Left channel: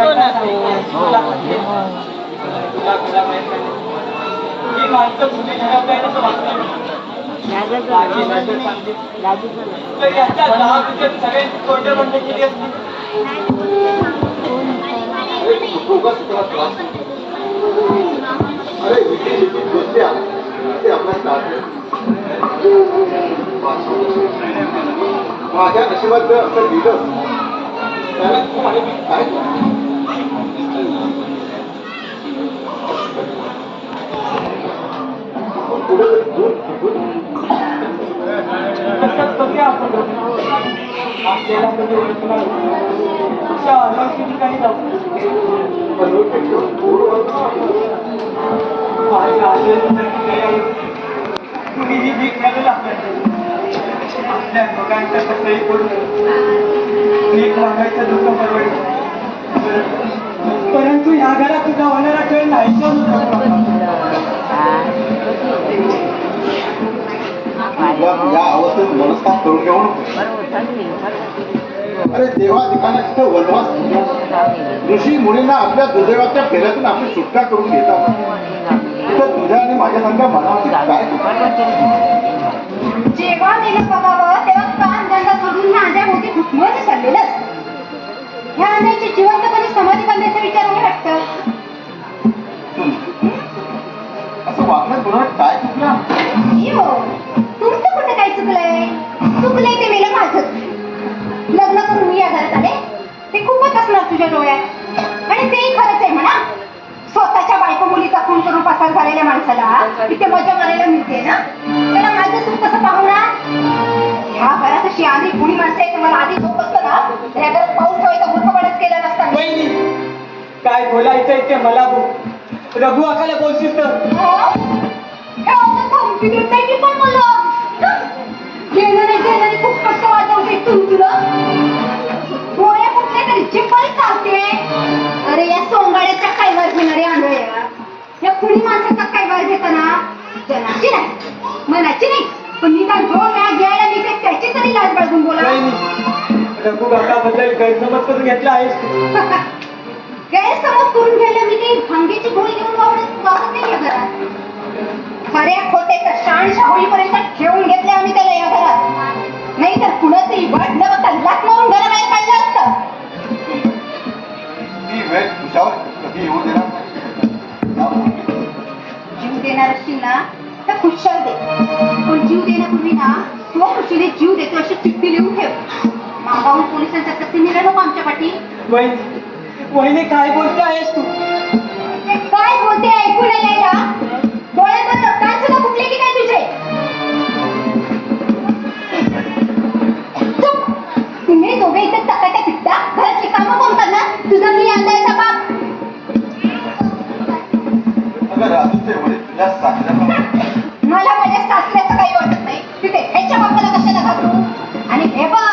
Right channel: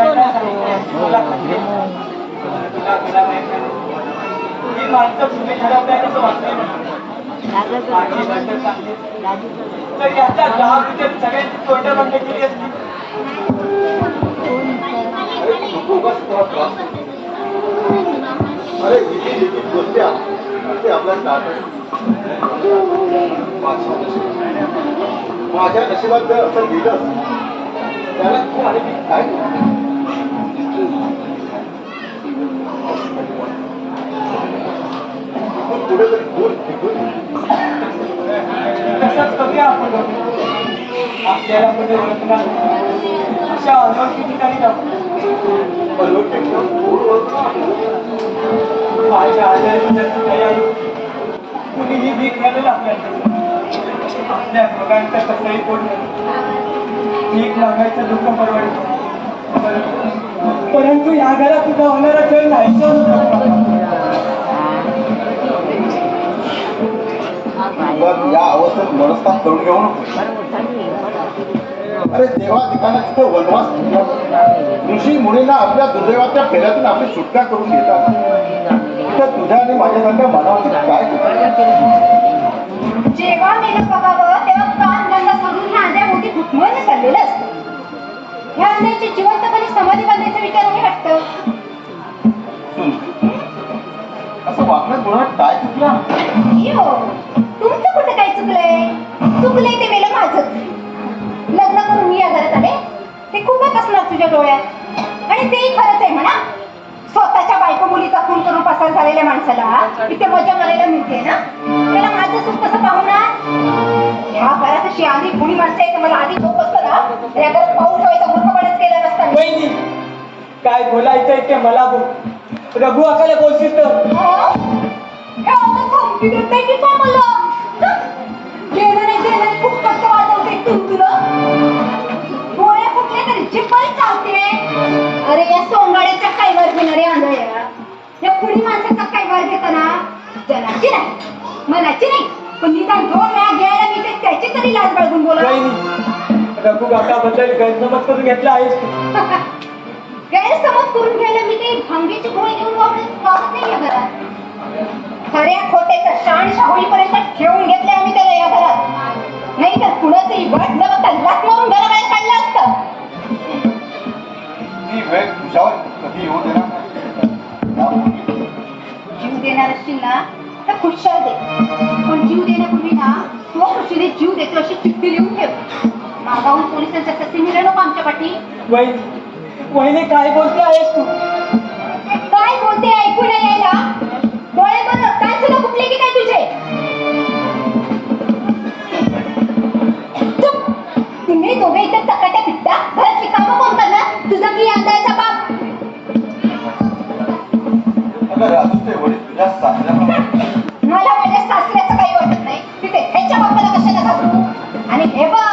येतो ना तो. ही माणसं तुम्ही ठरवताय असं वाटतं. तर याच्या 10 रुपये सगळ्यांची तोंड बंद केली असती. अरे बोलते आपला माझ्या नशिबात जर असं लिहिलं त्याला तुम्हाला मी काय कुठेतरी दूर तसंच करूया आपण. आपल्याला कधी ओळखला अशा अनोळखी ठिकाणी जाऊ. माझ्या आजारी कुणीही भीक घ्यायला आपल्याला आपल्या बघायच्या कसंही करून भीक मागायचं दुःख परवडतं. परंतु या घरात तुझा होणारा खेळ नाही या अवस्थेत नमस्कार करून घेऊन अरे देवा दिखाण्याची तर वनवास ऋषी मुलींना आपल्या दुर्दैवाच्या फेऱ्यातून आपली सुटका करून घेतात. तर तुझ्या आणि माझ्यासारख्या मानवाची काय जेव्हा मेलं बघावं तेव्हा काम धंदा सोडून ह्या आंध्याभोवती घुटमळून चाललेलं असतं. ह्या आंध्याची जिवंतपणे समाधी बांधायचा विचार नाही वाटतं. असं वागणं तुला काय चुकलं? तुमचं कुठं काय चुकलंय? चुकलंय ते मेलं माझं. लग्न करून मी या घरात आले ते खूपच असणार तुझ्या डोळ्यात. आणि तेही खरंच आहे म्हणा. स्वतःच्या बायको मुली कथून करून पसार झालेल्या माणसाला इथे मजा करायला मिळते ना. त्याला माझं सुख कसं पाहू ना. ह्या घरात अशी आधी कुणी माणसं आहे मला आधी झोप असतं ना तर या घरात पाऊस ठेवायचा मूर्खपणच केला नसता. काय बोलायचंय ते मला बोल. रघु अकाला बोलशील तर खूप कष्ट वाजवते तुला गोळ्या कुठले तरी जिप्पल चालते. अरे या सोंगाड्याच्या काय वर घेणारे आंधळ्या या कुणी माणसाचा काय वर घेताना जनाची नाही मनाची नाही पण निदान 2 वेळा घ्यायला मी त्याची तरी लाज बाळगून बोला. रघु काकाबद्दल गैरसमज करून घेतला आहेस. गैरसमज करून घ्यायला मी काही भांगेची गोळी घेऊन वावरत नाही या घरात. खऱ्या खोट्याचा शाण शाहुळीपर्यंत ठेवून घेतले आम्ही त्याला या घरात. नाही तर कुणाचंही वाट न बघता लाथ मारून घराबाहेर काढलं असतं. ती वेळ तुझ्यावर कधी येऊ देणार. जीव देणार असतील ना तर खुशाल दे. पण जीव देण्यापूर्वी ना तो खुशीने जीव देतो अशी चिठ्ठी लिहून ठेव. मागाहून पोलिसांच्या तसे निघाल नको आमच्या पाठी. वहिनी काय बोलते आहेस तू? काय बोलते ऐकून यायला डोळ्यावर रक्तांत सुद्धा फुटले की काय तुझे? तुम्ही दोघे इथे चकाट्या पिटता घरातली कामं कोण करणार? तुझं मी अंदायचा बाप. मला माझ्या सासऱ्याचं काही वाटत नाही. तिथे ह्याच्या बापाला कशाला घाबरू? आणि हे बघ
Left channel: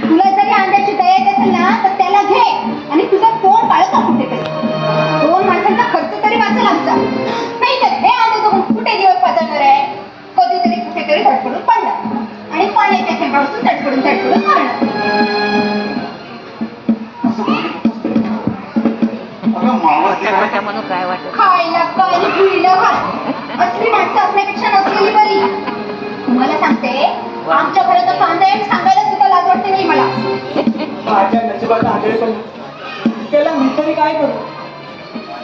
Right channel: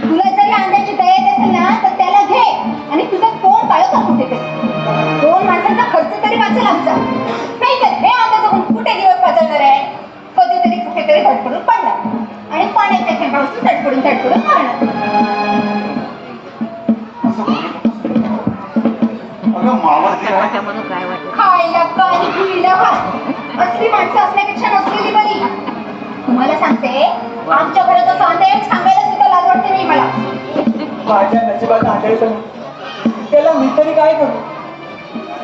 तुला जरी अंड्याची दया येत असेल ना तर त्याला घे आणि तुझं तोंड काळत असू दे. 2 माणसांचा खर्च तरी वाचेल आमचा. नाही तर हे अंडे जगून कुठे दिवस पाजळणार आहे. कधीतरी कुठेतरी धडपडून पडणार आणि पाण्याच्या थेंबापासून धडपडून मरणार. म्हणून काय वाटत खायला काय पियला काय असली माणसं असण्यापेक्षा नसलेली बरी. तुम्हाला सांगते आमच्या घरात सांगते सांगायला सुद्धा लाज वाटते नाही मला. माझ्या नशिबात आढळलं त्याला मी तरी काय करू?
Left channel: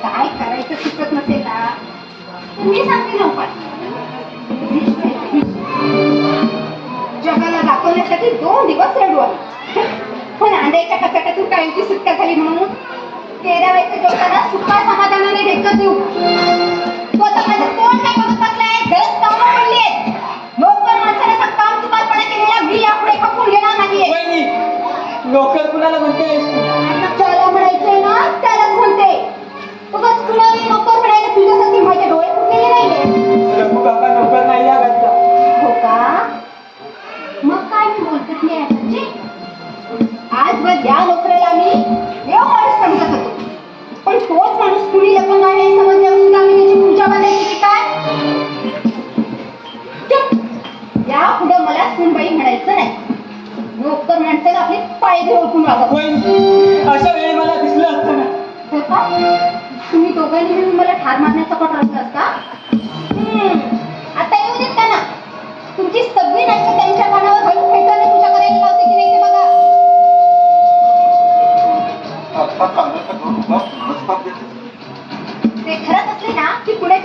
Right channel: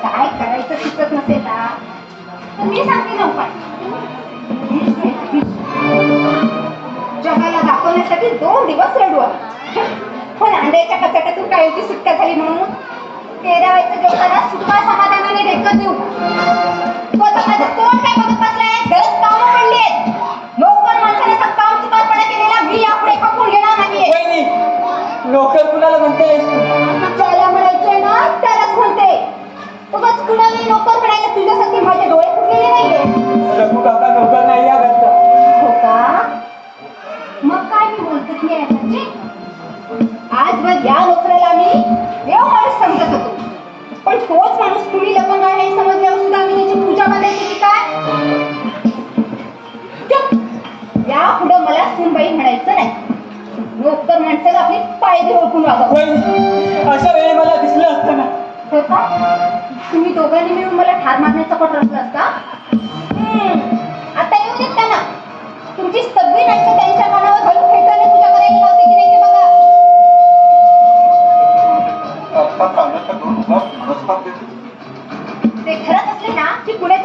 काय करायचं सुचत नसेल ना तर मी सांगते ना उपाय. जगाला दाखवण्यासाठी 2 दिवस रडवा पण अंड्याच्या कचाट्यातून कायची सुटका झाली म्हणून 13 वयाच्या लोकांना सुखा समाधानाने ढेकत देऊ. तो आता माझं तोंड काय बघत बसलाय. गरज कामं पडली आहेत. नोकर माणसाने असा काम चुकारपणा केलेला मी यापुढे खपून घेणार नाहीये. नोकर कुणाला म्हणते? ज्याला म्हणायचंय ना त्यालाच म्हणते. उगाच कुणाला नोकर म्हणायला तुझ्यासाठी माझे डोळे फुटलेले नाहीये. रघु काका नोकर नाही या घरचा. हो का? मग काय मी बोलतच नाही याची. आजवर या नोकराला मी देव माणूस समजत होतो पण तोच माणूस कुणी लपंग आहे समजल्यावर सुद्धा मी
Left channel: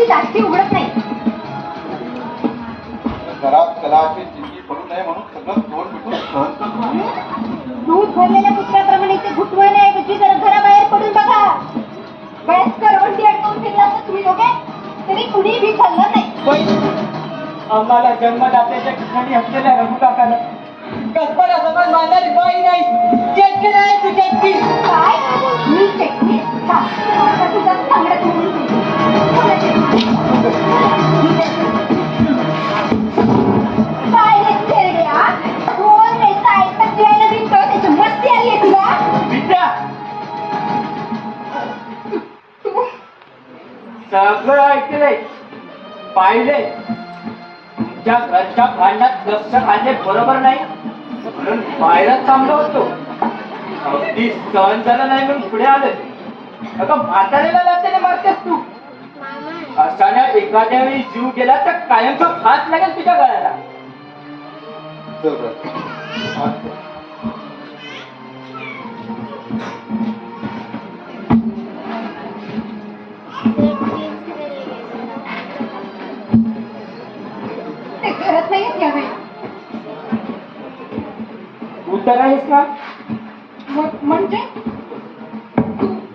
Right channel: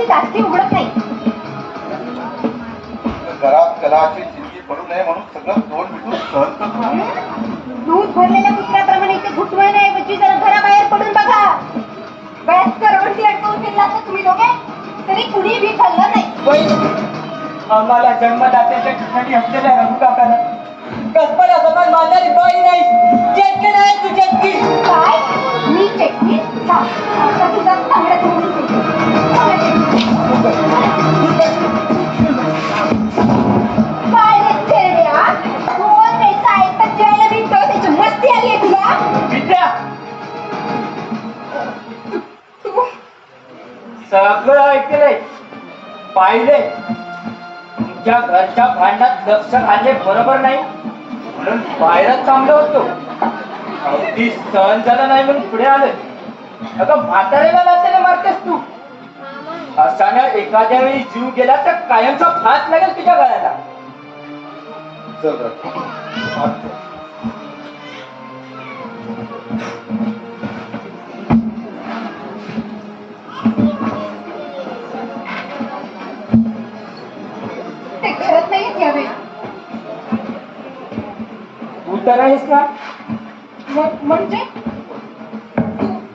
डोळ्याची जास्ती उघडत नाही. घरात कलाची जिंदगी भरू नये म्हणून सगळं तोंड मिटून सहन करतो. दूध भरलेल्या कुत्र्याप्रमाणे ते घुटमळण्याऐवजी जरा घराबाहेर पडून बघा. वयस्कर रोडची अडकवून फिरलात ना तुम्ही दोघे, तरी कुणी भी खाल्लं नाही. आम्हाला जन्मदात्याच्या ठिकाणी असलेल्या रघु काकाला कसपरा समाज मानणारी बाई नाही, चेटकी नाही तू चेटकी. काय? मी चटणी? आता तुझा चांगला काय रे थेरड्या? कोण रे सायकल फिरायला निघतो? त्याची मस्ती आली आहे तुला? विद्या तू सगळं ऐकलंय, पाहिले. तुमच्या घरच्या भांडणात लक्ष घालणे बरोबर नाही म्हणून बाहेरच थांबलो होतो. अगदी सहन झालं नाही म्हणून पुढे आलं. अगं म्हाताऱ्याला लाथेने मारतेस तू. अशाने एखाद्या वेळी जीव गेला तर कायमचा फास लागेल तुझ्या गळ्याला. चल रे. ते करत नाहीत यावेळी. तू तर आहेस ना. म्हणजे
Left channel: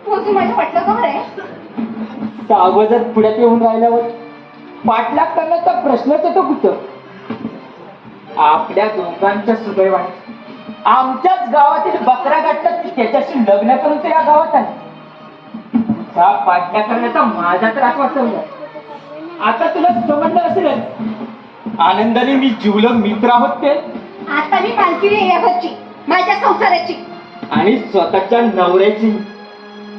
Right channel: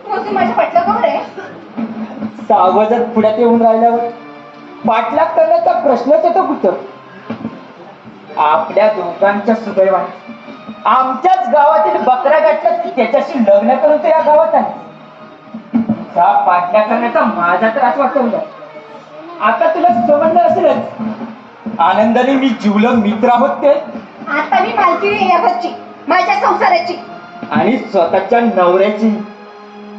तू माझ्या पटलं आहे. सावजत पुढ्यात येऊन राहिल्यावर पाठलाग करण्याचा प्रश्नच येतो कुठं. आपल्या दोघांच्या सुदैवाने आमच्याच गावातील बकऱ्या गाठतात की त्याच्याशी लग्न करून ते या गावात आले. तुझा पाठलाग करण्याचा माझा त्रास वाटतो. आता तुला समजलं असेलच, आनंदाने मी जीवलग मित्र आहोत ते. आता मी मालकी आहे या घरची, माझ्या संसाराची. आणि स्वतःच्या नवऱ्याची.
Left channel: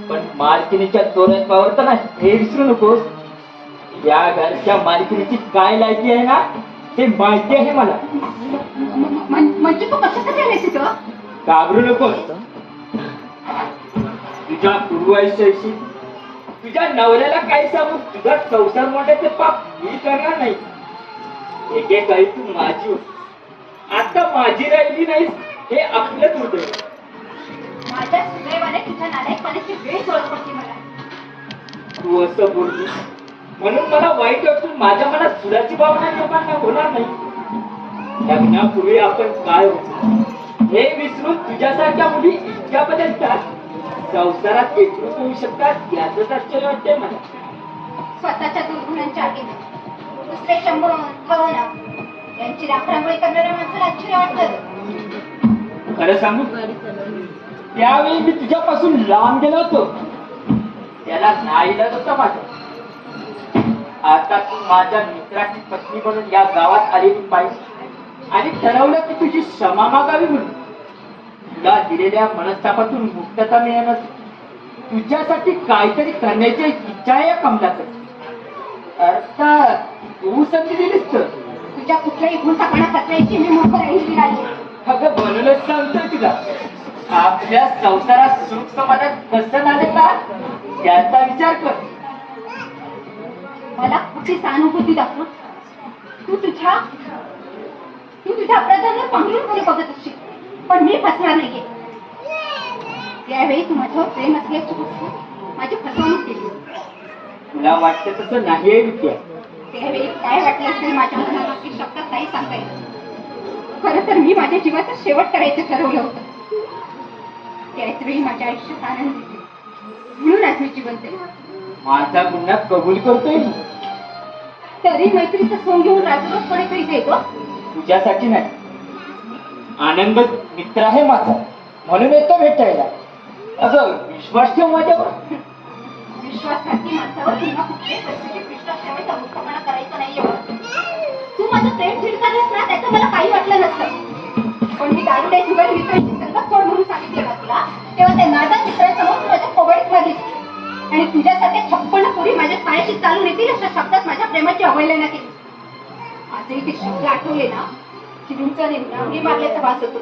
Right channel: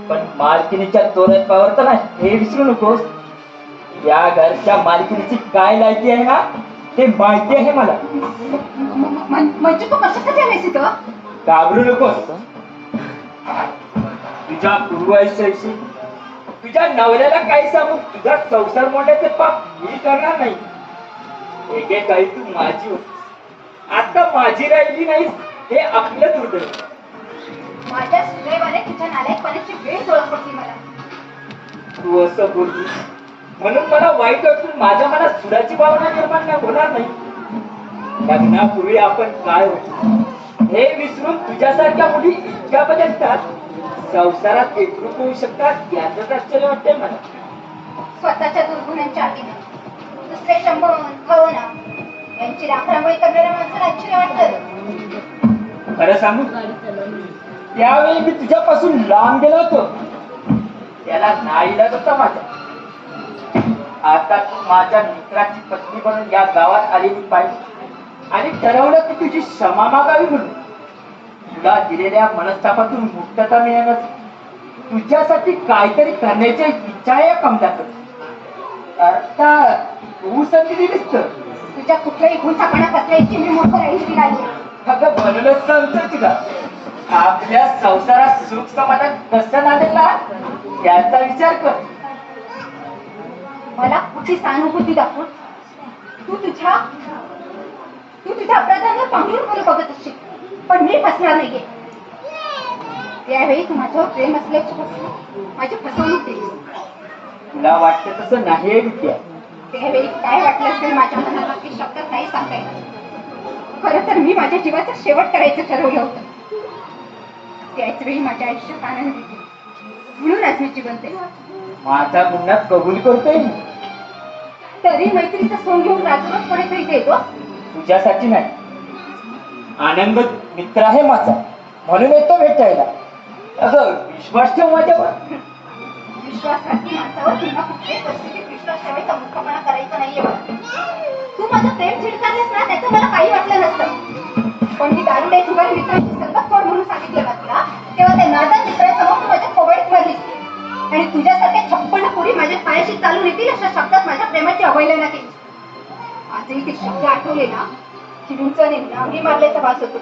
पण मालकिनीच्या तोरणावर तर नाही हे विसरू नकोस. या घरच्या मालकिनीची काय लायकी आहे ना ते माहिती आहे मला. म्हणजे तू कशासाठी आलेस इथं? घाबरू नकोस. तुझ्या पूर्वायुष्याशी तुझ्या नवऱ्याला काय सांगून तुझा संसार मोठ्याचे पाप मी करणार नाही. एकेकाळी तू माझी होती, आता माझी राहिली नाहीस हे आपलं दुर्दैव. माझ्या सुदैवाने तुझ्या नालायकपणाची वेळ ओळखली मला. तू असं बोलली म्हणून मला वाईट वाटून माझ्या मनात सुधाची भावना निर्माण होणार नाही. लग्नापूर्वी आपण काय होतो हे विसरून तुझ्यासारख्या मुली इतक्या बदलतात, संसारात एकरूप होऊ शकतात याचंच आश्चर्य वाटतंय मला. स्वतःच्या दुर्गुणांच्या आगीने दुसरे शंभर भावना यांची राखरांगोळी करणाऱ्या माणसाला आश्चर्य वाटतं. खरं सांगू, त्यावेळी मी तुझ्यापासून लांब गेलो होतो त्याला नाईलाज होता माझा. आता तू माझ्या मित्राची पत्नी म्हणून या गावात आलेली पाहिजे आणि ठरवलं की तुझी क्षमा मागावी म्हणून. तुला दिलेल्या मनस्तापातून मुक्तता मिळाल्यास तुझ्यासाठी काहीतरी करण्याची इच्छा आहे या कमलाकडे. अर्थात तू संधी दिलीस तर. तुझ्या कुठल्याही गुणसापणा कसल्याची मी मूर्ख राहिली नाही. अगं बनवलंच सांगतोय तुला. आपल्या संसारात सुख समाधान कसं नाले का याचा विचार कर. मला कुठली सहानुभूती दाखवून तू तुझ्या अपराधांना पांघरून पुढे बघत असशील, पण मी फसणार नाहीये. त्यावेळी तू माझ्यावर प्रेम असल्याची माझी फसवणूक केली. तुला वाटतं तसं नाही आहे विद्या. त्यावेळी काय वाटलं असेल माझ्या मनाला की शब्दात नाही सांगता येत. खरं तर मी माझ्या जीवाचा शेवट करायचं ठरवलं होतं. त्याच वेळी माझ्या आयुष्यात आनंद होते, म्हणून आज मी जिवंत आहे. माझा गुन्हा कबूल करतोय मी. तरी मैत्रीचं सोंग घेऊन राजकोटकडे करीत येतो. तुझ्यासाठी नाही, आनंद मित्र आहे माझा म्हणून येतो भेटायला. अगं विश्वास ठेव माझ्यावर. विश्वासघाती माणसावर पुन्हा कुठल्याही परिस्थितीत विश्वास ठेवायचा मूर्खपणा करायचा नाहीये बघ. तू माझं प्रेम झिडकारलंस ना त्याचं मला काही वाटलं नसतं. पण मी दारुड्या जीवाला मित्राची सर्वात सोड म्हणून सांगितलं ना तुला, तेव्हा त्या नादात मित्रासमोर तू माझ्या कोवळीत मारलीस. आणि तुझ्यासारख्या 56 पुढे माझ्या पायाशी चालून येतील अशा शब्दात माझ्या प्रेमाची अवहेलना केली. आजही ते शब्द आठवले ना की विंचने नांगी मारल्याचा भास होतो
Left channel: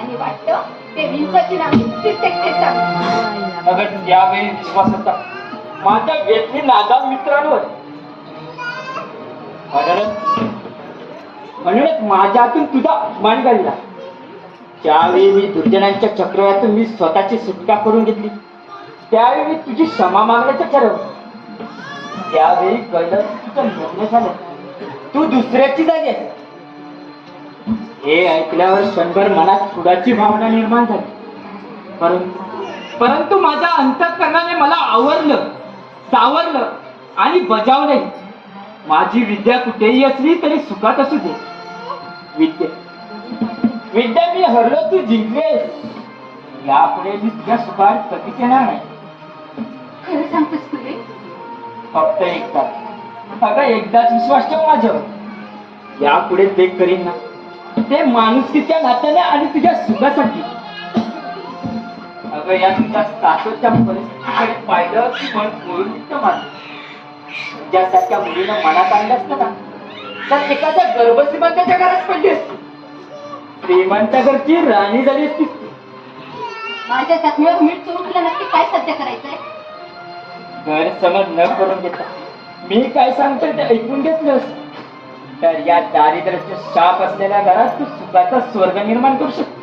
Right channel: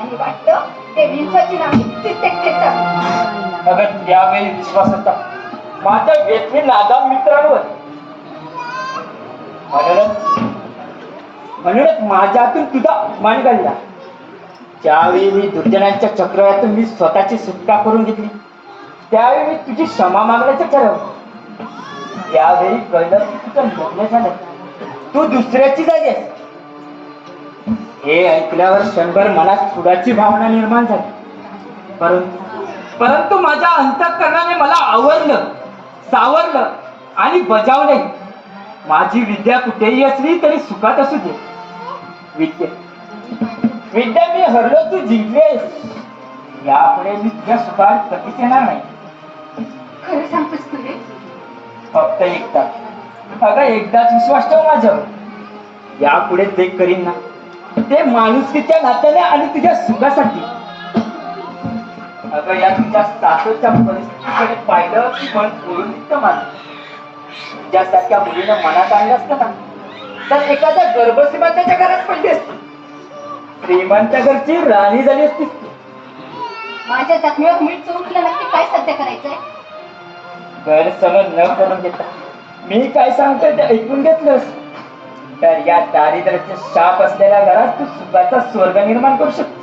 आणि वाटतं ते विंचाची नांगी तिथे खेचावी. अगं त्यावेळी विश्वास होता माझ्या व्यथी नादाम मित्रांवर. म्हणूनच माझ्या हातून तुझा अपमान घडला. ज्यावेळी मी दुर्जनांच्या चक्रव्यातून मी स्वतःची सुटका करून घेतली त्यावेळी मी तुझी क्षमा मागण्याचं ठरवलं. त्यावेळी कळलं की तुझं लग्न झालं, तू दुसऱ्याची झाली आहेस. हे ऐकल्यावर क्षणभर मनात सुडाची भावना निर्माण झाली. परंतु माझ्या अंतःकरणाने मला आवरलं, सावरलं आणि बजावलंय. माझी विद्या कुठेही असली तरी सुखात असू दे. विद्या मी हरलो, तू जिंकलेस. यापुढे मी तुझ्या सुखात कधीच येणार नाही. खरं सांगतोस तू रे? फक्त एकदा, अगं एकदाच विश्वास ठेव माझ्यावर. यापुढे ते करीन ना, ते माणुसकीच्या नात्याने आणि तुझ्या सुखासाठी. अगं या तुझ्या सातच्या परिस्थितीकडे पाहिलं की मन ओळून निघतं माझं. तुझ्यासारख्या मुलीनं मनात आणलं असतं ना, तर एखाद्या गर्भश्रीमंताच्या घरात पडली असती. श्रीमंत घरची राणी झाली असती. माझ्या जखमीवर मीठ चोरून तुला नक्की काय सध्या करायचंय? गैरसमज न करून घेता मी काय सांगतोय ते ऐकून घेतलंस तर या दारिद्र्याचे शाप असलेल्या घरात तू सुखाचा स्वर्ग निर्माण करू शकतो.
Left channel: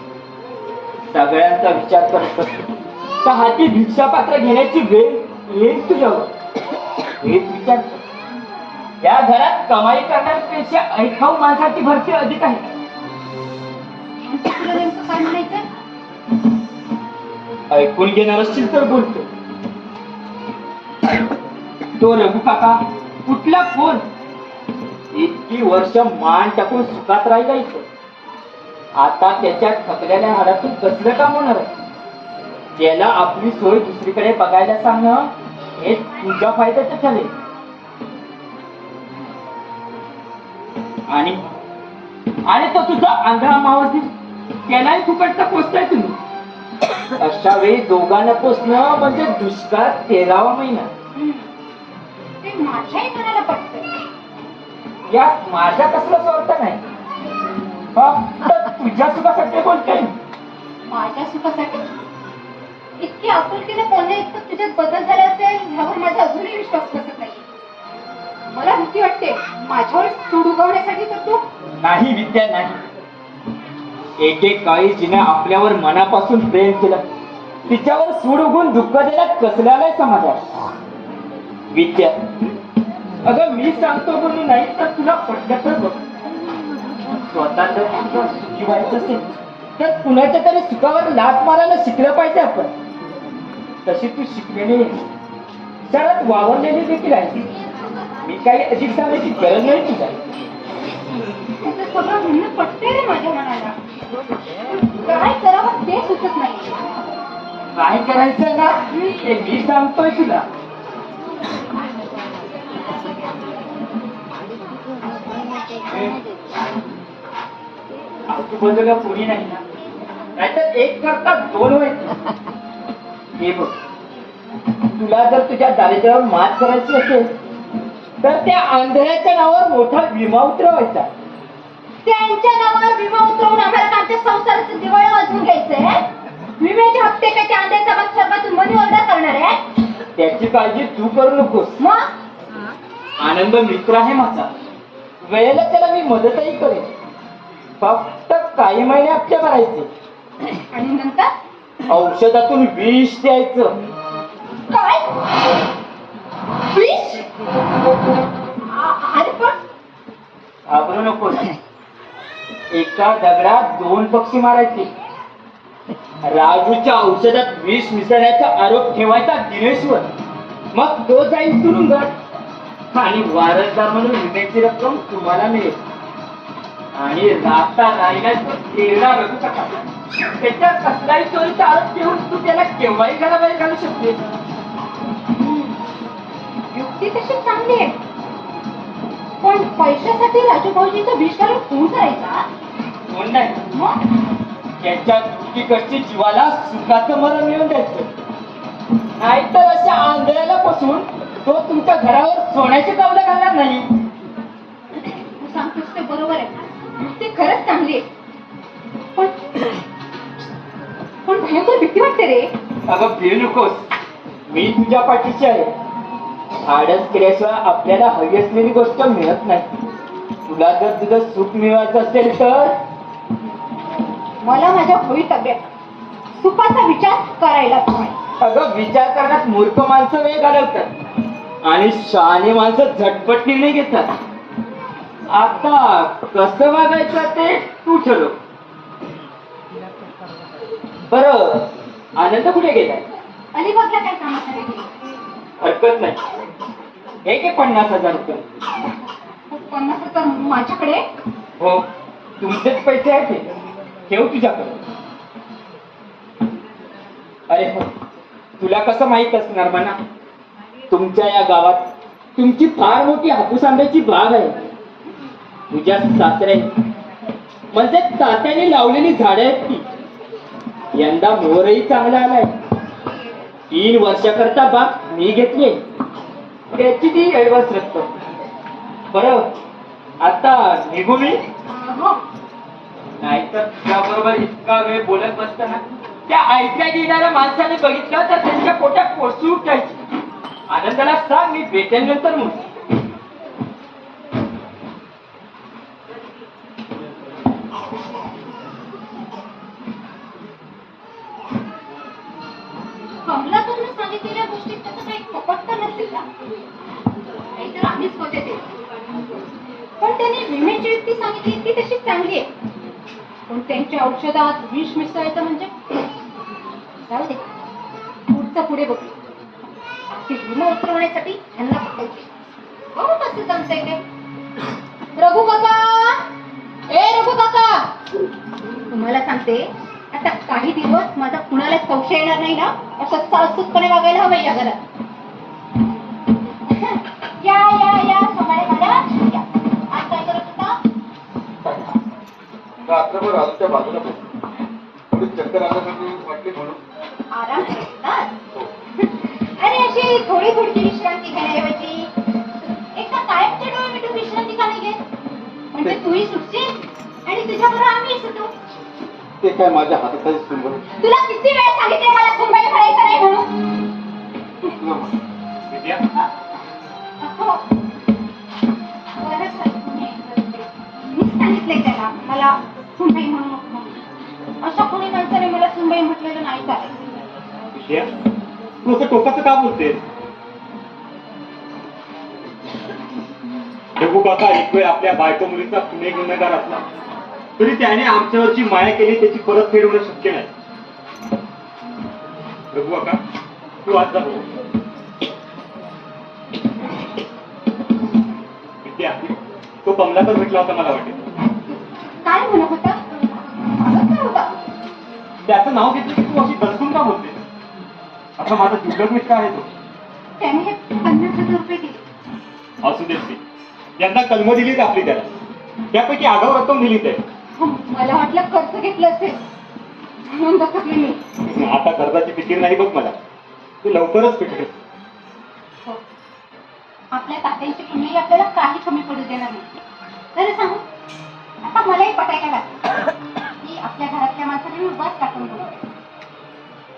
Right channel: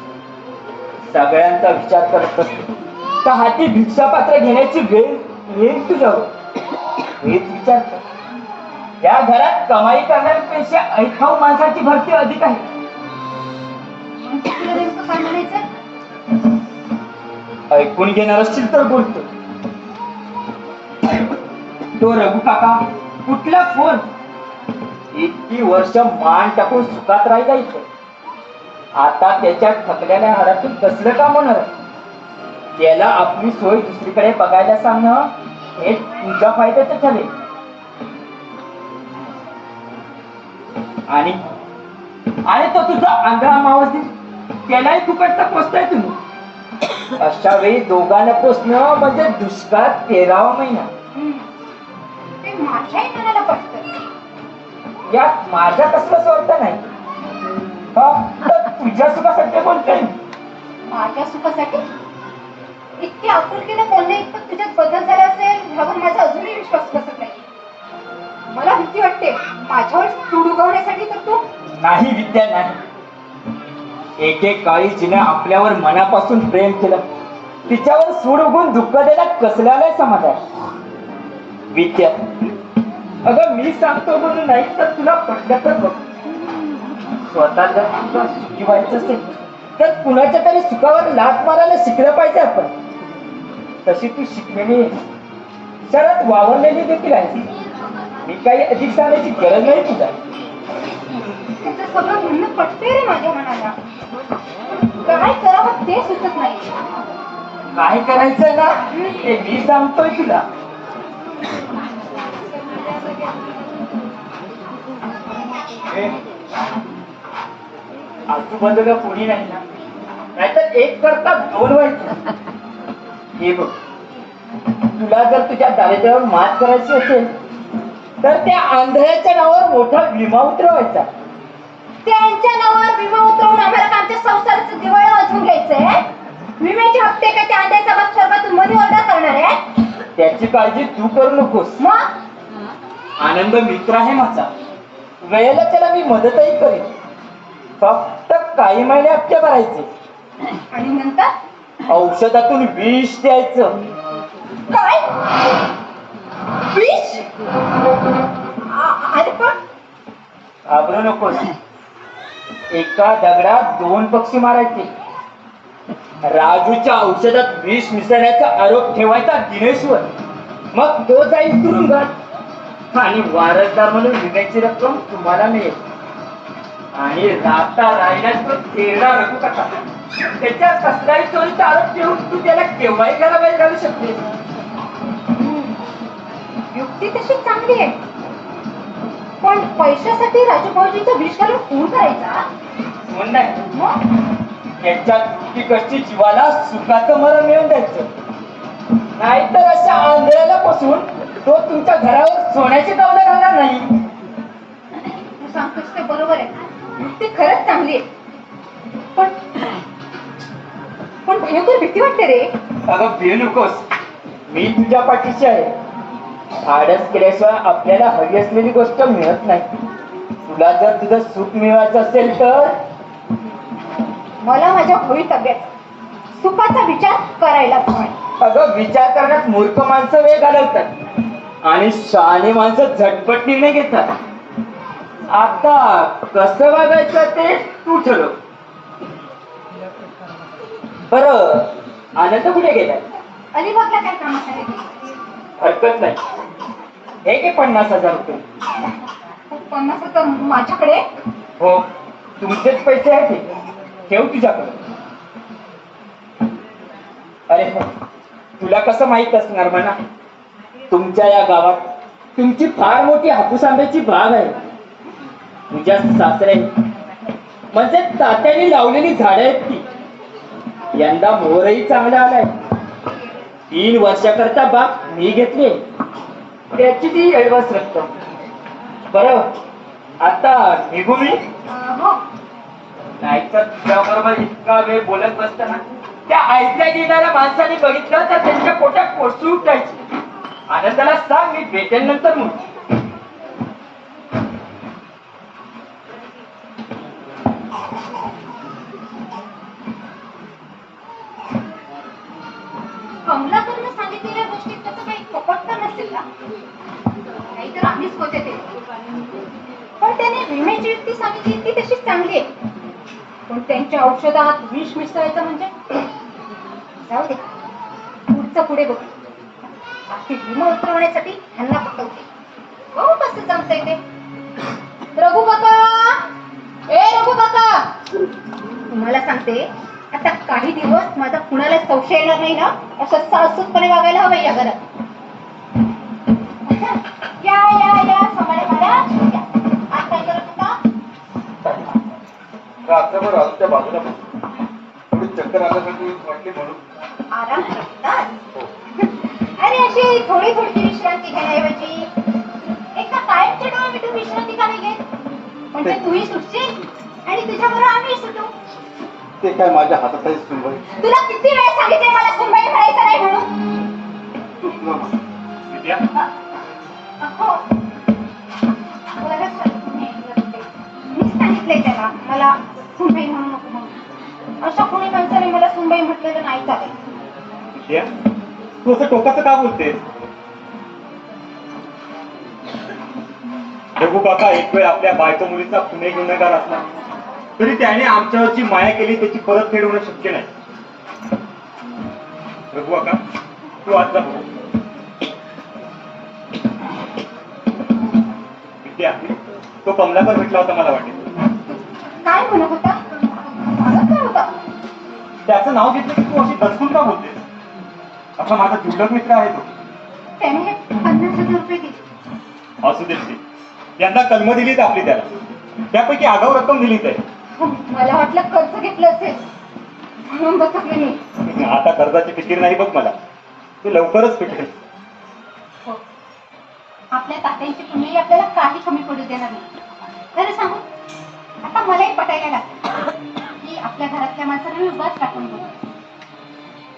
सगळ्यांचा विचार करत असतो का हाती भिक्षापात्र घेण्याची वेळ येईल तुझ्यावर. हेच विचार कर. या घरात कमाई करण्यापेक्षा ऐकाऊ माणसाची भरती अधिक आहे. तुला नेमकं काय म्हणायचंय? ऐकून घेणार असशील तर बोलतो. तो रघु काका कुठला फोन? इतकी वर्ष मान टाकून सुखात राहिला इथे. आता त्याच्या थकलेल्या हाडातून कसलं का म्हणणार? त्याला आपली सोय दुसरीकडे बघायला सांगणं हे तुझ्या फायद्याचं ठरेल. आणि तो तुझा आंध्रा मावस त्यालाही फुकटचा पोचताय तुम्ही. अशा वेळी दोघांना पोचणं म्हणजे दुष्काळात 13वा महिना. ते माझ्याही मनाला पटतं. यात माझ्या कसला स्वार्थ नाही, फक्त तुझ्या सुखासाठी बोलतोय. माझ्या सुखासाठी? इतकी आपुलकीने बोलणे इतकं तुझ्यात बदल झाला असेल ह्यावर माझा अजूनही विश्वास बसत नाही. मला भीती वाटते माझ्यावर सूड उगवण्यासाठी तर तू. नाही विद्या नाही. एकेकाळी जिने आपल्यावर मनापासून प्रेम केलं तिच्यावर सूड उगून दुःख द्यायला कसल्याला समाज आहे. विद्या अगं मी सांगतो म्हणून नाही तर तुला पटलं तर बघ. स्वतः जर तुला सुखी व्हायचं असेल तर कुणाच्या तरी सुखावर लाथ मारायला शिकलं पाहिजे आपण. तशी तू शिकलेली शहरात वावरलेली देखील आहे. मी काही अधिक सांगण्याची गरज नाही तुझा. तुझं सगळं म्हणणं पटते रे माझ्या मनाला. काय करावं ते सुचत नाही. काय करायचं ना ते मी सांगतोय तुला. आजूबाजूला कोणी नाही ना, नाहीतर एक करता दोन व्हायचं. हे बघ, तुला जर तुझ्या दारिद्र्यावर मात करायची असेल तर त्या आंधळ्याच्या नावावर मोठा विमा उतरवायचा. त्यांच्या नावावर विमा उतरवून आम्हाला आमच्या संसाराचं दिवाळं वाजवून घ्यायचंय. विम्याचे हप्ते काय त्या आंध्याचा भाग सर्वातून मनी ऑर्डर करणार आहे? त्याची काळजी तू करू नकोस. मग आनंद मित्र आहे माझा. वेळेला त्याला मी मदतही करेन. फक्त काही महिने हप्ते भरायचे आणि नंतर औषधातून विष द्यायचं. काय? विष? अरे पण घाबरू नकोस. एका दगडात 2 पक्षी मारायचे. राजूच्या औषधात विष मिसळण्याचा आरोप ठेवायचा दिनेशवर. मग तो जाईल तुरुंगात आणि वारसदार म्हणून विम्याची रक्कम तुम्हाला मिळेल. आणि राता राहिल्यास तो तेरडा रघु कसा त्याच्या कसलाही चोरीचा आरोप ठेवून तू त्याला केव्हाही घराबाहेर काढू शकतेस. युक्ती तशी चांगली आहे, पण पैशासाठी राजू भाऊजीचा विष घालून खून करायचा? म्हणून नाही, मग त्याच्या दुःखी कष्टी जीवाला सुखाचं मरण मिळून द्यायचं. नाहीतर अशा आंधळ्याला पासून तो तुमच्या घरावर सोन्याचे कवलं घालणार नाही. तू सांगतोस ते बरोबर आहे. ती खरंच चांगली आहे, पण भयंकर भीती वाटते रे. अगं भिऊ नकोस, मी तुझ्या पाठीशी आहे. धाडस केल्याशिवाय आपल्याला हवी असलेली गोष्ट मिळत नाही. तुला जर तुझं सुख मिळवायचं असेल तर मला माझ्या भवितव्यात सुखाचा विचार करायला हवा. अगं विचार करण्यात मूर्ख माणसं वेळ घालवतात. आणि शहाणी माणसं झटपट निर्णय घेतात. आता कसं वागायचं ते तू ठरव. बरं, आनंद कुठे गेलाय? अलिबागला काय कामासाठी गेली? हरकत नाही. हे घे 50,000 रुपये. 50,000 माझ्याकडे? हो, तुमचेच पैसे आहेत हे. ठेव तुझ्याकडे. अरे तुला कसं माहित असणार म्हणा, तुमच्या या गावात तुमची फार मोठी हापूस आंब्याची बाग आहे. तुझ्या सासरे म्हणजे तात्याने लावलेली झाडं आहेत ती. यंदा मोहरही चांगला आलाय. 3 वर्षाकरता बाग मी घेतली, त्याची ती ऐवज रक्कम. बरं, आता निघू मी? हो. नाहीतर तुझ्या बरोबर इतका वेळ बोलत बसताना त्या ऐकल्या गेणाऱ्या माणसाने बघितलं तर त्यांच्या पोटात कोसळू उठायची. आनंदाला सांग मी भेटेल नंतर म्हणून. कमलाकडनं सांगितलेल्या गोष्टीत त्याचं काही कपट तर नसेल ना? नाहीतर आम्हीच होते ते. पण त्याने विम्याची युक्ती सांगितली ती तशी चांगली आहे. पण त्यांच्या औषधात विष मिसळायचं म्हणजे जाऊ दे, पुढचं पुढे बघू. बाकी विमा उतरवण्यासाठी ह्यांना पटवते. बघू कसं जमतंय ते. रघु काका, ए रघु काका, तुम्हाला सांगते आता काही दिवस माझा कुणाला संशय येणार नाही ना, असं सासूपणे वागायला हवं या घरात. या या या सगळे घरात या. आज काय करत होता? रात्रभर आजच्या बाजूला थोडी चक्कर आल्यासाठी वाटली म्हणून. आराम करत होतास? अरे अशी थोडी थोडी विश्रांती घेण्याऐवजी एकदा कायमचे डोळे मिटून विश्रांती का नाही घेत? म्हणजे तूही सुटशील आणि तुझ्याबरोबर आम्ही सुटू. ते काय माझ्या हातात आहे सुनबाई. तुला किती वेळ सांगितले मला सुनबाई म्हणायचं नाही म्हणून? विद्या, हो. बरं झालं तुम्ही ऐकलं ते. मीच सांगितलंय त्याला मला सुनबाई म्हणू नको म्हणून. अशा कोणी माणसाने मला सुनबाई म्हटलेलं नाही चालेल. विद्या, तू असं टोकाचं का बोलतेस? रघु काका एक वेळ आपल्या बायको मुलीचा पुणे गुन्हेगार असला तरी त्याने आमच्यावरची माया केली त्याची परतफेड होणं शक्य नाही. रघु काका, तू आज जा. विद्या, तो कमलाकर भेटला होता मला वाटेल. काय म्हणत होता? म्हणत काय होता? त्याचं नाव घेतलं की तू अशी दर्शून का बोलतेस? असा माझा दुर्लभ मित्र आहे तो. त्याने 50,000 रुपये दिले. असू देत ते. यंदा कलम दिलीच आपली त्याला. त्यापैकी आगाऊ रक्कम दिलीच आहे. मला वाटलं कर्ज घेतलं असेल म्हणून बसले मी. आता कर्जाची फिकीर नाही बघ मला. तू लवकरच फिटकेस. हो. आपल्या तात्यांची पुण्यही आपल्याला काही कमी पडू देणार नाही. तरी सांगू, आता मलाही पटायला लागलं की आपल्या घरातल्या माणसाला मी उगाच टाकून दिला.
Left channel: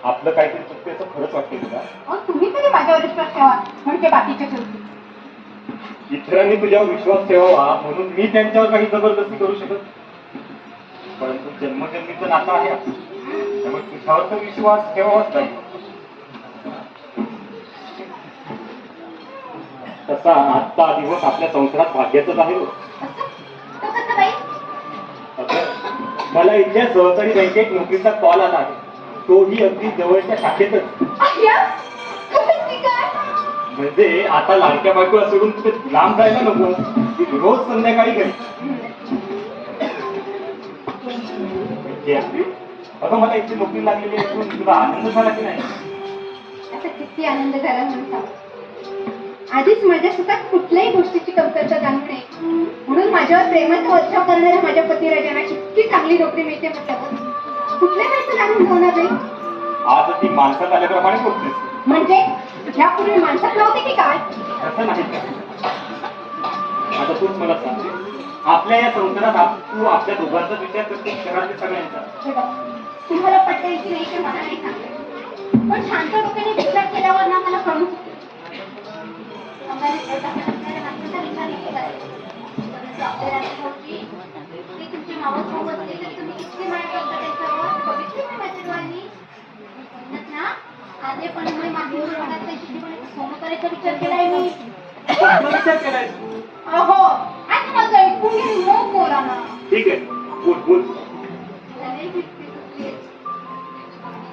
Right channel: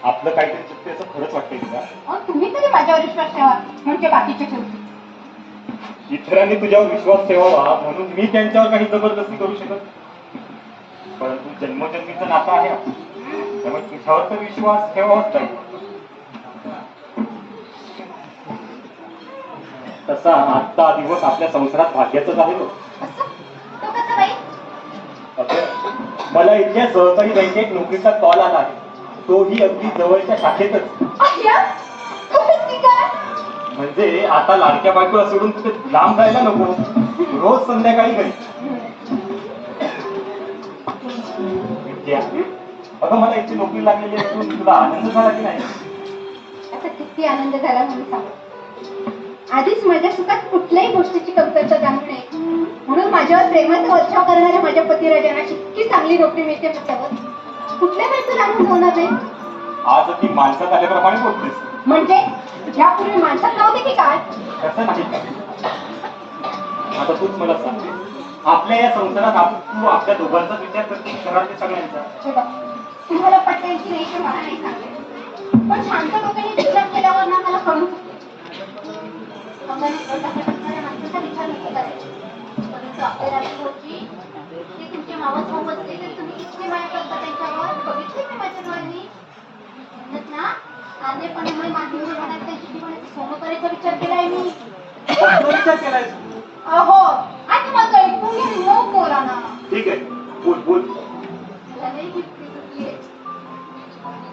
आपलं काहीतरी चुकते असं खरंच वाटतंय तुला? अहो, तुम्ही तरी माझ्यावर विश्वास ठेवा म्हणजे बाकीचे ठेवतील. इतरांनी तुझ्यावर विश्वास ठेवावा म्हणून मी त्यांच्यावर काही जबरदस्ती करू शकत नाही. परंतु जन्मजन्मीचं नातं आहे आपलं. त्यामुळे तुझ्यावर तर विश्वास ठेवावाच नाही. तसा आजचा दिवस आपल्या संसारात भाग्याचाच आहे. असं? तो कसा बाई? अगं, मला इथल्या सहकारी बँकेत नोकरीचा कॉल आला आहे. तोही अगदी जवळच्या शाखेतच. अय्या, खरंच की काय? म्हणजे आता लाडक्या बायकोला सोडून कुठे लांब जायला नको. रोज संध्याकाळी घरी. विद्या, अगं मला इथे नोकरी लागलेली असून तुला आनंद झाला की नाही? आता किती आनंद झाला म्हणून सांग. आधीच माझ्या सुखात कुठल्याही गोष्टीची कमतरता जाणू नये म्हणून माझ्यावर प्रेमाचा वर्षाव करणाऱ्या माझ्या पतिराजांना इतकी चांगली नोकरी मिळते म्हटल्यावर कुठल्या वेळचं लागून होणार नाही. आज ती माणसात आल्याप्रमाणे बोलतेस. म्हणजे यापूर्वी माणसात नव्हते की काय? असं नाही का? आता तूच मला सांगते, आपल्या या संसारात तू आपल्या दोघांचाच विचार करते घरातल्या सगळ्यांचा. हे बघ, तुम्हाला पटेल की नाही ते मला नाही सांगते. पण शांत डोक्याने विचार केल्यावर ना मला कळून चुकते. विचार नको करायचा. ते तुमच्या मामासमोर बसले तर तुम्ही इतकी माया करता त्याच्यावर बघितली ना माझ्या डोळ्यांनी. म्हणत ना साधेपणामुळे माझी मुलं म्हणायचं सोनं करायचा विचार केलाय मी. कसला विचार केलाय तू? अहो आता माझं ऐकून घ्या मग बोला ना. ठीक आहे, बोल बोल. लग्नाची गिफ्ट घेतलीये.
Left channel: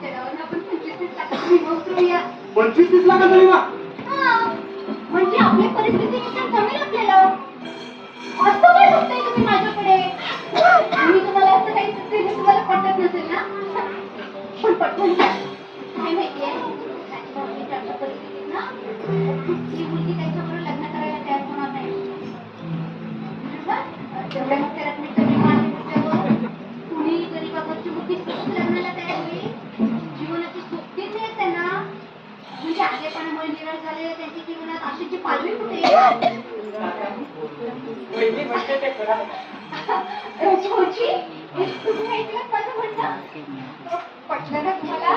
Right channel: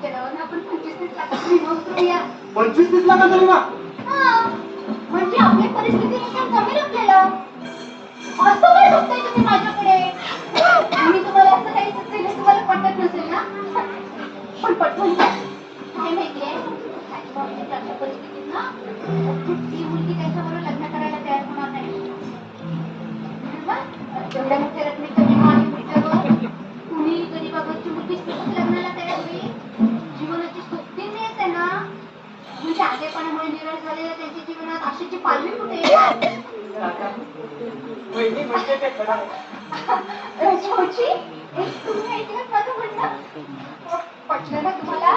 त्याच्यावरून आपण 25-30 लाखाचा विमा करूया. 25-30 लाखाचा विमा? हा, म्हणजे आपली परिस्थितीनुसार जमेल आपल्याला. असं काय बघताय तुम्ही माझ्याकडे? मी तुम्हाला असं काही सुचवलं तुम्हाला पटत नसेल ना? पण पटवून घ्या. काय माहितीये? आपल्या परिस्थितीत ना, ही मुलगी त्याच्याबरोबर लग्न करायला तयार होणार नाही. बरोबर? जेवढ्या मोठ्या रकमेचा विमा आहे त्याच्यावर कुणी गरीबाची मुलगी सहज लग्नाला तयार होईल. जीवनाची सोबती मिळते ना, म्हणजे आधेपणामुळे निराश झालेल्या त्यांच्या जीवनात आशेची पालवी कुठे? वहिनी म्हणते ते खरं आहे. रोजी, तुम्ही ऐकलं माझं म्हणणं? पटलं ना तुम्हाला?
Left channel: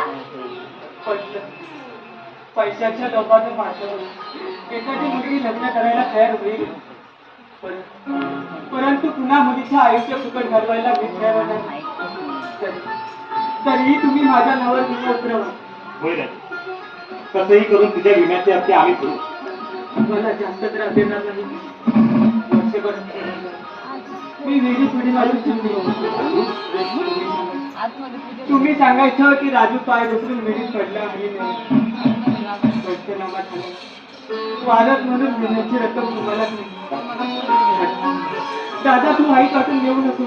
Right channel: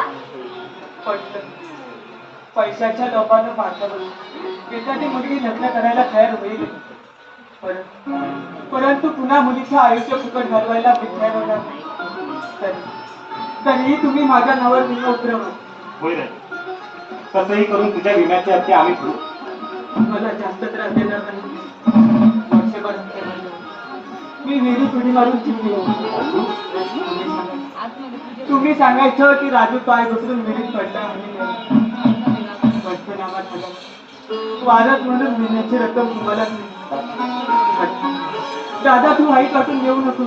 पटलं. पैशाच्या लोकांना पाठवलं. एखादी मुलगी लग्न करायला तयार होईल. परंतु पुन्हा मुलीच्या आयुष्य फुकट घालवायला मी तयार होणार नाही. तरीही तुम्ही माझ्या नवर विमा उतरवा. होय रे, कसंही करून तुझ्या विम्याचे हप्ते आम्ही भरू. मला जास्त त्रास देणार नाही. वर्षभर मी वेळी थोडी मारून चिंती तुम्ही सांगायचं की राजू पाय घसरून विहिरीत पडला आणि पंचनामा झाला. वारस म्हणून विम्याची रक्कम तुम्हालाच मिळते. दादा तू आई काटून येऊ नको.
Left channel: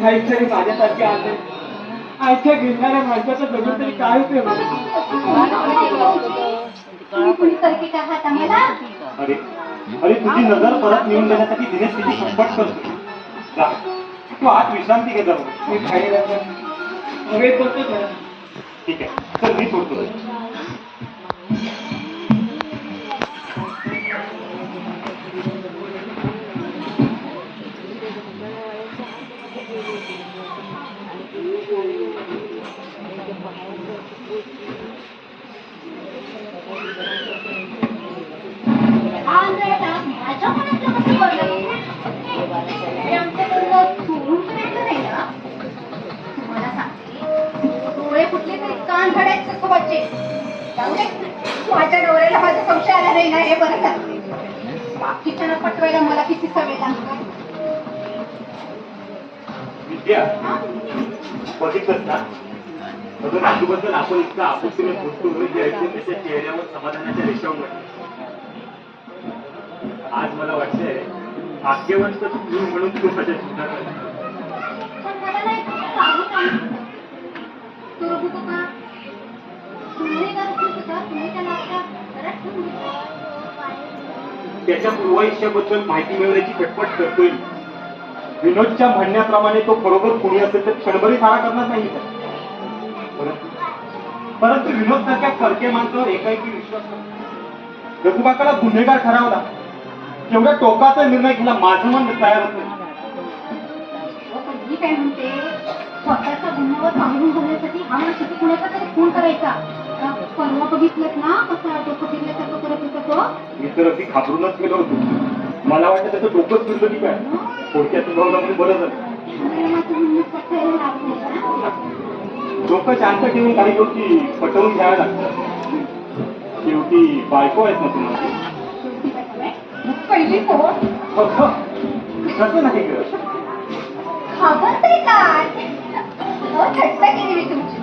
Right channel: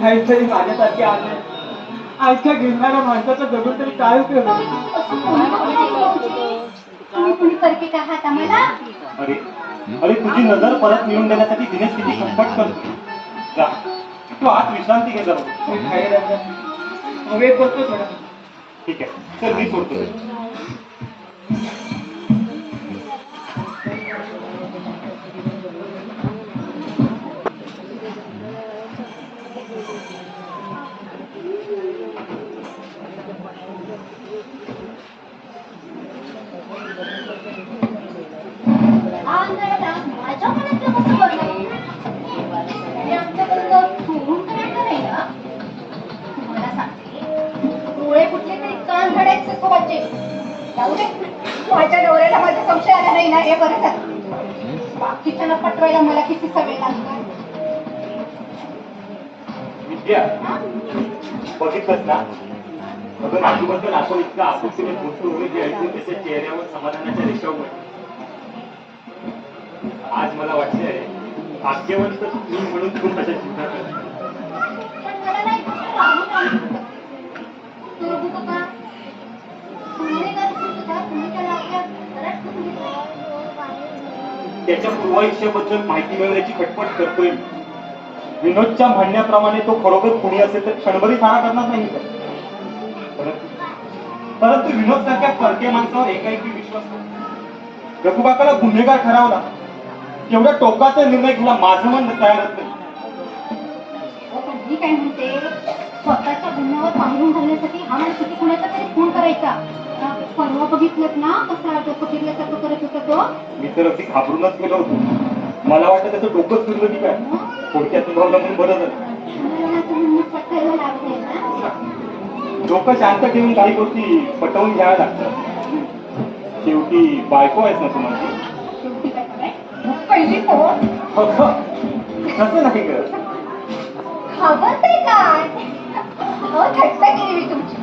नाहीतरी माझ्यासारखे आले आईच्या घेणाऱ्या माणसाचा बघून तरी काय उपयोग तुम्ही कुणीसारखे आहात आम्हाला? अरे अरे, तुझी नजर परत मिळवून देण्यासाठी दिनेश किती खटपट करतो. जा, तू आज विश्रांती घे जरा. मी बाहेर वेट करतो थोडा. ठीक आहे, चल मी सोडतो. माझ्या मनातलं कसं बोललं? हे आमच्याकडनं चोरून करायचं नाही ना? तुम्हाला सांगते, डोळे फुटले तरी कान धडायचे स्वभावचे. जाऊ दे, माझ्या नवऱ्याला माझा संशय आला नाही ना, हे बरं झालं. बाकीच्यांना पटवायला मला किती सवय लागते. विद्या, बघितलंस ना, अगं राजूबद्दल आपण इतका आपुलकीने गोष्ट उघड द्यायचं त्याच्या चेहऱ्यावर समाधानाच्या रेषा उमटल्या. आज मला वाटतंय भाग्यवंत मी म्हणून तू माझ्या जीवनात आली. पण मला नाही सांगू तो होतं का? गुन्हेगार होतं का? तुम्ही त्याला आपल्या घरात ठेवून घेतलं. त्याच्या पूर्वायुष्याबद्दल माहिती मिळवण्याची खटपट करतोय. विनोदच्या म्हणण्याप्रमाणे तो खरोखर कोणी असेल तर क्षणभरी मारा करणार नाही. परंतु विनोद सारख्या परक्या माणसावर एकाएकी विश्वास नाही. रघुबाकाला गुन्हेगार ठरवला, तेवढ्या टोकाचा निर्णय घ्यायला माझं मन तयार होत नाही. पण मी काय म्हणते, स्वतःच्या गुन्ह्यावर पांघरून घालण्यासाठी हा माणूस किती कुणाचा तरी खून करायचा. परवा बघितलं ना कसा डोकं फिरल्यासारखं करत होता तो. मी तर अगदी घाबरूनच गेलो होतो. मला वाटतं त्याचं डोकंच फिरलं की काय. थोडक्यात उभावलं म्हणून बरं झालं. डोकं शांत ठेवून काही गोष्टी पटवून घ्याव्या लागतात. शेवटी बायको आहेस ना तुम्हाला. पहिली फोन कसं नाही ग. खबर काय थट्टा केली मी तुमची.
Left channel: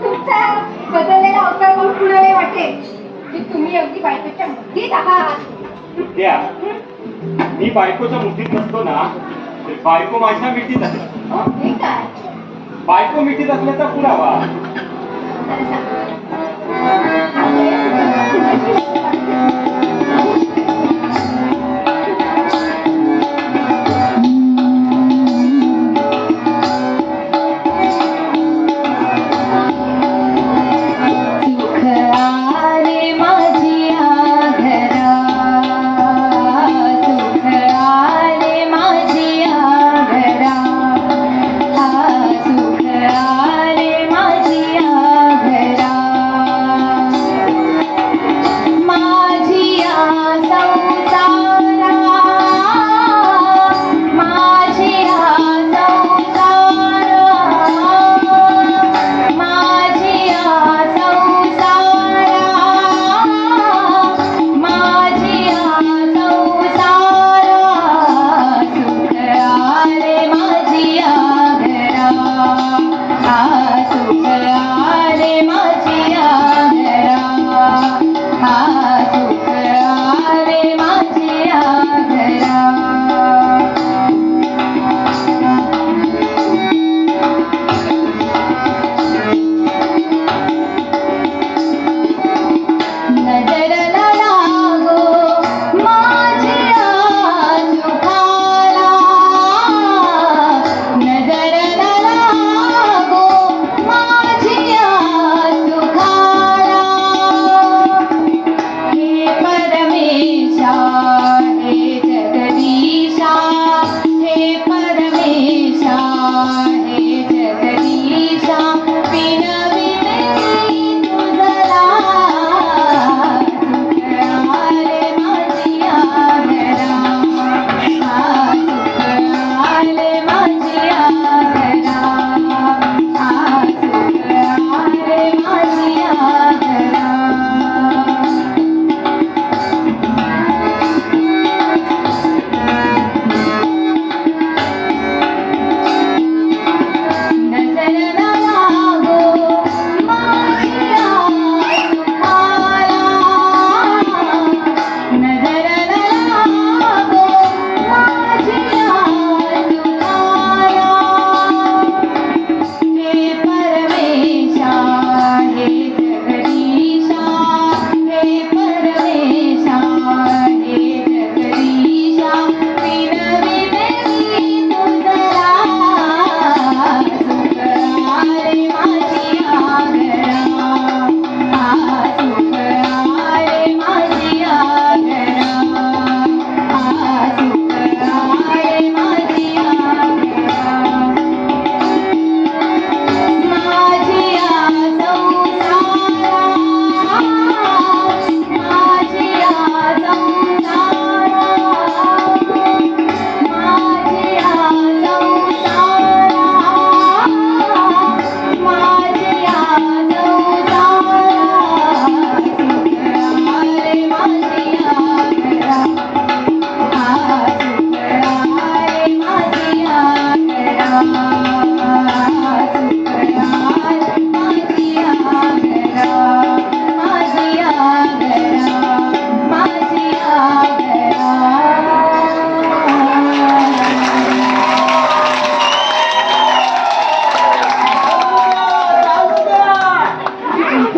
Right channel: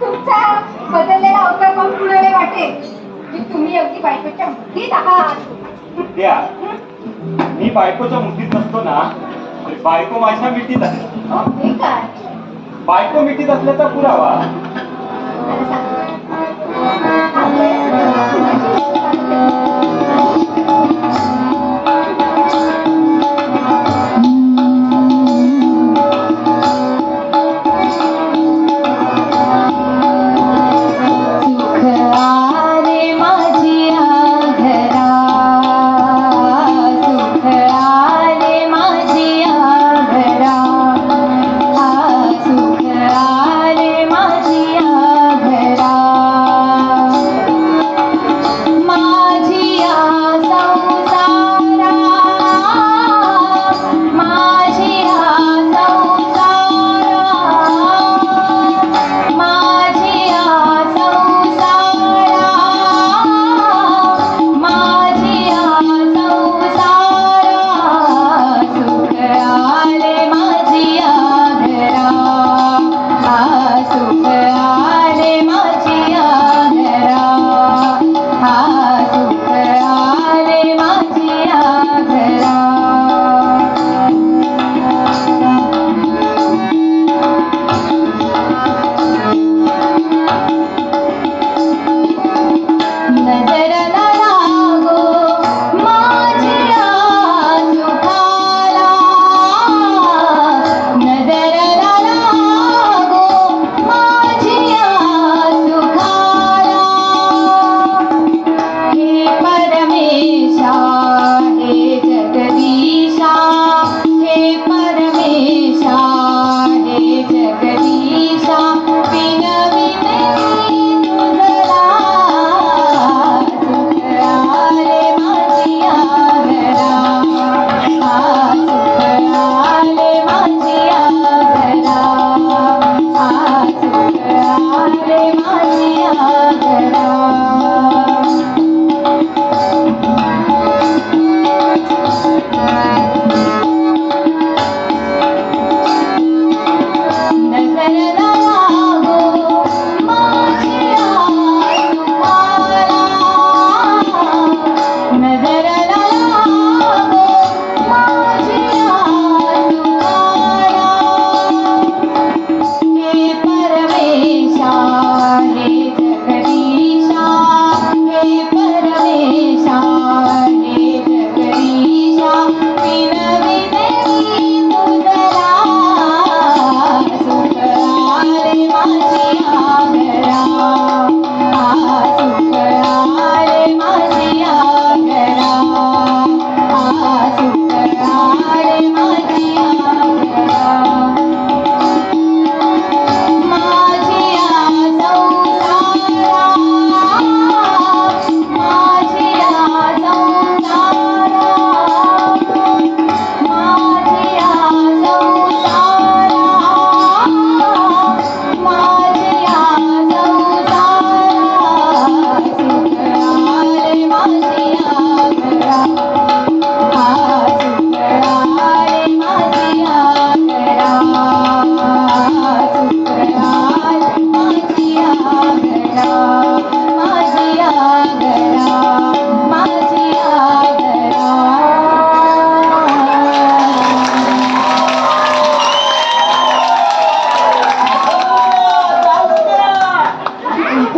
तुमचा बदललेला अवतार पाहून कुणाला वाटेल की तुम्ही अगदी बायकोच्या मुठीत आहात. विद्या, मी बायकोच्या मुठीत नसतो ना, तर बायको माझ्या मिठीत आहे. हे काय? बायको मिठीत असल्याचा पुरावा मला सांगा. आपल्या घरा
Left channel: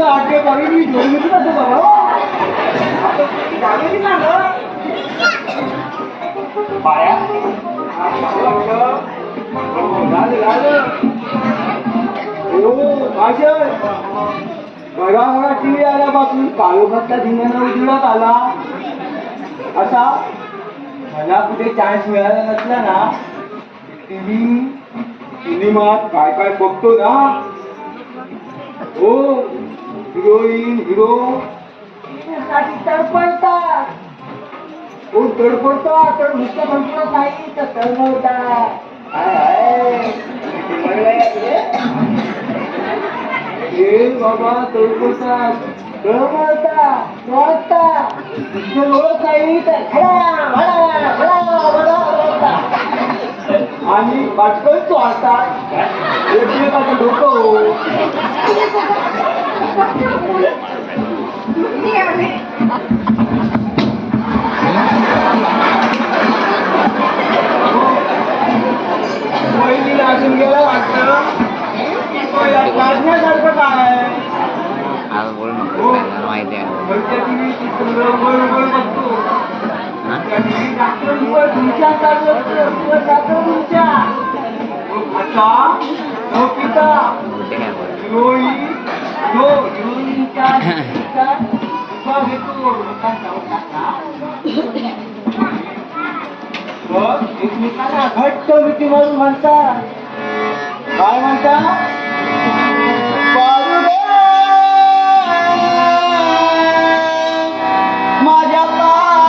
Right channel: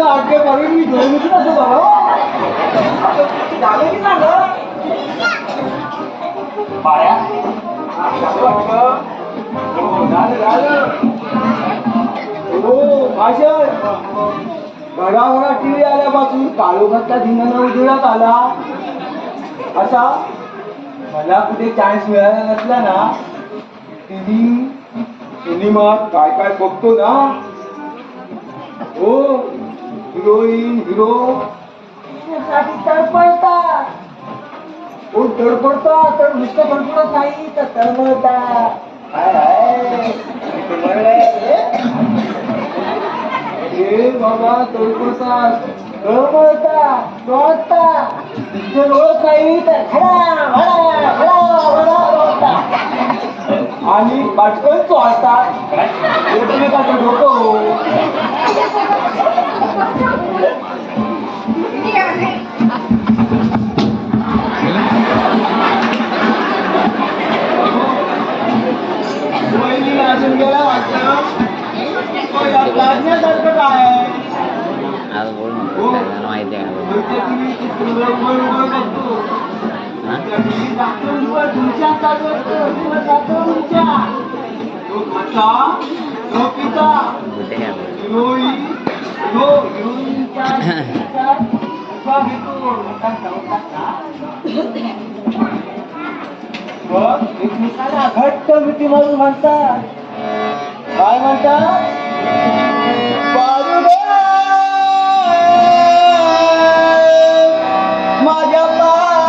आटे बरी मी दोन मिनिट बाबा झालं की झालं बाळ्या घराघरा टीव्ही आल्यापासून काळोखातल्या धिंगाणा उजेडात आला असा मला कुठे चान्स मिळाला नसला ना टीव्ही सिनेमात काय काय बघतो ना हो हिरोईन हिरो तडपडतात हो तडपडतात तर नुसतं तडपडत नाही तर तळमळतात हे बाबा तडपडतात तळमळतात लोळतात नुसते लोळत नाही तर खडा भडा भडा भडा लोळतात आणि पाटकन चोळतात एकमेकाचं डोकं वहिनीला अजून गेला वाटतं लाजण्यासारखं काय आहे आज बोल नको मला माहिती आहे वरच्या टीव्ही चित्र वर वर बघतो त्या टीव्ही डॉक्टर तुमच्या चालू असतो डॉक्टर तुमच्या आता नोकीचा होते काय बोल हिरोईन हिरोईनच्या घेतो मग एकमेकांना घट्ट मिठी मारून म्हणतात काय म्हणतात बाळूगे, माझ्या पारू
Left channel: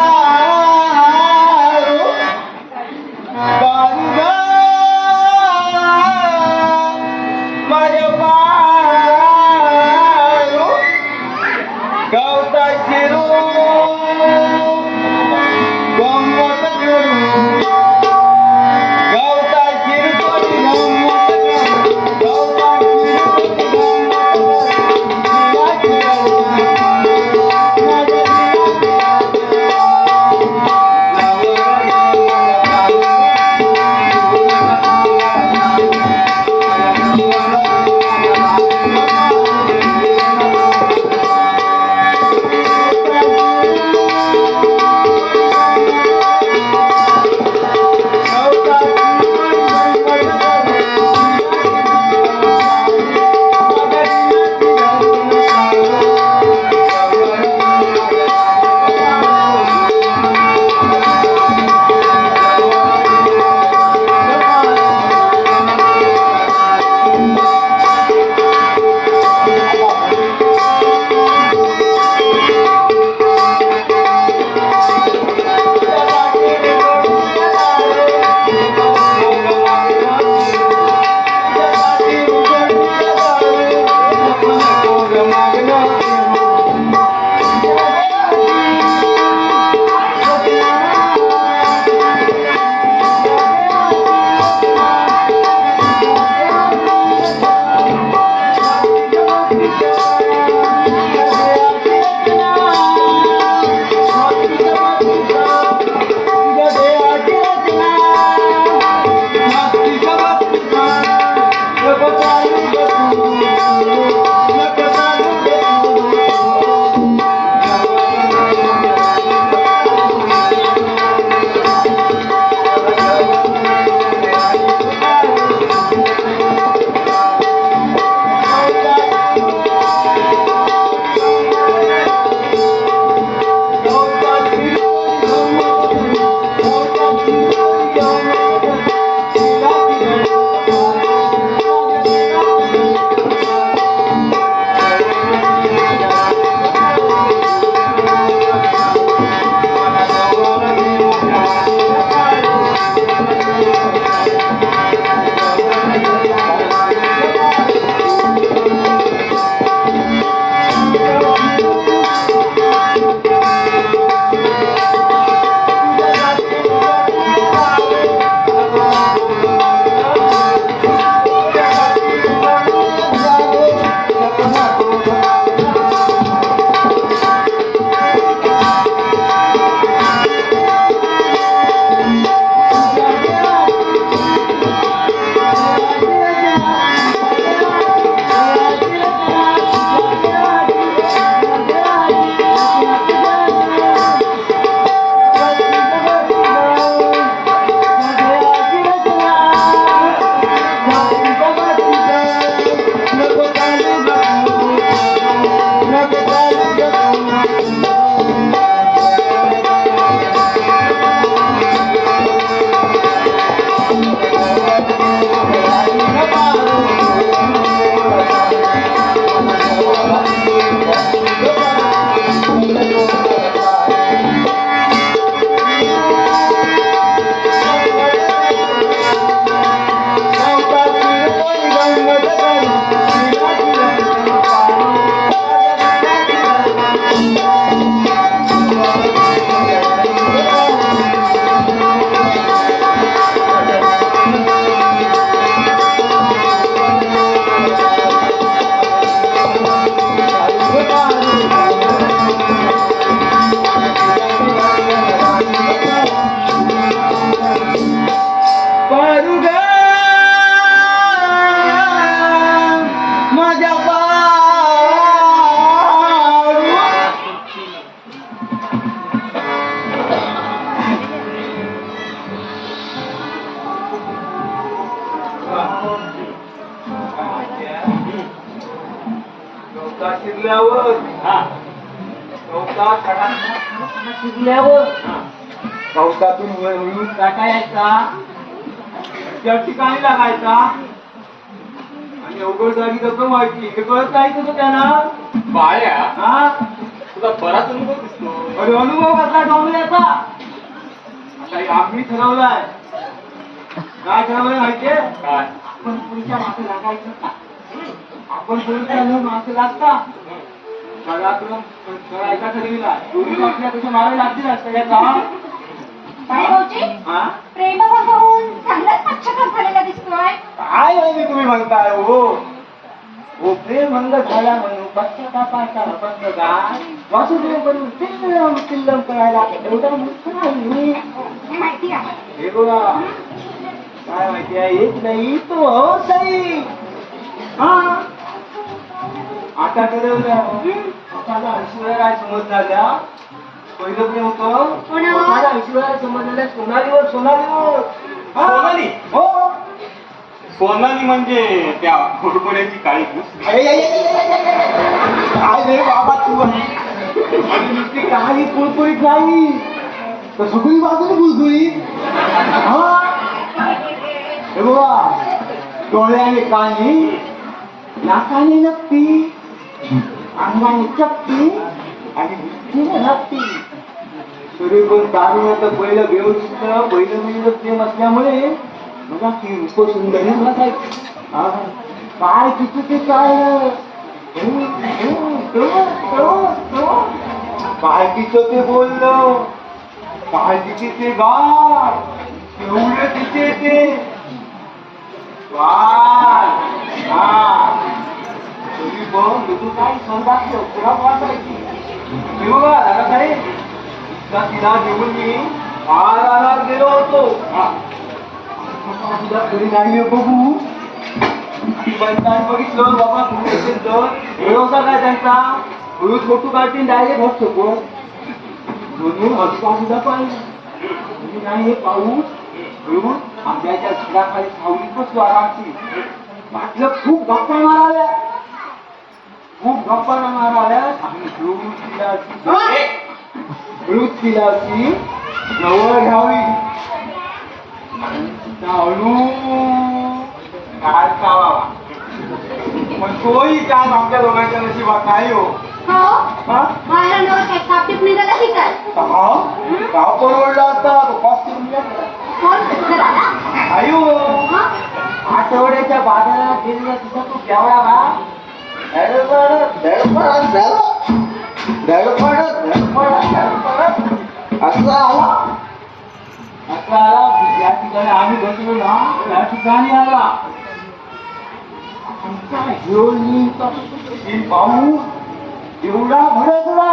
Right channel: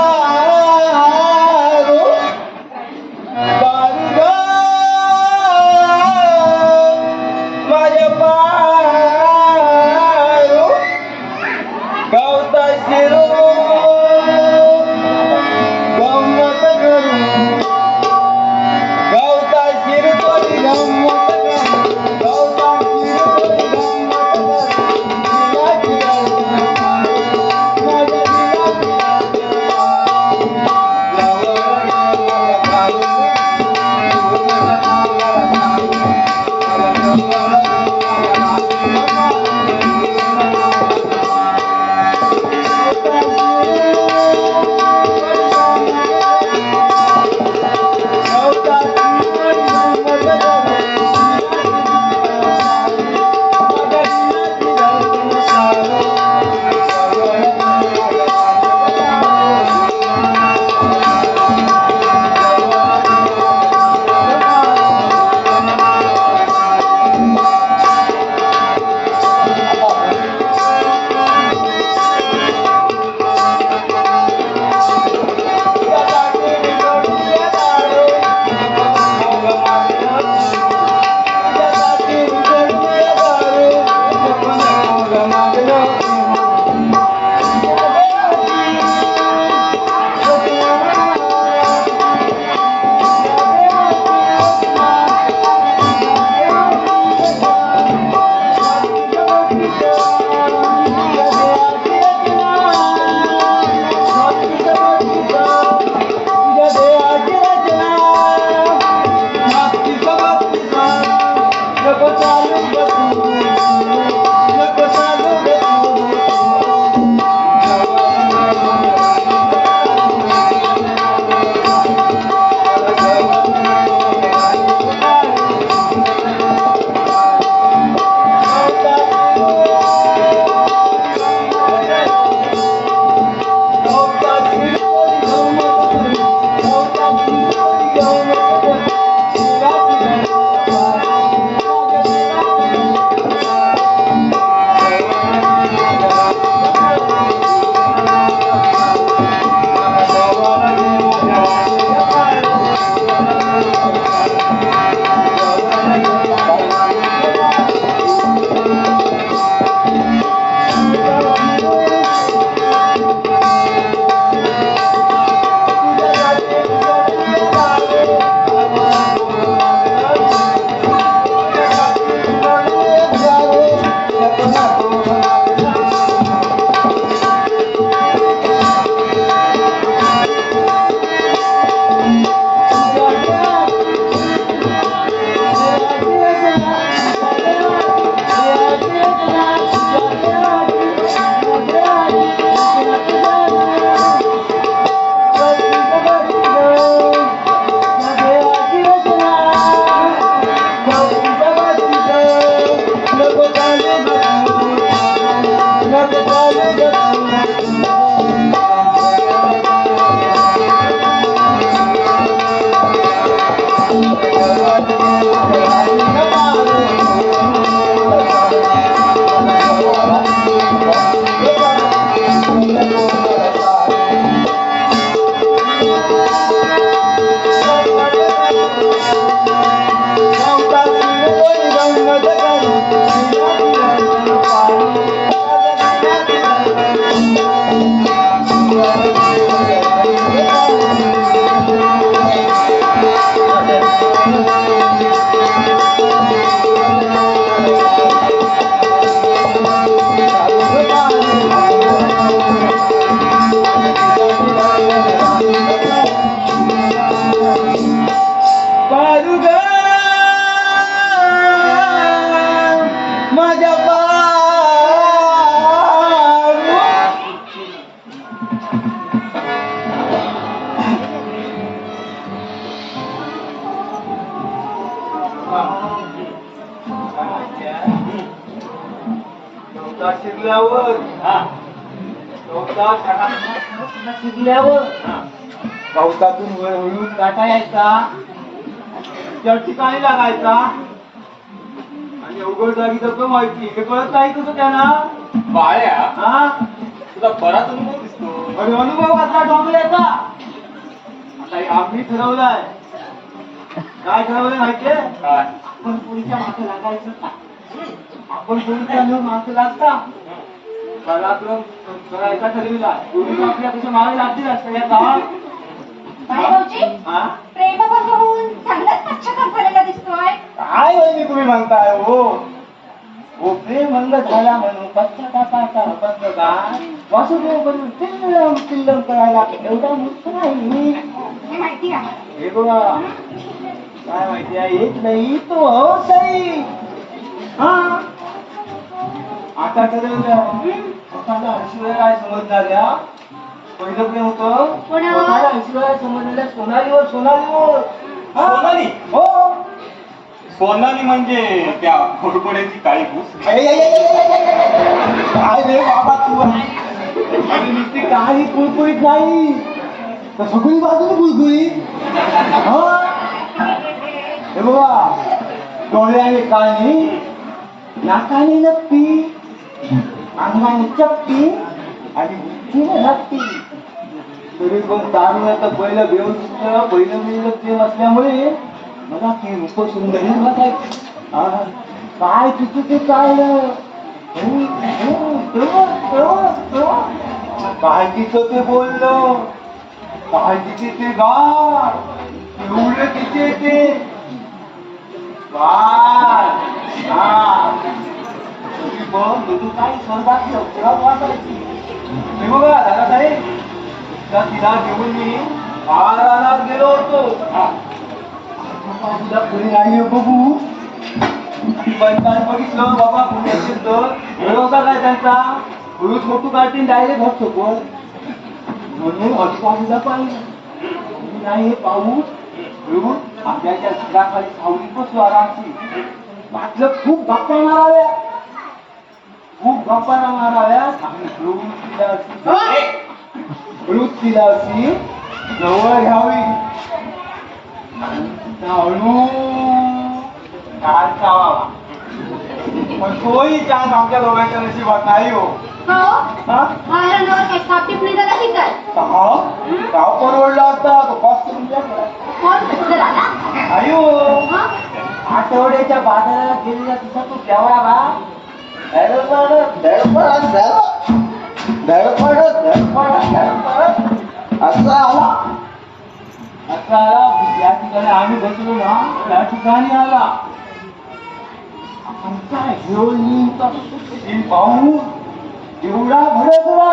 बाळूगे, माझ्या पारू गावता शिरू गंमत करू गावता शिरतोरी गंमत करू गावता शिरतोरी शिजल्यावर शिजल्यावर गवतातून वरून काटा यायचा, त्या ठिकाणी लागायचा आणि अवघड जागी कसं व्हायची हे कळत नाही कसं त्यांना. बाळ्या हा तुझा बराच अनुभव दिसतो. अरे अनुभव कसला डोंबल्याचा. आता आम्ही ठरवलंय, काय ठरवलंय माहितीये, काय आपण पुढच्या मागे लागायचं का. आपण पुढच्या मागे लागता पराक्रम करायचा ठरविला. पोलीस आपल्या कसं मागे लागतील असं या गावात. काय भाऊजी हा प्रेमावर होऊन चांगलाच पश्चाताप झालेला दिसतोय. काय वहिनी तुम्ही म्हणताय हो. हो प्रेम अंग झाला म्हणून पश्चातापाचा बंद गाय वासुदेव करून किल्लम किल्लम करायला एवढा मुक्त नाही. हे माहिती आहे. हे बघा काय माहिती आहे, एक नाही तो हवंच नाही. हा आता ठरवलं आता ऐश्वर्या समज झाल्या. पहिलं प्रेम होतं कोणावर? ऐश्वर्या समज झाल्या सोनालीवर. सोनालीवर हा? सोनाली? हो. सोनाली म्हणजे त्या खोडकोड्याची काळी घुस. काय रे बाबा तू आणि नुसती काही कुळकुळीत नाही तर सगळी बाजूने कुळकुळीत. हे बाबा डोळ्याने कानी, नाकाने नक्की, अंगाने चपटी आणि बुद्धीने हत्ती. तरी पण तारुण्याचं पहिलं व्यवस्थित पहिलं मुलीचं प्रेम असल्यामुळे मला ती रूप सुंदर वाटायची. काय तिथे ते काय काय तिचं ते बोलणं, काय तिथे ते गाय एवढं तिचे ते काय. तरी पण तुझं काय संदास पुरा वाटायची. हे बघा झाला का रे, तिला घेऊन मी महाराणात गेलो होतो. तिला घरी नाही बघू बघितलं बाबा कुठे असेल तर व्यवस्था काय त्यांचा रोज फोटो काढतील डायरेक्ट होत शकतो म्हणून आजूबाजूला पाहिजे नाही. हे पाऊस मिळून आंब्याच्या झाडाखाली सावलीत बसलो आरामची. म्हटलं खूप गप्पा माराव्या, खूप गप्पा माराव्या. आम्ही तिला अशी जवळ घ्यावी. तोही चान्स आमच्या दोघांच्या नशिबात नाही हो. माझ्या नावात काही स्थापित निघाला नाही काय. गाव परवडला असता तो कॉस्ट आयो. आठवड्याच्या बाजारात गेलेला तुझा तू केवढा बा या ठिकाणी आम्ही बसलो ना त्या ठिकाणी आला पाहू एवढा भडकला.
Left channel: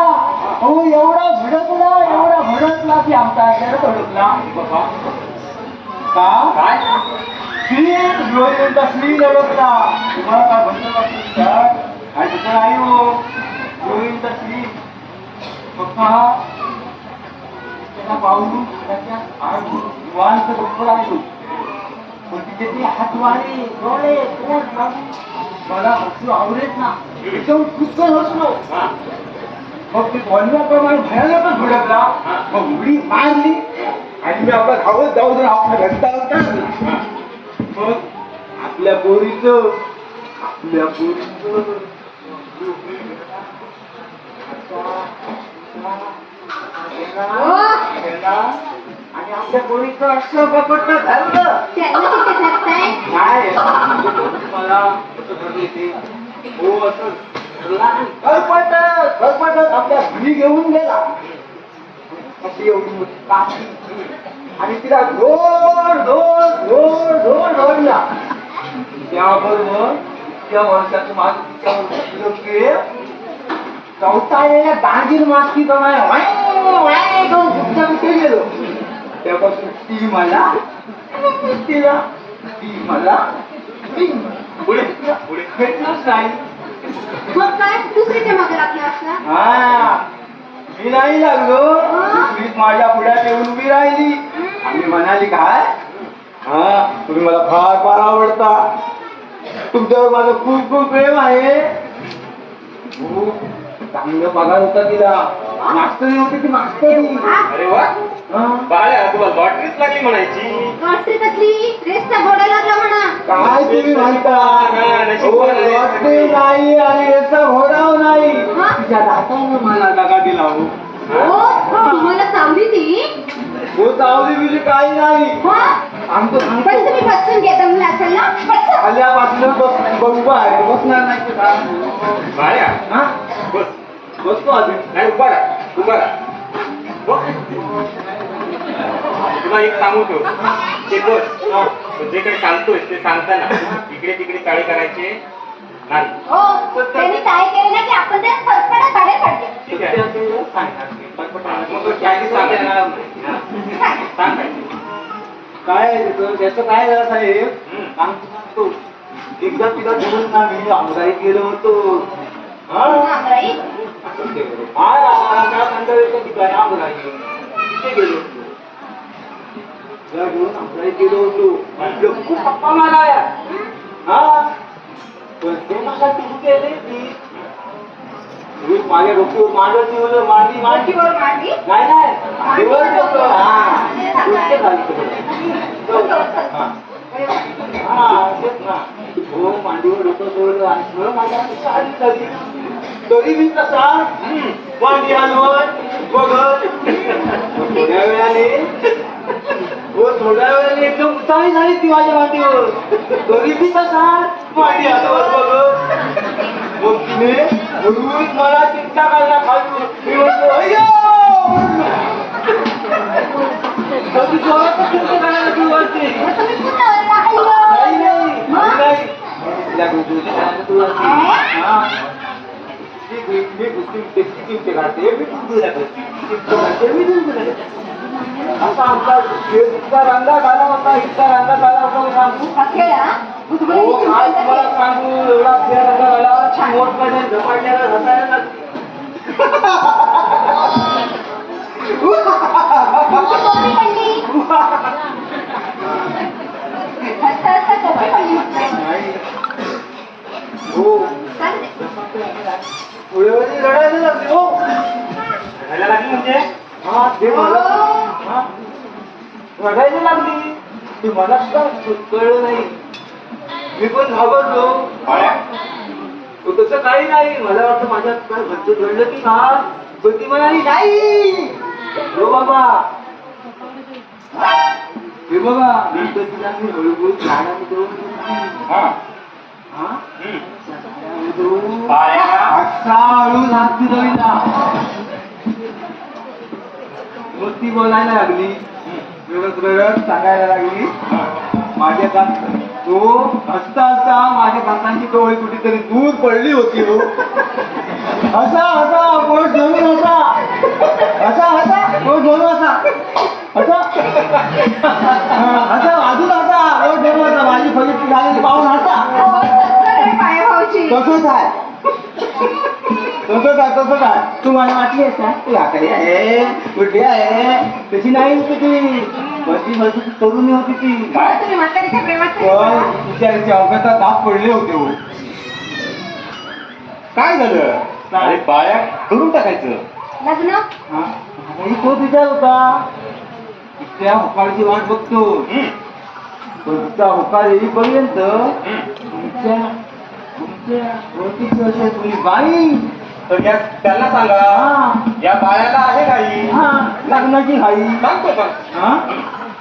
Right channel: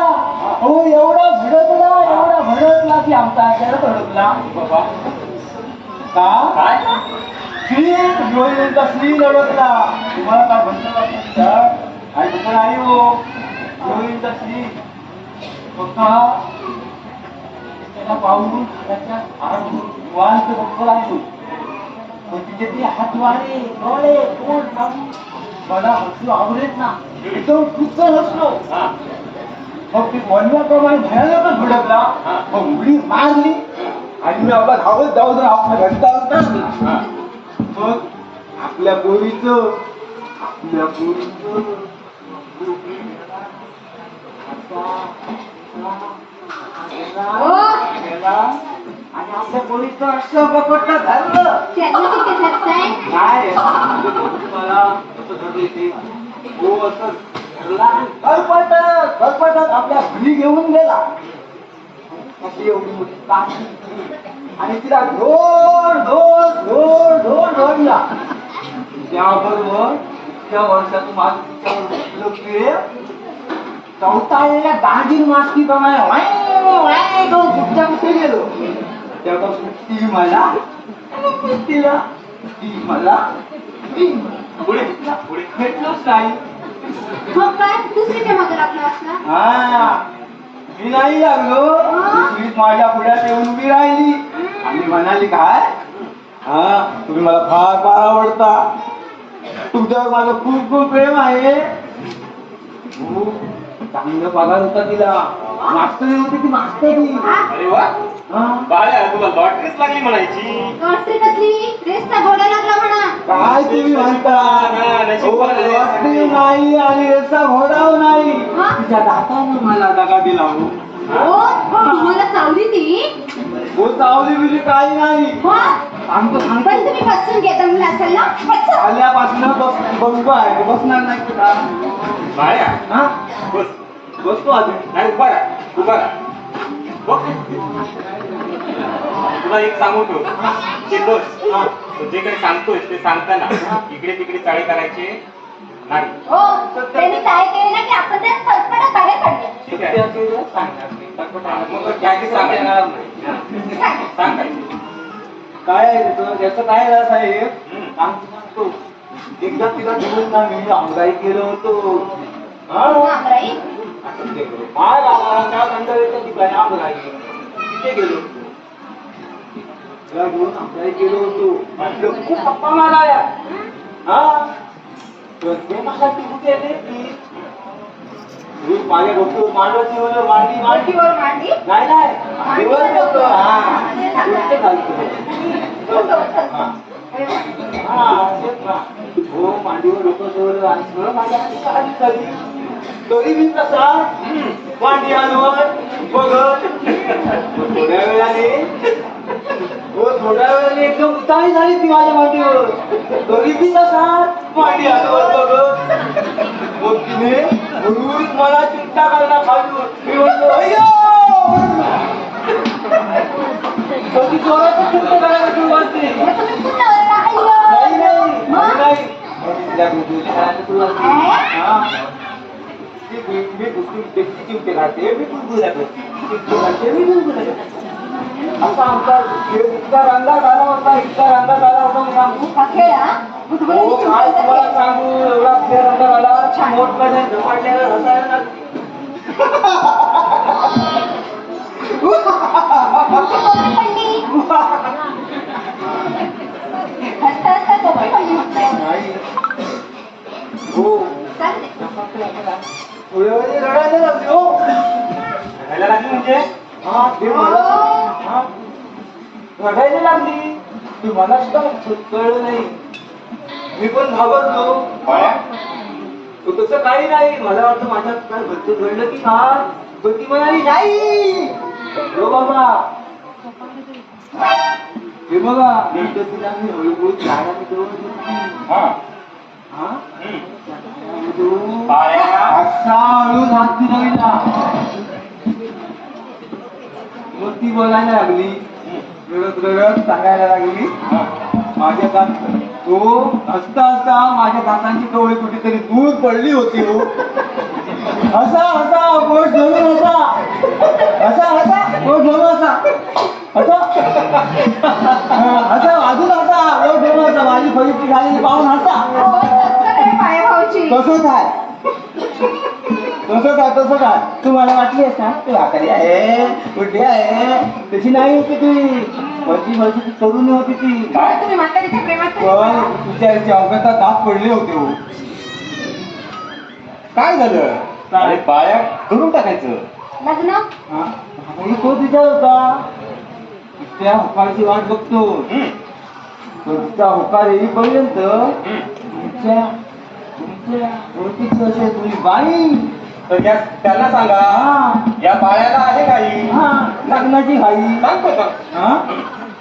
हो एवढा भडकला की आमचा भडकला का काय श्री लढवला. तुम्हाला काय म्हणतो आणि तिथं नाही हो हिरोईनचा श्री त्याला पाहून त्याच्या निवांत गप्प राहिलो. पण तिथे ते हातवारे डोळे पोट मला हसू आवडेत ना एकदम कुचकन हसलो. मग ते बोलण्याप्रमाणे भयानकच भडकला. मग उडी मारली आणि मी आपला धावत धावत आपल्या घरचा असता. मग आपल्या पोरीचं आणि आपल्या पोरीचं असं बपटलं झालं. त्यांना किती भेटताय. काय मला हो असं खरपटत आपल्या घरी घेऊन गेला. अशी एवढी काठी आणि तिला ढोल ढोल ढोल ढोल ढोलला. त्याबरोबर त्या वर्षाचं माझं तिच्यावर चौथाळलेल्या गांधीर मास्की प्रमाणे कुठच्या कुठे गेलो. तेव्हापासून ती मला पुढे पुढे भेटलोच नाही. मग काय दुसरीच्या मागे लागला असणार. हा मी नाही लागलो. दुसरीच माझ्या पुढ्यात येऊन उभी राहिली आणि म्हणाली काय हा तुम्ही मला फार फार आवडता. तुमच्यावर माझं खूप खूप प्रेम आहे. चांगला पगार होता तिला. मास्टर नव्हती ती मास्टरी. अरे वा बाळ्या तुला लॉटरीच लागली म्हणायची. कसली कसली रेसचा घोडा लागला म्हणा. काय तुम्ही म्हणता? लॉटरी नाही आणि याचा घोडा नाही. तिच्या दातानं मला दगा दिला हो. तुम्हाला चावली ती? हो चावली बिवली काही नाही. आमचं पण सांगतो तुम्ही बसून घेता मुलं असेल ना? बसा. आल्यापासून बसतो आहे बसणार नाही का? बाळ्या हा? बस बसतो आधी. नाही उभा राहा उभा राहा. बघ. तुला एक सांगू ठेव ते बस तू जे काही सांगतोय ते सांगताना इकडे तिकडे चाळे करायचे नाही. हो, त्यांनी काय केलं ना की आपण त्या फटफटत बाहेर काढले. ठीक आहे मग काही सांगणार नाही. सांग काय काय आहे तिथं? त्याचं काय झालं साहेब? आमचं सांगतो. एकदा तिला घेऊन ना मी आमदारी गेलो होतो. हा? आमराई? काय काय मंडळ येतं ती काय आमदारी तिथे गेलो. तिला घेऊन आमदारी गेलो होतो. म्हटलं खूप गप्पा माराया. हा? पण ते कशासाठी कुठे आले ती? माझे डोके मांडीवर मांडी मांडीवर मांडी? नाही नाही मांडीवर डोकं. हा उलटे घालतो. हा. हा, तेच ना. हो मांडीवर डोकं ठेवलं आणि सगळं माझ्या आधी झाली. तरी मी तसा मांडी हलवत बघत थोड्या वेळाने थोड्या वेळाने एकदम चाळी झाली ती माझ्या मांडीवर. तरी मी तसा मांडी हलवत बघत मग तिने हळूच मला चिंता करायला खाली. मी म्हणतो अय्यो कधी जोरातच चिंता करायला सुरुवात केली. मग तुम्ही कुठं आला? अय्यो. नाही तिला गोगोली सांगितलं तुला ती. हा. मी दुसरी चिंते काढते मी दुसऱ्या चिंते काढते मी दुसऱ्या. असा आमचा इतका रंगा काढला होता इतका रंगा काढला होता मग सांगू. हा खेळ, हा? मी तुम्हाला हो विचारून काय सांगते. तुम्हाला सांगू एवढा खेळ रंगा काढला मोठमध्ये झपाट्याला रसायला पडली. हसता हसता झोपी पडली म्हटलं. नाही हो चालते. पुढे रडायला लागली हो. रडायला लागली म्हणजे हा ते मला हा रडायला लागली. ती मला कळलं नाही. मी पण घाबरलो. तसं काही नाही. मला वाटतं माझ्या काय बच्चे घडलं की काय पण ती म्हणाली नाही हो बाबा. हे बघा नंतर तिला मी हळूहळू झाडाने करून हा हा बाळ्या असा हळू हात फिरवला. मग ती बोलायला लागली रडत रडत सांगायला लागली माझ्या दात तो हसता हसता माझ्या दातांची कवळी कुठेतरी दूर पडली होती हो. असा असा बोट धरून असा असा असा बोट धरून असा असा असा अजून असा बोट धरून असा माझी फळीची घालेली पाहून हसा. हो, तसं नाही पायाभाऊची. तसंच आहे तसंच आहे. तू मला वाटली असा तू आकारी आहे कुठे आहे तशी नाही होती ती. माझी तरुणी होती ती. काय तुम्ही म्हातारीच्या प्रेमात नाही पण पडला? तिच्या अवघातात दात पडले होते हो. काय झालं काय? बाळ्या करून टाकायचं. लग्न? हा? आणि तो विचार होता तिच्या होकारची वाट बघतो. पण तिचा होकार येईपर्यंत तुमच्या तुम्ही बाई तर त्याला सांगा या बाळ्याला आहे काही हा लग्नाची हाई सांगतो का हा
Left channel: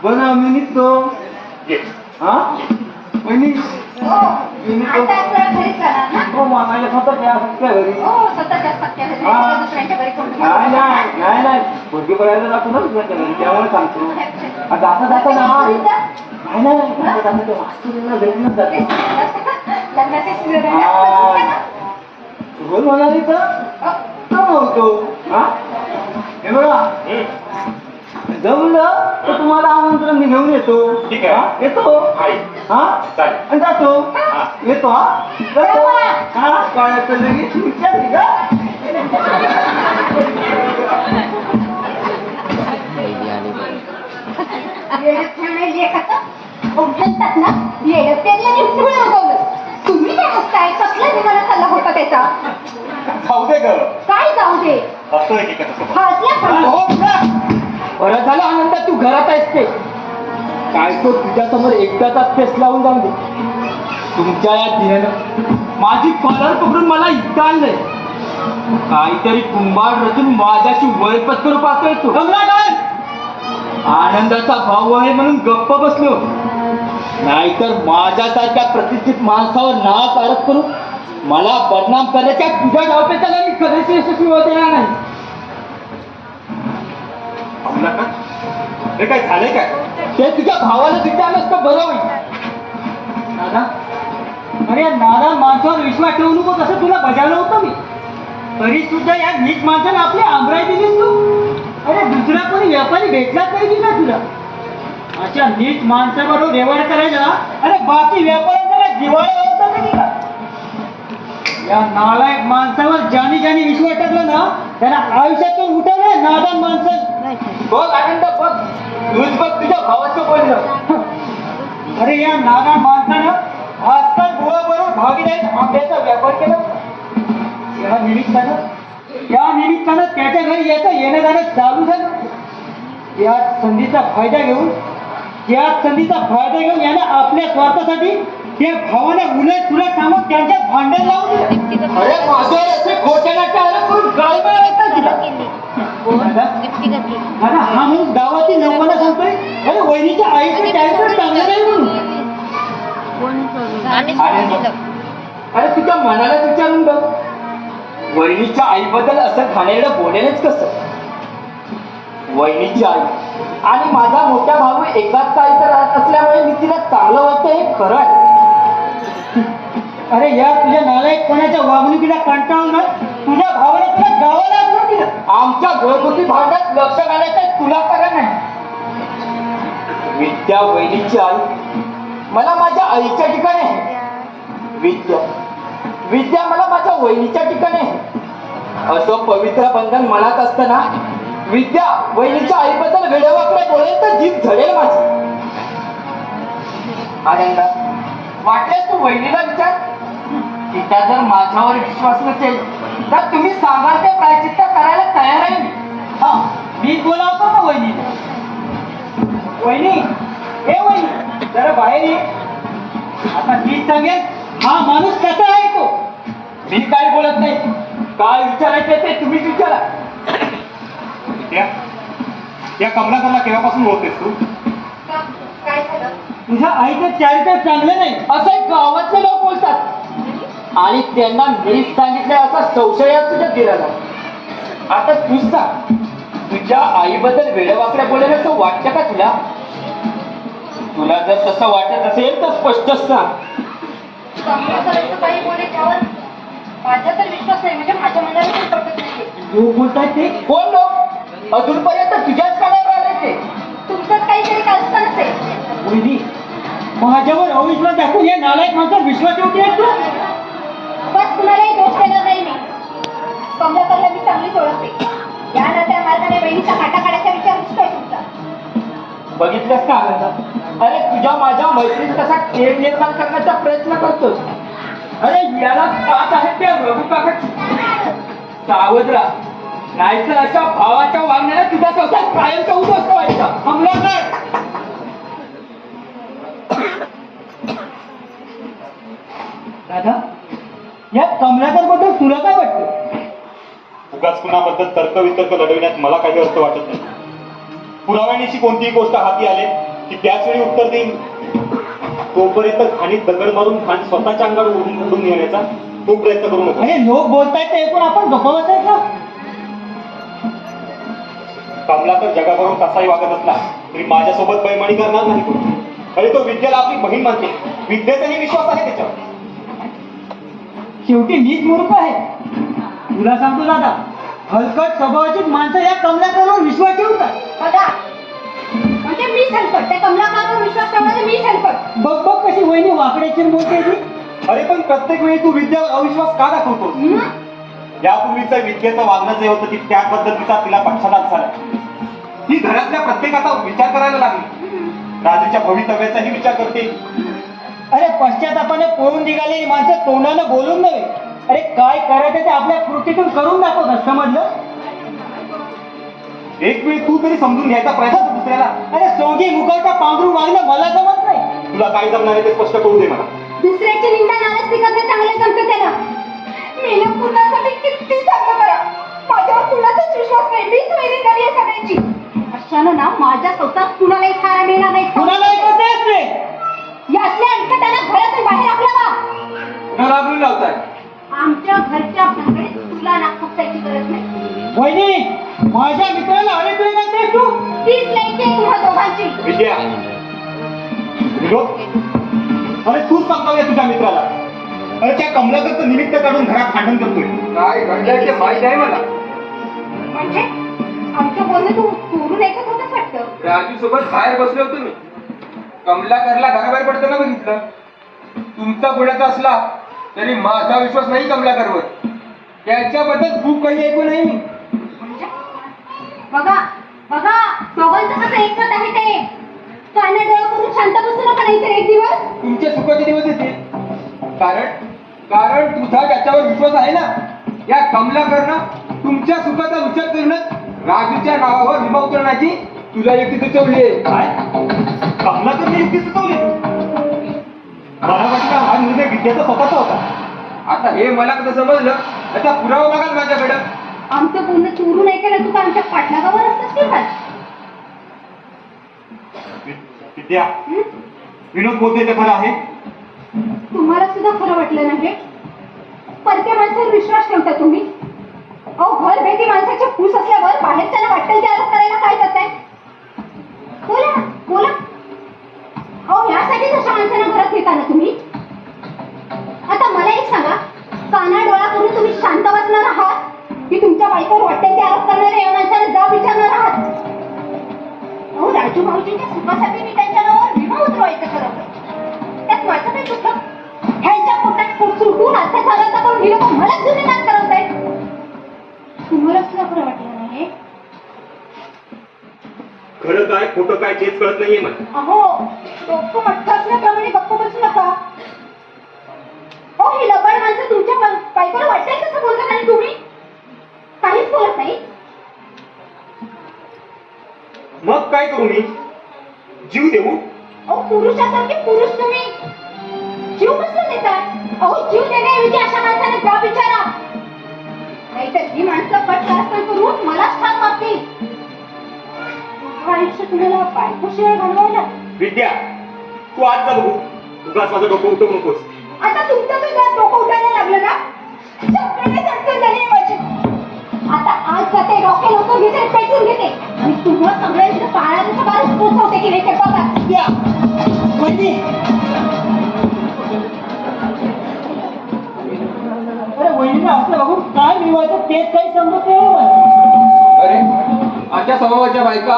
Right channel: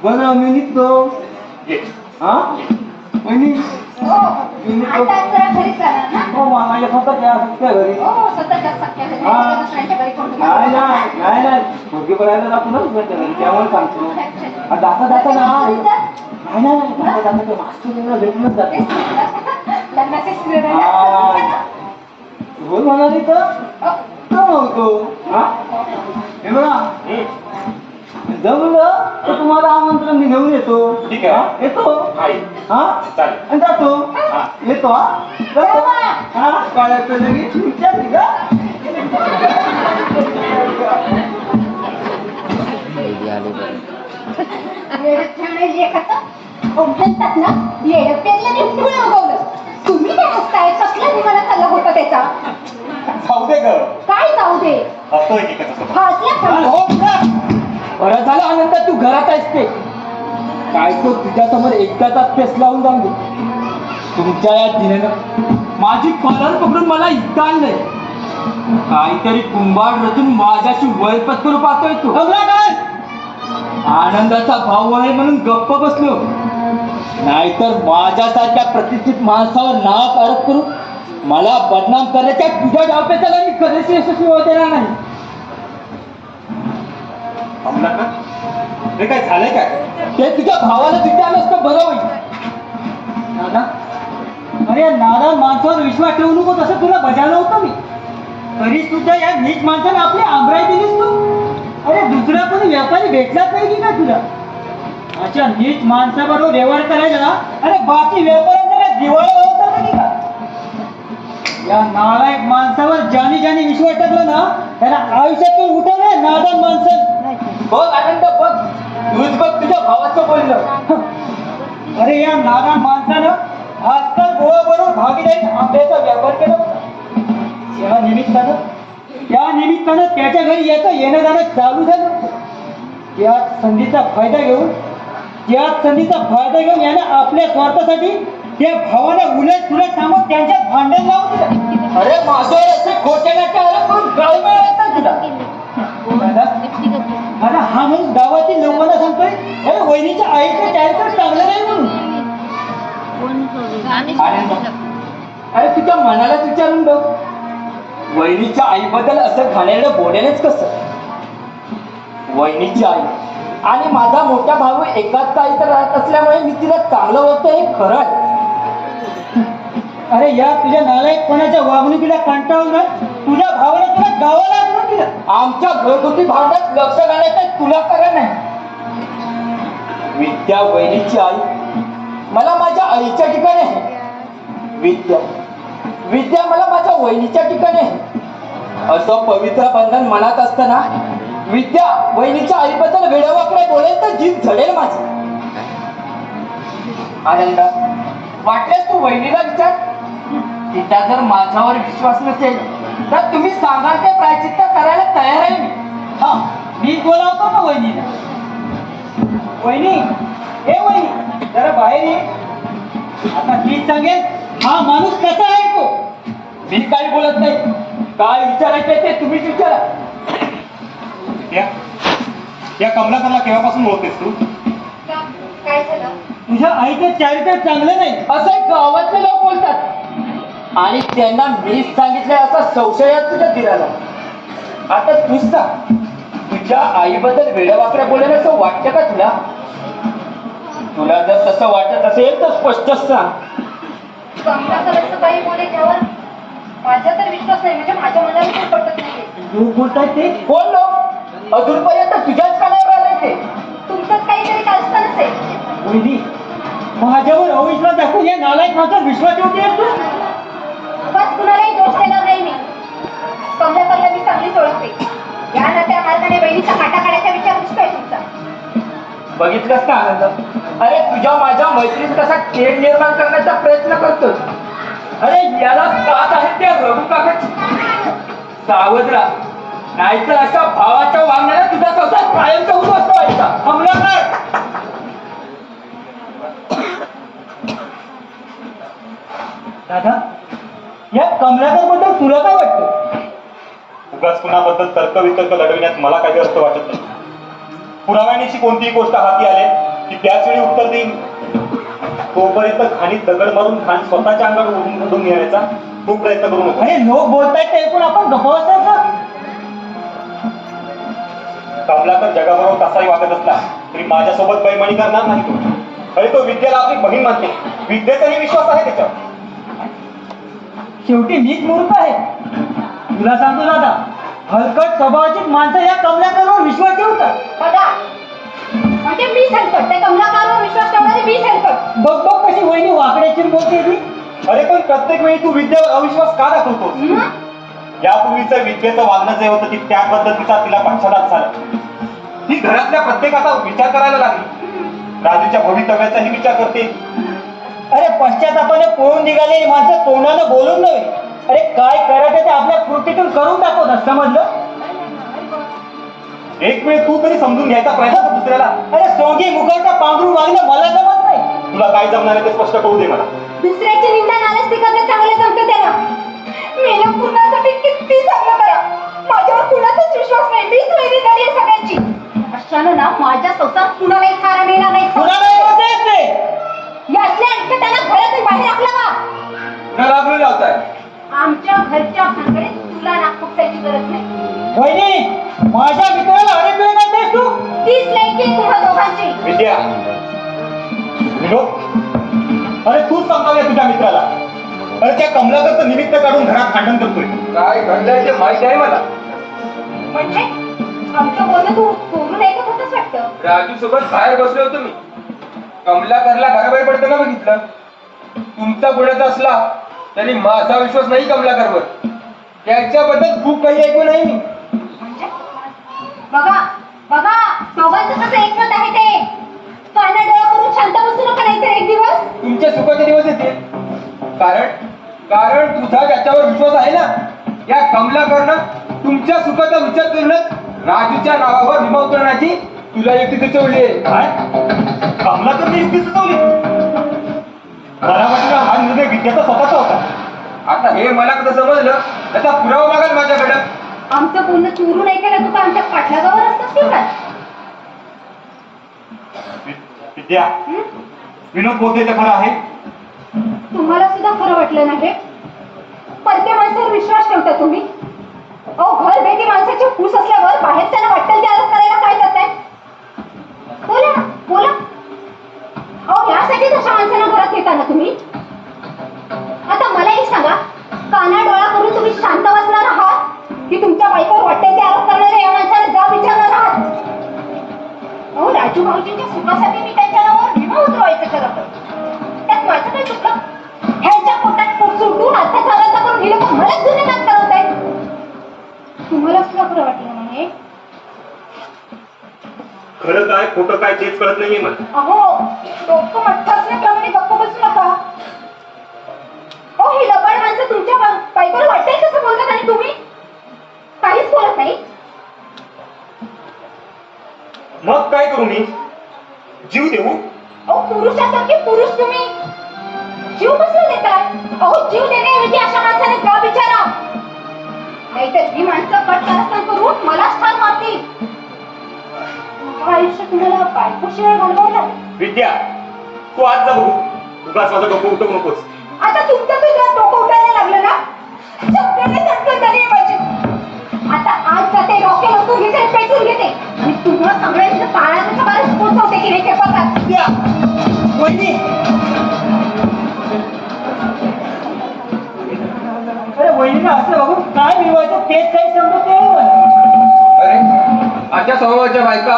बनव मी निघतो. ये. हा मी हो. आता तुला घरीच जाणार ना? हो माझ्या स्वतःच्या सख्या घरी. हो, स्वतःच्या सख्या घरी. हा. दुसऱ्यांच्या घरी कोण नाही नाही नाही नाही मुलगी बघायला जातो ना तुझ्या घरी त्यामुळे सांगतो. जाता जाता ना नाही नाही जाता जाता ते मास्टरीला भेटूनच जाते. लग्नाचे स्पीड आहे हा. ना? बोल म्हणाली तर तो नव्हतो. हा हे बघा जमलं तर तुम्हाला आमंत्रण मी घेऊन येतो. ठीक आहे. हा? येतो आहे. हा चालेल. आणि जातो. हा. येतो हा जातो. हा कळत लगेच विचारली का पहिली आली बरं. येडपणे लेखाचं म्हणतात ना, येडपण्याला मी फुलं उगवलं. तुम्ही काय हसताय? कसला विमानाचा लग होता त्याचा? जाऊ दे ग. काय जाऊ दे? असतो एकेकाचा स्वभाव. हा असल्या हा, पण हो तुला बरं झालं आनंद तू घरात आहेस ते काय तो तुझ्यासमोर एकदाचा पेस लावून जाऊन दे. तुमच्या या दिनेनं माझी कॉलर पकडून मला इथं आणलंय. काहीतरी कुंभार रचून माझ्याशी वैपत्कर पाहतोय तू. काय आनंदाचा भाऊ आहे म्हणून गप्प बसलो, नाहीतर माझ्यासारख्या प्रतिष्ठित माणसावर नाव आरोप करून मला बदनाम करण्याच्या तुझ्या डावपेचाला मी कधीच यशस्वी होत येणार नाही. कमलाकर, हे काय झालंय काय? ते तुझ्या भावाला विचारलंस तर बरं होईल. दादा, अरे नाना माणसावर विश्वास ठेवू नको तसं तुला बजावलं होतं मी. तरी तुझ्या या नीच माणसाने आपली आमराई दिलीस तू. अरे दुसरा कोणी व्यापारी भेटलाच नाही की काय तुला? अशा नीच माणसाबरोबर व्यवहार करायला अरे बाकी व्यापाऱ्यांना दिवाळी होता नाही का? या नालायक माणसावर ज्याने ज्याने विश्वास टाकला ना त्यांना आयुष्यातून उठवले नादान माणसं. बघ आनंद बघ, तूच बघ तुझ्या भावाचं बोलणं. अरे या नादान माणसानं आजकाल गोवाबरोबर भागीदारीत आंब्याचा व्यापार केला. त्या निमित्तानं त्याच्या घरी याचं येणं जाणं चालू झालं. त्याच संधीचा फायदा घेऊन यानं आपल्या स्वार्थासाठी त्या भावाला उलट तुलट सांगून त्यांच्यात भांडण लावून दिलं. अरे माझे असे खोटे नाट्य आरोप करून गाळ मिळायचा तुला. अरे हा म्हणून गावातील लोकांना सांगतोय अरे वहिनीच्या आईचं कॅरेक्टर चांगलं नाही म्हणून. अरे तुझ्या मनाला विचारून बघ, वहिनीच्या आईबद्दल असं घाणेरडं बोलेलच कसं? वहिनीची आई आणि माझा मोठा भाऊ एकाच आईचा राहत असल्यामुळे मी तिला चांगलं वाटतं हे खरं आहे. अरे या तुझ्या नालायकपणाच्या वागणुकीला कंटाळून ना तुझ्या भावाने तुला गावाला आणून दिलं. आमच्या घरगुती भांड्यात लक्ष घालायचं तुला करा नाही. विद्या वहिनीची आई मला माझ्या आईच्या ठिकाणी आहे. विद्या मला माझ्या वहिनीच्या ठिकाणी आहे. असं पवित्र बंधन मनात असताना विद्या वहिनीच्या आईबद्दल वेडेवाकडे बोलेल तर जीभ झडेल माझी. आनंद, वाटल्यास तू वहिनीला विचार. तिचा जर माझ्यावर विश्वास नसेल तर तुम्ही सांगाल ते प्रायचित्त करायला तयार आहे मी. हा, मी बोलावतो ना वहिनीला. वहिनी, हे वहिनी जरा बाहेर ये. आता मी सांगेल हा माणूस कसा आहे तो. मी काही बोलत नाही, काय विचारायचं ते तुम्हीच विचारा. या कमलाकरला केव्हापासून ओळखतेस तू? काय झालं? तुझ्या आईचं चारित्र्य चांगलं नाही असं गावातले लोक बोलतात आणि त्यांना मीच सांगितलं असा संशय आहे तुझ्या दिराला. आता तूच सांग, तुझ्या आईबद्दल वेडेवाकड्या बोलेल असं वाटतं का तुला? तुला जर तसं वाटत असेल तर स्पष्टच सांग. कमलाकर असं काही बोले त्यावर माझा तर विश्वास नाही, म्हणजे माझ्या मनाला काही पटत नाही. तू बोलताय ते कोण लोक? अजूनपर्यंत तुझ्याच कानावर आले ते. तुमच्यात काहीतरी कल्पना नसेल. वहिनी, माझ्यावर अविश्वास दाखवून या नालायक माणसावर विश्वास ठेवतेस तू? बस कुणालाही दोष देणार नाही मी. कमलाकरला मी चांगलीच ओळखते. या नात्या मार्गाने बहिणीचा काटा काढायचा विचार दिसतोय तुमचा. बघितलंस का आनंद? अरे तुझ्या माझ्या मैत्रीत कसा तेढ निर्माण करण्याचा प्रयत्न करतो. अरे याला साथ आहे त्या रघु काकाची. सावध राहा, नाहीतर अशा भावाच्या वागण्याला तुझा संसार कायमचा उद्ध्वस्त व्हायचा. कमलाकर, दादा, या कमलाकर बद्दल तुला काय वाटतं? उगाच कुणाबद्दल तर्कवितर्क लढविण्यात मला काही अर्थ वाटत नाही. पुराव्यानिशी कोणतीही गोष्ट हाती आले की त्याच वेळी उत्तर देईन. तोपर्यंत खाणीत दगड मारून खाण स्वतःच्या अंगावर ओढून येण्याचा तो प्रयत्न करू नका. अरे लोक बोलतायत ते ऐकून आपण गप्प बसायचं. कमलाकर जगाबरोबर कसाही वागत असला तरी माझ्यासोबत बैमानी करणार नाही तो. अरे तो विद्येला आपली बहीण मानते. विद्येचाही विश्वास आहे त्याच्यावर. शेवटी मीच मूर्ख आहे. तुला सांगतो दादा, हलकट स्वभावाची माणसं या कमलाकरवर विश्वास ठेवतात. दादा, म्हणजे मी हलकट, त्या कमलाकरवर विश्वास ठेवणारे मी हलकट. बघ बघ कशी वहिनी वाकड्याची बोलते ती. अरे पण प्रत्येक वेळी तू विद्येवर अविश्वास का दाखवतो? हं? यापूर्वीचं विद्येचं वागणं जे होतं ती त्याबद्दल तिला पश्चाताप झाला. ही घरातल्या प्रत्येकाचा विचार करायला लागली. राजूच्या भवितव्याचाही विचार करते. अरे पश्चातापाने पळून निघालेली माणसं तोंडानं बोलून नव्हे अरे काय करायचं ते आपल्या कृतीतून करून दाखवतात, समजलं? एक वेळ तू तरी समजून घ्यायचा प्रयत्न कर दुसऱ्याला. अरे सोंगी मुखवटा पांघरून वागणं मला जमत नाही. तुला काय जमणार आहे ते स्पष्ट करू दे मला. दुसऱ्याची निंदा नाराज करणं चांगलं जमतं त्याला. मेल्या कुणासाठी किती चांगलं करा, माझ्यावर कुणाचाच विश्वास नाही. मीच वैरी झाली आहे सगळ्यांची. अशानं ना माझ्या संसारात कुणालाही खारा मिळणार नाही. कुणालाही करतेच ते. याचे अंक त्यांना घरातून बाहेर आपल्याला राबवून लावताय. आमच्या घरच्या भानगडीत तुला नागपुरची गरज नाही. वहिनी, माझ्या मित्राला अरे तुला करतेस तू? तीच लेकी आहे तुम्हा दोघांची. विद्या, विनोद, अरे तूच सांभाळले तुझ्या मित्राला. अरे त्या कमलाकरचं निमित्त काढून घरात भांडण करतोय. काय घडलंय ते माहित आहे मला. म्हणजे आमचं बोलणं तू कोरून ऐकत होतच वाटतं. राजू सोबत बाहेर बसलो होतो मी. कमलाकरला घराबाहेर पडताना बघितलं. तुमचा गुन्ह्याचा असला तरी माझा विश्वास नाही कमलाकरवर. त्याच्याबद्दल खूप काही ऐकू नाही मी. म्हणजे बघा बघा, दोघांचं कसं एकमत आहे ते. काना डोळा करून शांत बसू नका, नाही तर एक दिवस तुमच्या सुखाचे दिवस येतील. कारण तुझा त्याच्यावर विश्वास आहे ना. या कमलाकरनं तुमच्या सुखाचा विचार करूनच राजूच्या नावावर विमा उतरवण्याची तुला युक्ती सुचवली आहे. काय कमलाकरने युक्ती सुचवली? मला वाटलं हा निर्णय विद्याचा स्वतःचा होता. आता हे मला कसं समजलं, त्याचा पुरावा मागाल माझ्याकडं. आमचं बोलणं चोरून ऐकायला तू आमच्या पाठलागावर असतंस किंवा काय? विद्या, विनोद बोलते ते खरं आहे. तुम्हाला सुद्धा खरं वाटलं नाही. परक्या माणसावर विश्वास ठेवता तुम्ही. अहो, घर भेटी माणसाची फूस असल्यावर बाहेर त्यांना वाटेल ते आरोप करायला काय जाताय? बोला ना, बोला. अहो, यासाठीच अशा माणसांना घरात घेता ना तुम्ही. आता मला एक सांगा, काना डोळा करून तुम्ही शांत बसणार आहात की तुमच्या बायकोवर वाटेल ते आरोप करणाऱ्या या माणसाला जा विचारणार आहात? अहो, राजू भाऊजींच्या सुखासाठी मी त्यांच्या नावावर विमा उतरवायचं ठरवलं. त्यात माझं काय चुकलं? ह्यांच्या पोटात पोट सुटून अर्थात करून हे लोक मलाच गुन्हेगार करत आहेत. तुम्हाला सुद्धा खरं वाटलं नाही? खरं काय खोटं काय तेच कळत नाहीये मला. अहो, डोकं मठ्ठ असल्याप्रमाणे गप्प बसू नका. अहो, ही लबाड माणसं तुमच्या बायकोला वाटेल कसं बोलतात आणि तुम्ही काहीच बोलत नाही. मग काय करू मी? जीव देऊ? अहो, पुरुषासारखे पुरुष तुम्ही जीव कसं देताय? अहो, जीव देण्याऐवजी अशा माणसाने जा विचारा. नाहीतर ही माणसं कट कारस्थान करून मलाच ठार मारतील. आयुष्य तुम्हाला बायकोशिवाय घालवायला. विद्या, तू आज जा बघू. उगाच माझं डोकं उठवू नकोस. आता तुमचं तुझ्या डोकं उठायला लागलं ना. सगळ्यांना धडधड झाली आहे माझी. आता आज जाते, डॉक्टर लोक घेते, पेटून घेते आणि तुम्हाला सगळ्यांच्या काळाचा बारीक पोचवते की नाही ते बघा. विद्या, वहिनी. अरे वहिनीला असं बघून काय मिळवायचं तेच काही समजत नाही मला. अरे अशा स्वभावाच्या बायका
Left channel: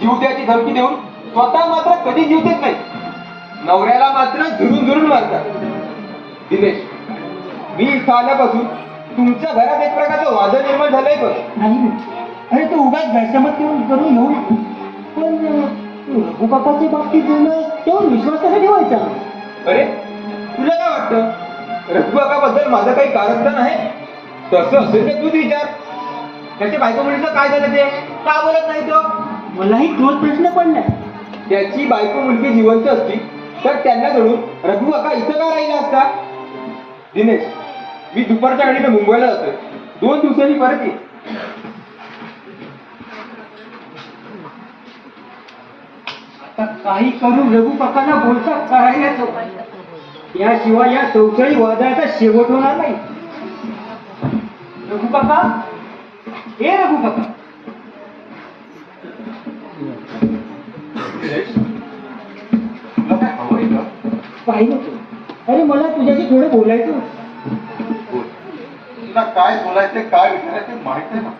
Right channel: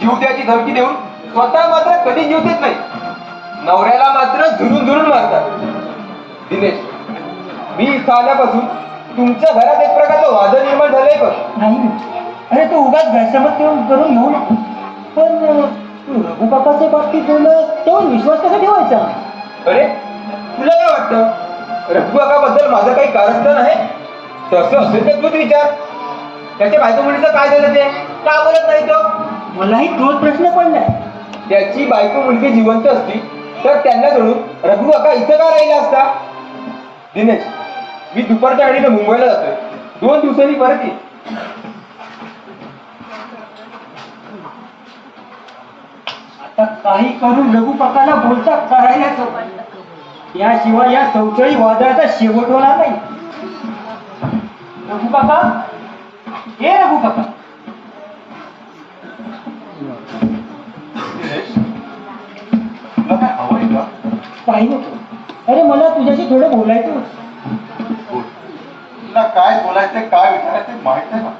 जीव द्यायची धमकी देऊन स्वतः मात्र कधी जीव देत नाही. नवऱ्याला मात्र झुरून झुरून मारतात. दिनेश, मी इथं आल्यापासून तुमच्या घरात एक प्रकारचं वादळ निर्माण झालंय बघ. नाही, अरे तो उगाच गैरसमज करून घेऊ नको. पण तू रघु काकाच्या बाबतीत बोललं तेव्हा विश्वास कसा ठेवायचा? अरे तुला काय वाटतं, रघु काकाबद्दल माझं काही कारण आहे? तसं असेल तर तूच विचार. त्याच्या बायको मुलीचं काय झालं ते का बोलत नाही तो? मलाही तोच प्रश्न पडलाय. त्याची बायको मुलगी जिवंत असती तर त्यांना धरून रघु काका इथं का राहिला असता? दिनेश, मी दुपारच्या गाडीने मुंबईला जातोय. 2 दिवसांनी परत ये. आता काही करून रघु काकाला बोलता करायलाच हवं. याशिवाय या चौथळी वादळाचा शेवट होणार नाही. रघु काका, हे रघु काका. तुला काय हवंय का? काही नको. अरे मला तुझ्याशी थोडं बोलायचं होतं. तुला काय बोलायचं काय विचारायचं माहित आहे का?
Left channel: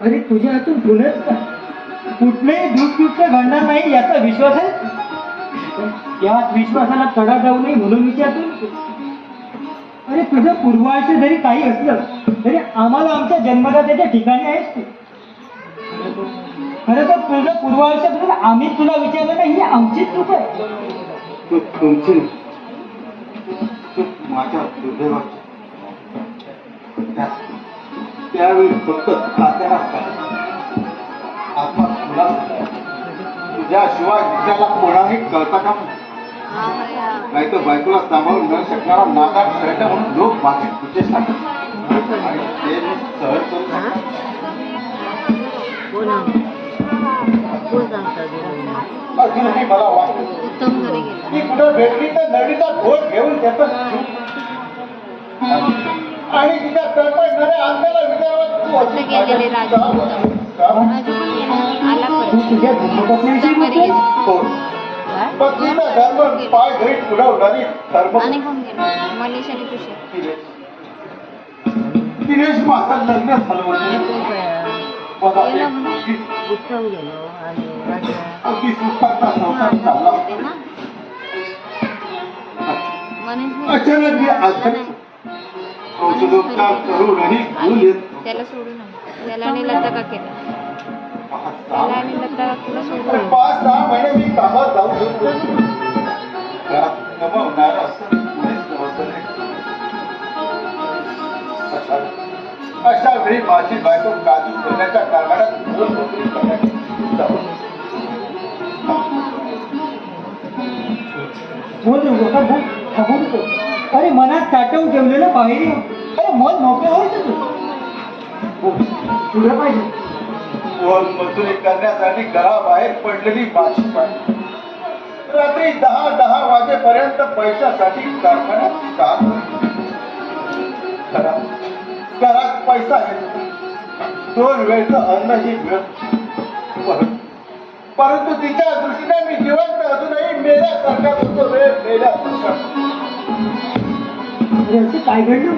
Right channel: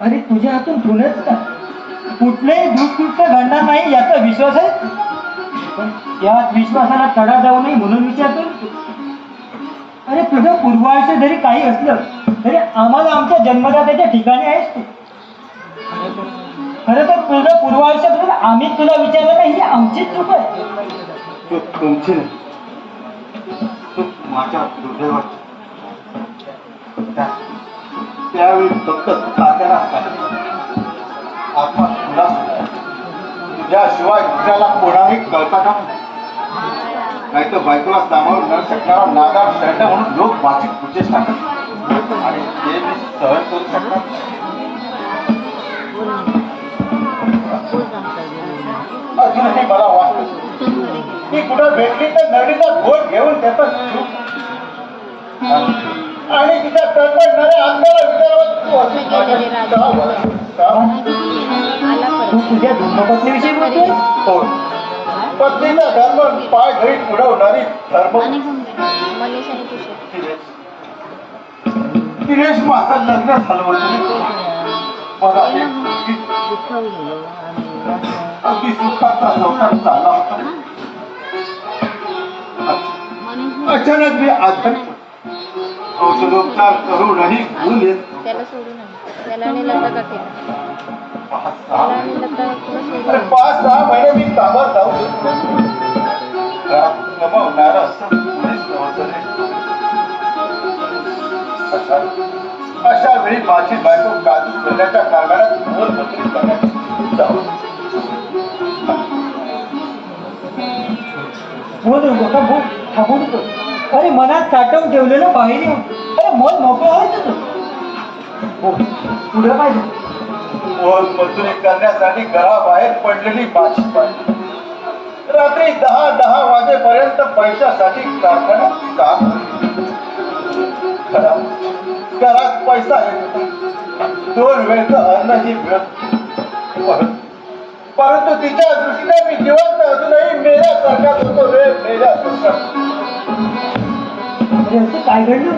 अरे तुझ्या हातून बोलत का? कुठलेही दुष्कृत्य घडणार नाही याचा विश्वास आहे. पण त्याच विश्वासाला तडा जाऊ नये म्हणून विचारतो. अरे तुझं पूर्वायुष्य जरी काही असलं तरी आम्हाला आमच्या जन्मदात्याच्या ठिकाणी आहेस तू. खरं तर तुझं पूर्वायुष्याबद्दल आम्ही तुला विचारलं नाही, ही आमचीच चूक आहे. तू तुमची माझ्या दुर्दैवाची त्यावेळी फक्त तात्याला आपला तुला तुझ्याशिवाय दुसऱ्याला कोणाही कळता का नाही तर बायकोला सामावून न शकणारा नागा शर्ट म्हणून लोक भाषिक खुशेच टाकतात आणि ते मी सहन करू शकतात अजूनही मला वाटतं की कुठं भेटली तर नदीचा घोट घेऊन त्याचा जीव आणि तिच्या तळपडणाऱ्या अंगाला विचारत तू अजून तुझ्या धर्मपत्नीविषयी बोलतोय पत्नीचा धर्म पाय धरीत पुढवणारी धर्म दिनेश माझं लग्न झालं मला अगदी सुखाचा संसार चालला होता अचानक मी औषधोपचार करूनही गुण येत त्याला सोडून त्याला आणि लग्न का केलं त्याला आणि लग्न का केलं 5-6 महिने मी कामात जाऊ गमावणार असं कोणीच नव्हतं रे. अशा वेळी माझी बायको काजू सोन्याच्या कारखान्यात मोलमजुरी करण्यात जाऊ अरे मनात साठवून ठेवलेलं बाहेर येऊन अरे मन मोकळं व्हायचं तुला पाहिजे मोलमजुरी करण्यासाठी घराबाहेर पडलेली माझी बायको रात्री 10 वाजेपर्यंत पैशासाठी कारखान्यात काम घरात पैसा येत 2 वेळचं अन्नही मिळत परंतु तिच्या दृष्टीने मी जिवंत अजूनही मेल्यासारखा होतो रे मेल्यासारखा असं काय घडलं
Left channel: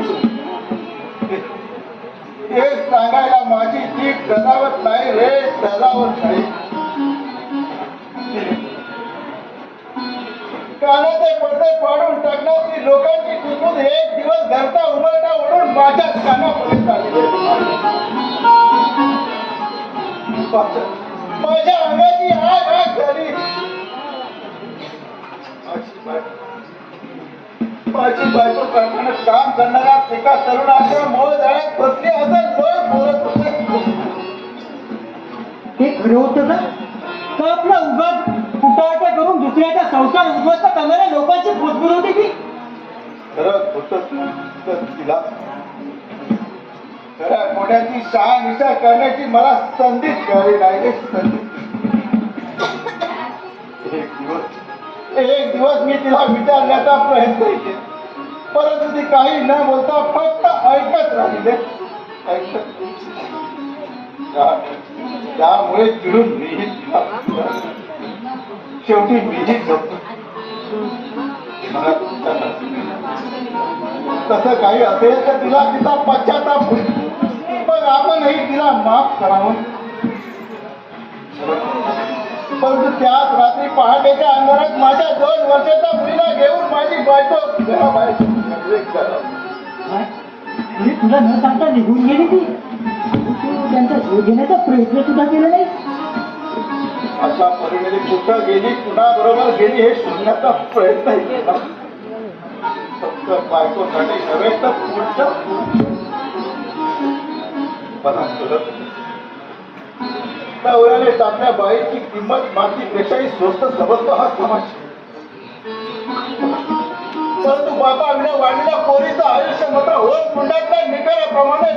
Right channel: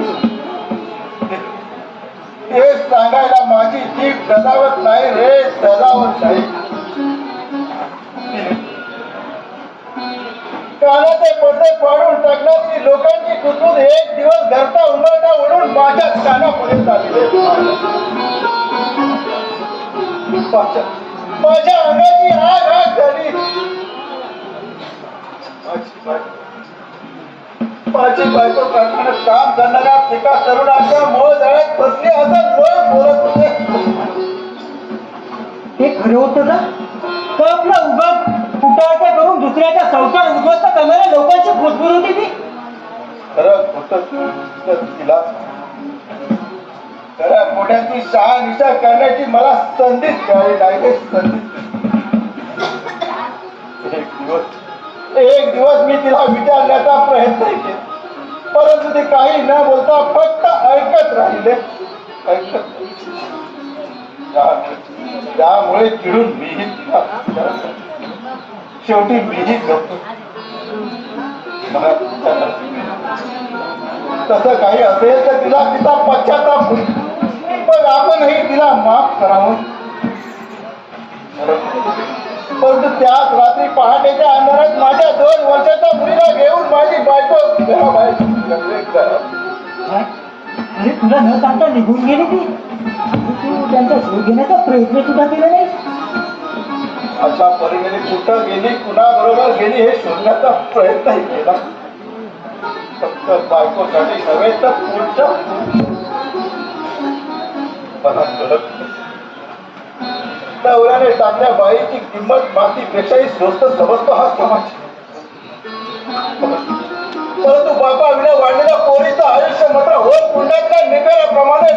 हे सांगायला माझी जीभ सदावत नाही रे सदावत नाही कानाचे पडदे पाडून टाकण्याची लोकांची कुतून एक दिवस घरचा उंबरटा ओढून माझ्या कानापुढे चालली माझ्या अंगाची आग झाली माझी बायको कारखान्यात काम करणाऱ्या एका तरुणाच्या मोह जाळ्यात फसली असं डोळे बोलत होते ते खरं होतं का तर आपला उगाच कुटाळा करून दुसऱ्याचा संसार उद्ध्वस्त करणाऱ्या लोकांची फसवून होती ती खरं होतं तर तिला खऱ्या मोठ्याची शहानिशा करण्याची मला संधीच मिळाली नाही ते संधी एक दिवस मी तिला विचारण्याचा प्रयत्न केला परंतु ती काही न बोलता फक्त ऐकत राहिले त्यामुळे चिडून मीही तिला शेवटी मीही करतो तसं काही असेल तर तिला तिचा पश्चाताप होईल पण आपणही तिला माफ करावं परंतु त्याच रात्री पहाटेच्या अंधारात माझ्या 2 वर्षाचा मुलीला घेऊन माझी बायको घराबाहेर अरे तुला न सांगता निघून गेली ती तू त्यांचा शोध घेण्याचा प्रयत्न सुद्धा केला नाही अशा परीने कुठं गेली कुणाबरोबर गेली हे शोधण्याचा प्रयत्नही केला फक्त बायकोसाठी नव्हे तर पुढच्या नवऱ्याने टाकल्या बाईची किंमत मातीपेक्षाही स्वस्त समजतो हा समाज परंतु बाबा विना वाढलेल्या पोरीचं आयुष्य मात्र होत कुंडातल्या निकालाप्रमाणे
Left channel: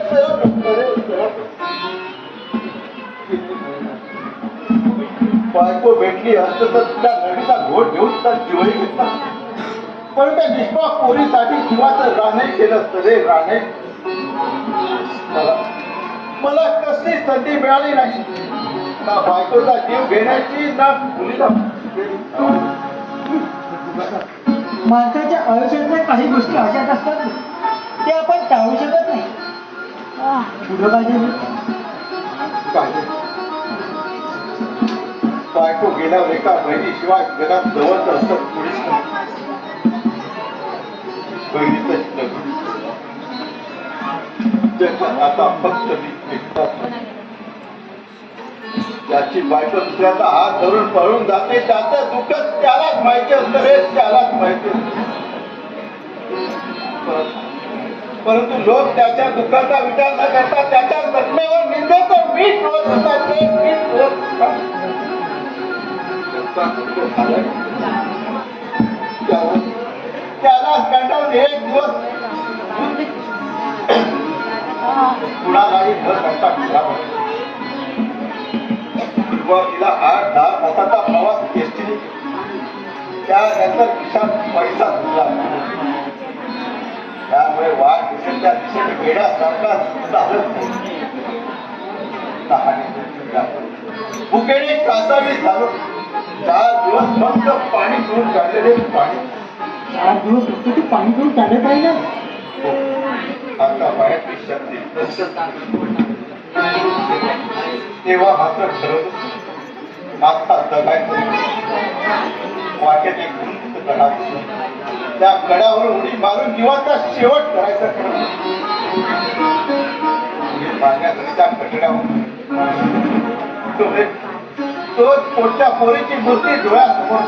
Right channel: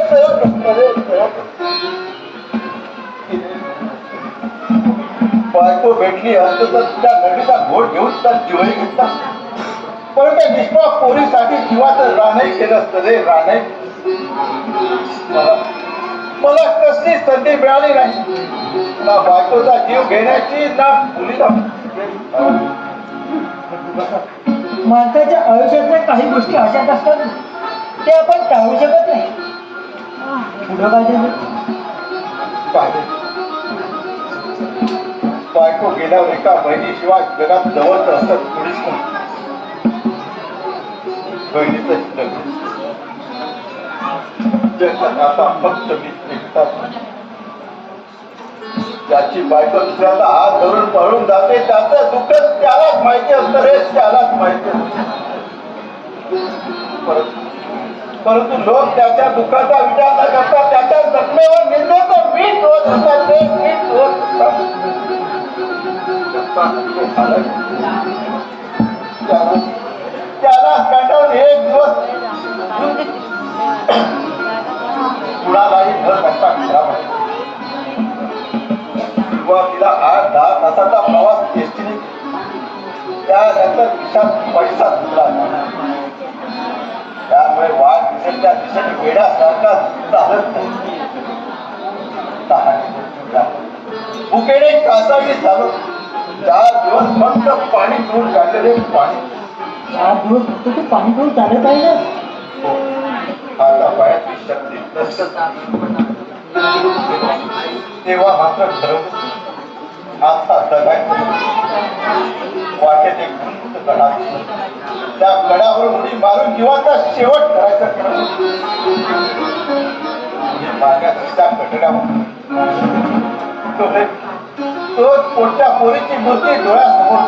बायको भेटली असतं तर तुला नडीचा घोट घेऊन तर जीवही घेतला पण त्या निष्पाप पोरीसाठी जीवाचं रानही केलं असतं रे रानही मला कसली संधी मिळाली नाही ना बायकोचा जीव घेण्याची ना मुलीला माणसाच्या आयुष्यातल्या काही गोष्टी अशाच असतात ते आपण टाळू शकत नाही पुढं पाहिजे बायको गेल्यावर एका बहिणीशिवाय जगात जवळच असत कुणीच नाही बहिणीचं आता फक्त मी एकटाच त्याची बायको दुसऱ्याचा हात धरून पळून जाते त्याचं दुःख त्यालाच माहिती असतं रे त्यालाच माहिती असतं परंतु लोक त्याच्या दुःखाचा विचार न करता त्याच्या जखमेवर निंदेचं मीठ रोज होतात, ते मीठ रोज होतात. त्याला कंटाळून एक दिवस कुणालाही भर घंटा खराब सुरुवातीला 8-10 तासाचा प्रवास एसटीने त्यानंतर खिशात पैसा सुटला. त्यामुळे वाघ दिसेच्या दिशेने गेल्यासारखा चालत भुकेने कासावी झालो. 4 दिवस फक्त पाणी पिऊन काढलेले पाणी. 4 दिवस फक्त ते पाणी पिऊन चालत आहे ना. आता पायाची शक्ती तेव्हा मात्र ठरवलं आता जगायचं. वाटेत एक उंच कडा, त्या कडावर उडी मारून जीवाचा शेवट करायचा. त्या कठड्यावर तोच पोटच्या पोरीची मूर्ती डोळ्यासमोर.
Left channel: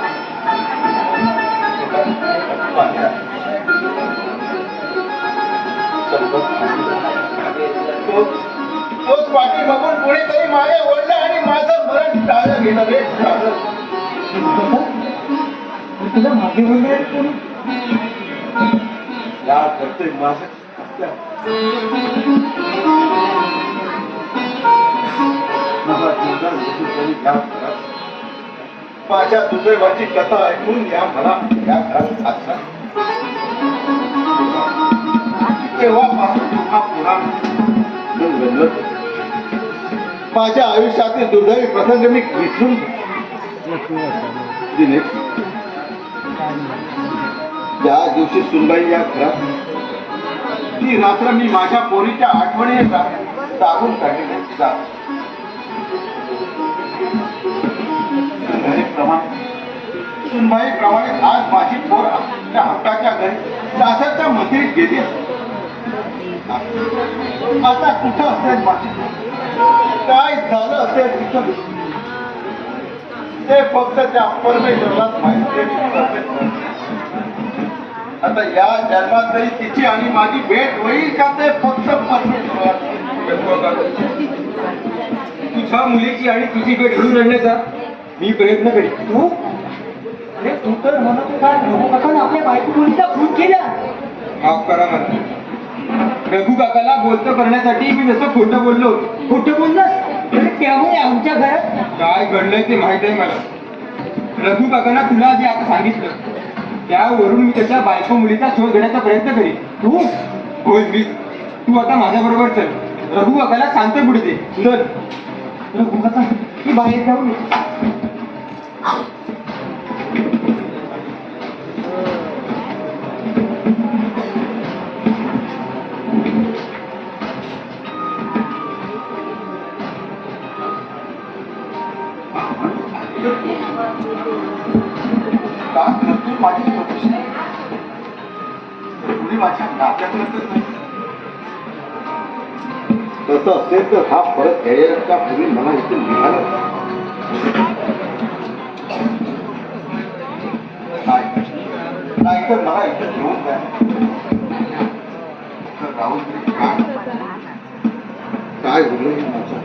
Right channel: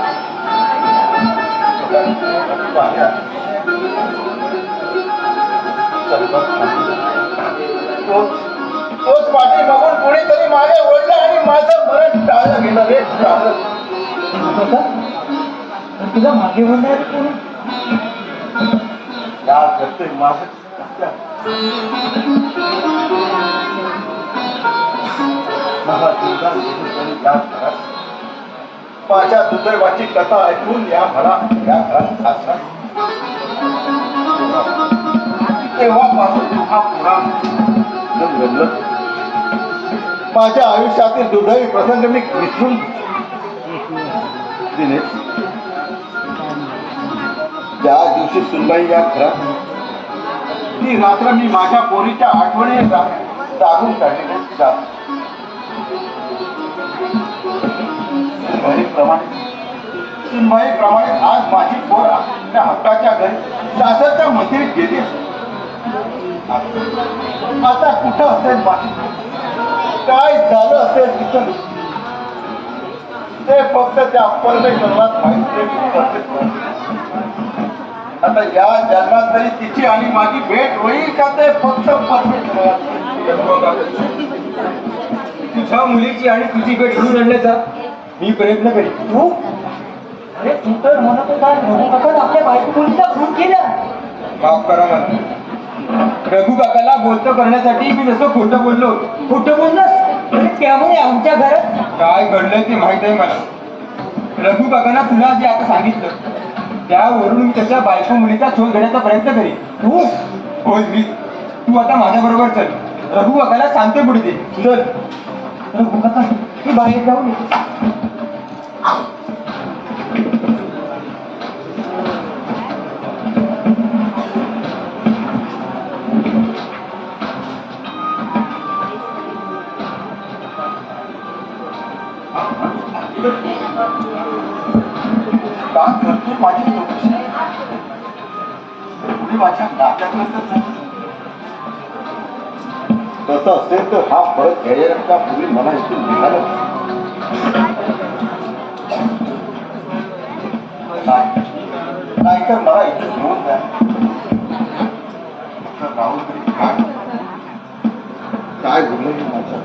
तोच पाठी मागून कुणीतरी मागे ओढला आणि माझं मरण टाळलं गेलं रे. तुला मागे वळणार त्या करतोय माझं माझ्या दुर्दैवाची कथा ऐकून या मला या घरात असला. तेव्हापासून हा पुन्हा माझ्या आयुष्यातील दुर्दैवी प्रसंग मी विसरून दिले. ज्या दिवशी सुनबाई या घरात ती रात्र मी माझ्या पोरीच्या आठवणी जागून काढली. सुनबाई प्रमाणे आज माझी पोर आपल्या हक्काच्या घरी सासरच्या मंदिरात गेली. आता कुठं असेल माझी, काय झालं असेल तिथं, ते फक्त त्या परमेश्वरात माहिती. आता या जन्मात तरी तिची आणि माझी भेट होईल का ते फक्त परमेश्वरात. तुझ्या मुलीची आणि तुझी भेट घडून आणण्याचा मी प्रयत्न करीन. तू अरे तू तर म्हणतो काय आपण आपल्या बायको मुलीचा खून केला. माफ करा मला. रघु काकाला बोलतो करण्यासाठी मी जसं खोटं बोललो. खोटं बोललोस अरे त्यामुळे आमच्या घरात काय घडलंय ते माहित आहे मला. रघु काकांना तुला जे आता सांगितलं त्यावरून मी त्याच्या बायको मुलीचा शोध घेण्याचा प्रयत्न करीन. तू होय मी. तू आता माझ्या बरोबर चल. रघु काकाला सांगते पुढे ते. चल रघु काका ती बाहेर जाऊन माझ्या नात्यातून तसं असेल तर हा फरक घ्यायच्या पूर्वी मला इथे निघालं नाही तर मला इथे घेऊन द्या. काय बोललं हे माझं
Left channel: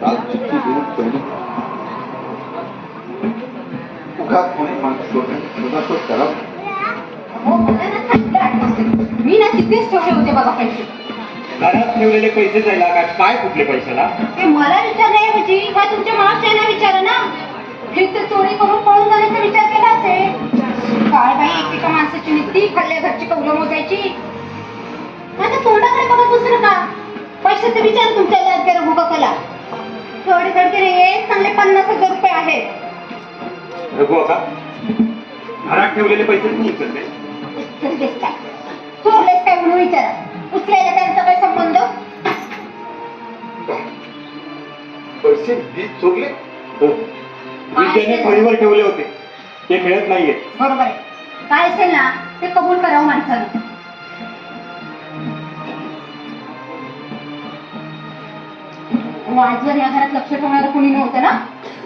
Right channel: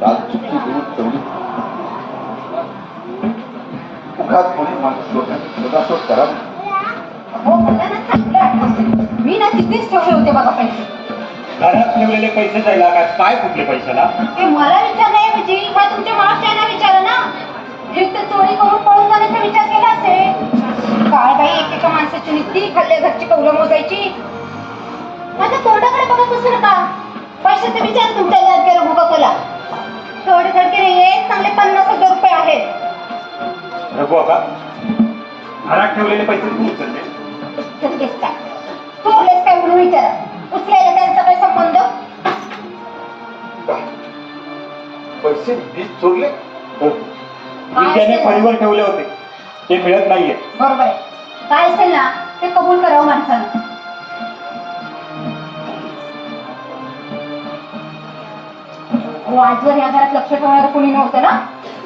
काल चिठ्ठी देऊन ठेवली. उगाच कोणी मला शोध करा. मी ना तिथेच ठेवले होते बघा पैसे. घरात ठेवलेले पैसे जायला काय कुठले पैशाला? ते मला विचारण्याऐवजी काय तुमच्या मागच्यांना विचारा ना. हे तर चोरी करून पळून जाण्याचा विचार केला असेल. काय बाई एकेका माणसाची नीती खाल्ल्या घरची कौलं मोजायची. माझ्या तोंडाकडे बघत बसू नका. पैशाचे विचार तुमच्या याद केला भूकला. थोडे थडके नाहीये, चांगले 50,000 रुपये आहेत. रघु का घरात ठेवलेले पैसे तू उचलते? उचलतेस काय? चुकलेस काय म्हणून विचारा. उचलायला त्यांचा काय संबंध? पैसे मी चोरले? हो. विद्याने फळीवर ठेवले होते ते मिळत नाहीये. बरोबर आहे. काय असेल ना ते कबूल करावं माणसानं. आजवर या घरात लक्ष ठेवणार कोणी नव्हतं ना.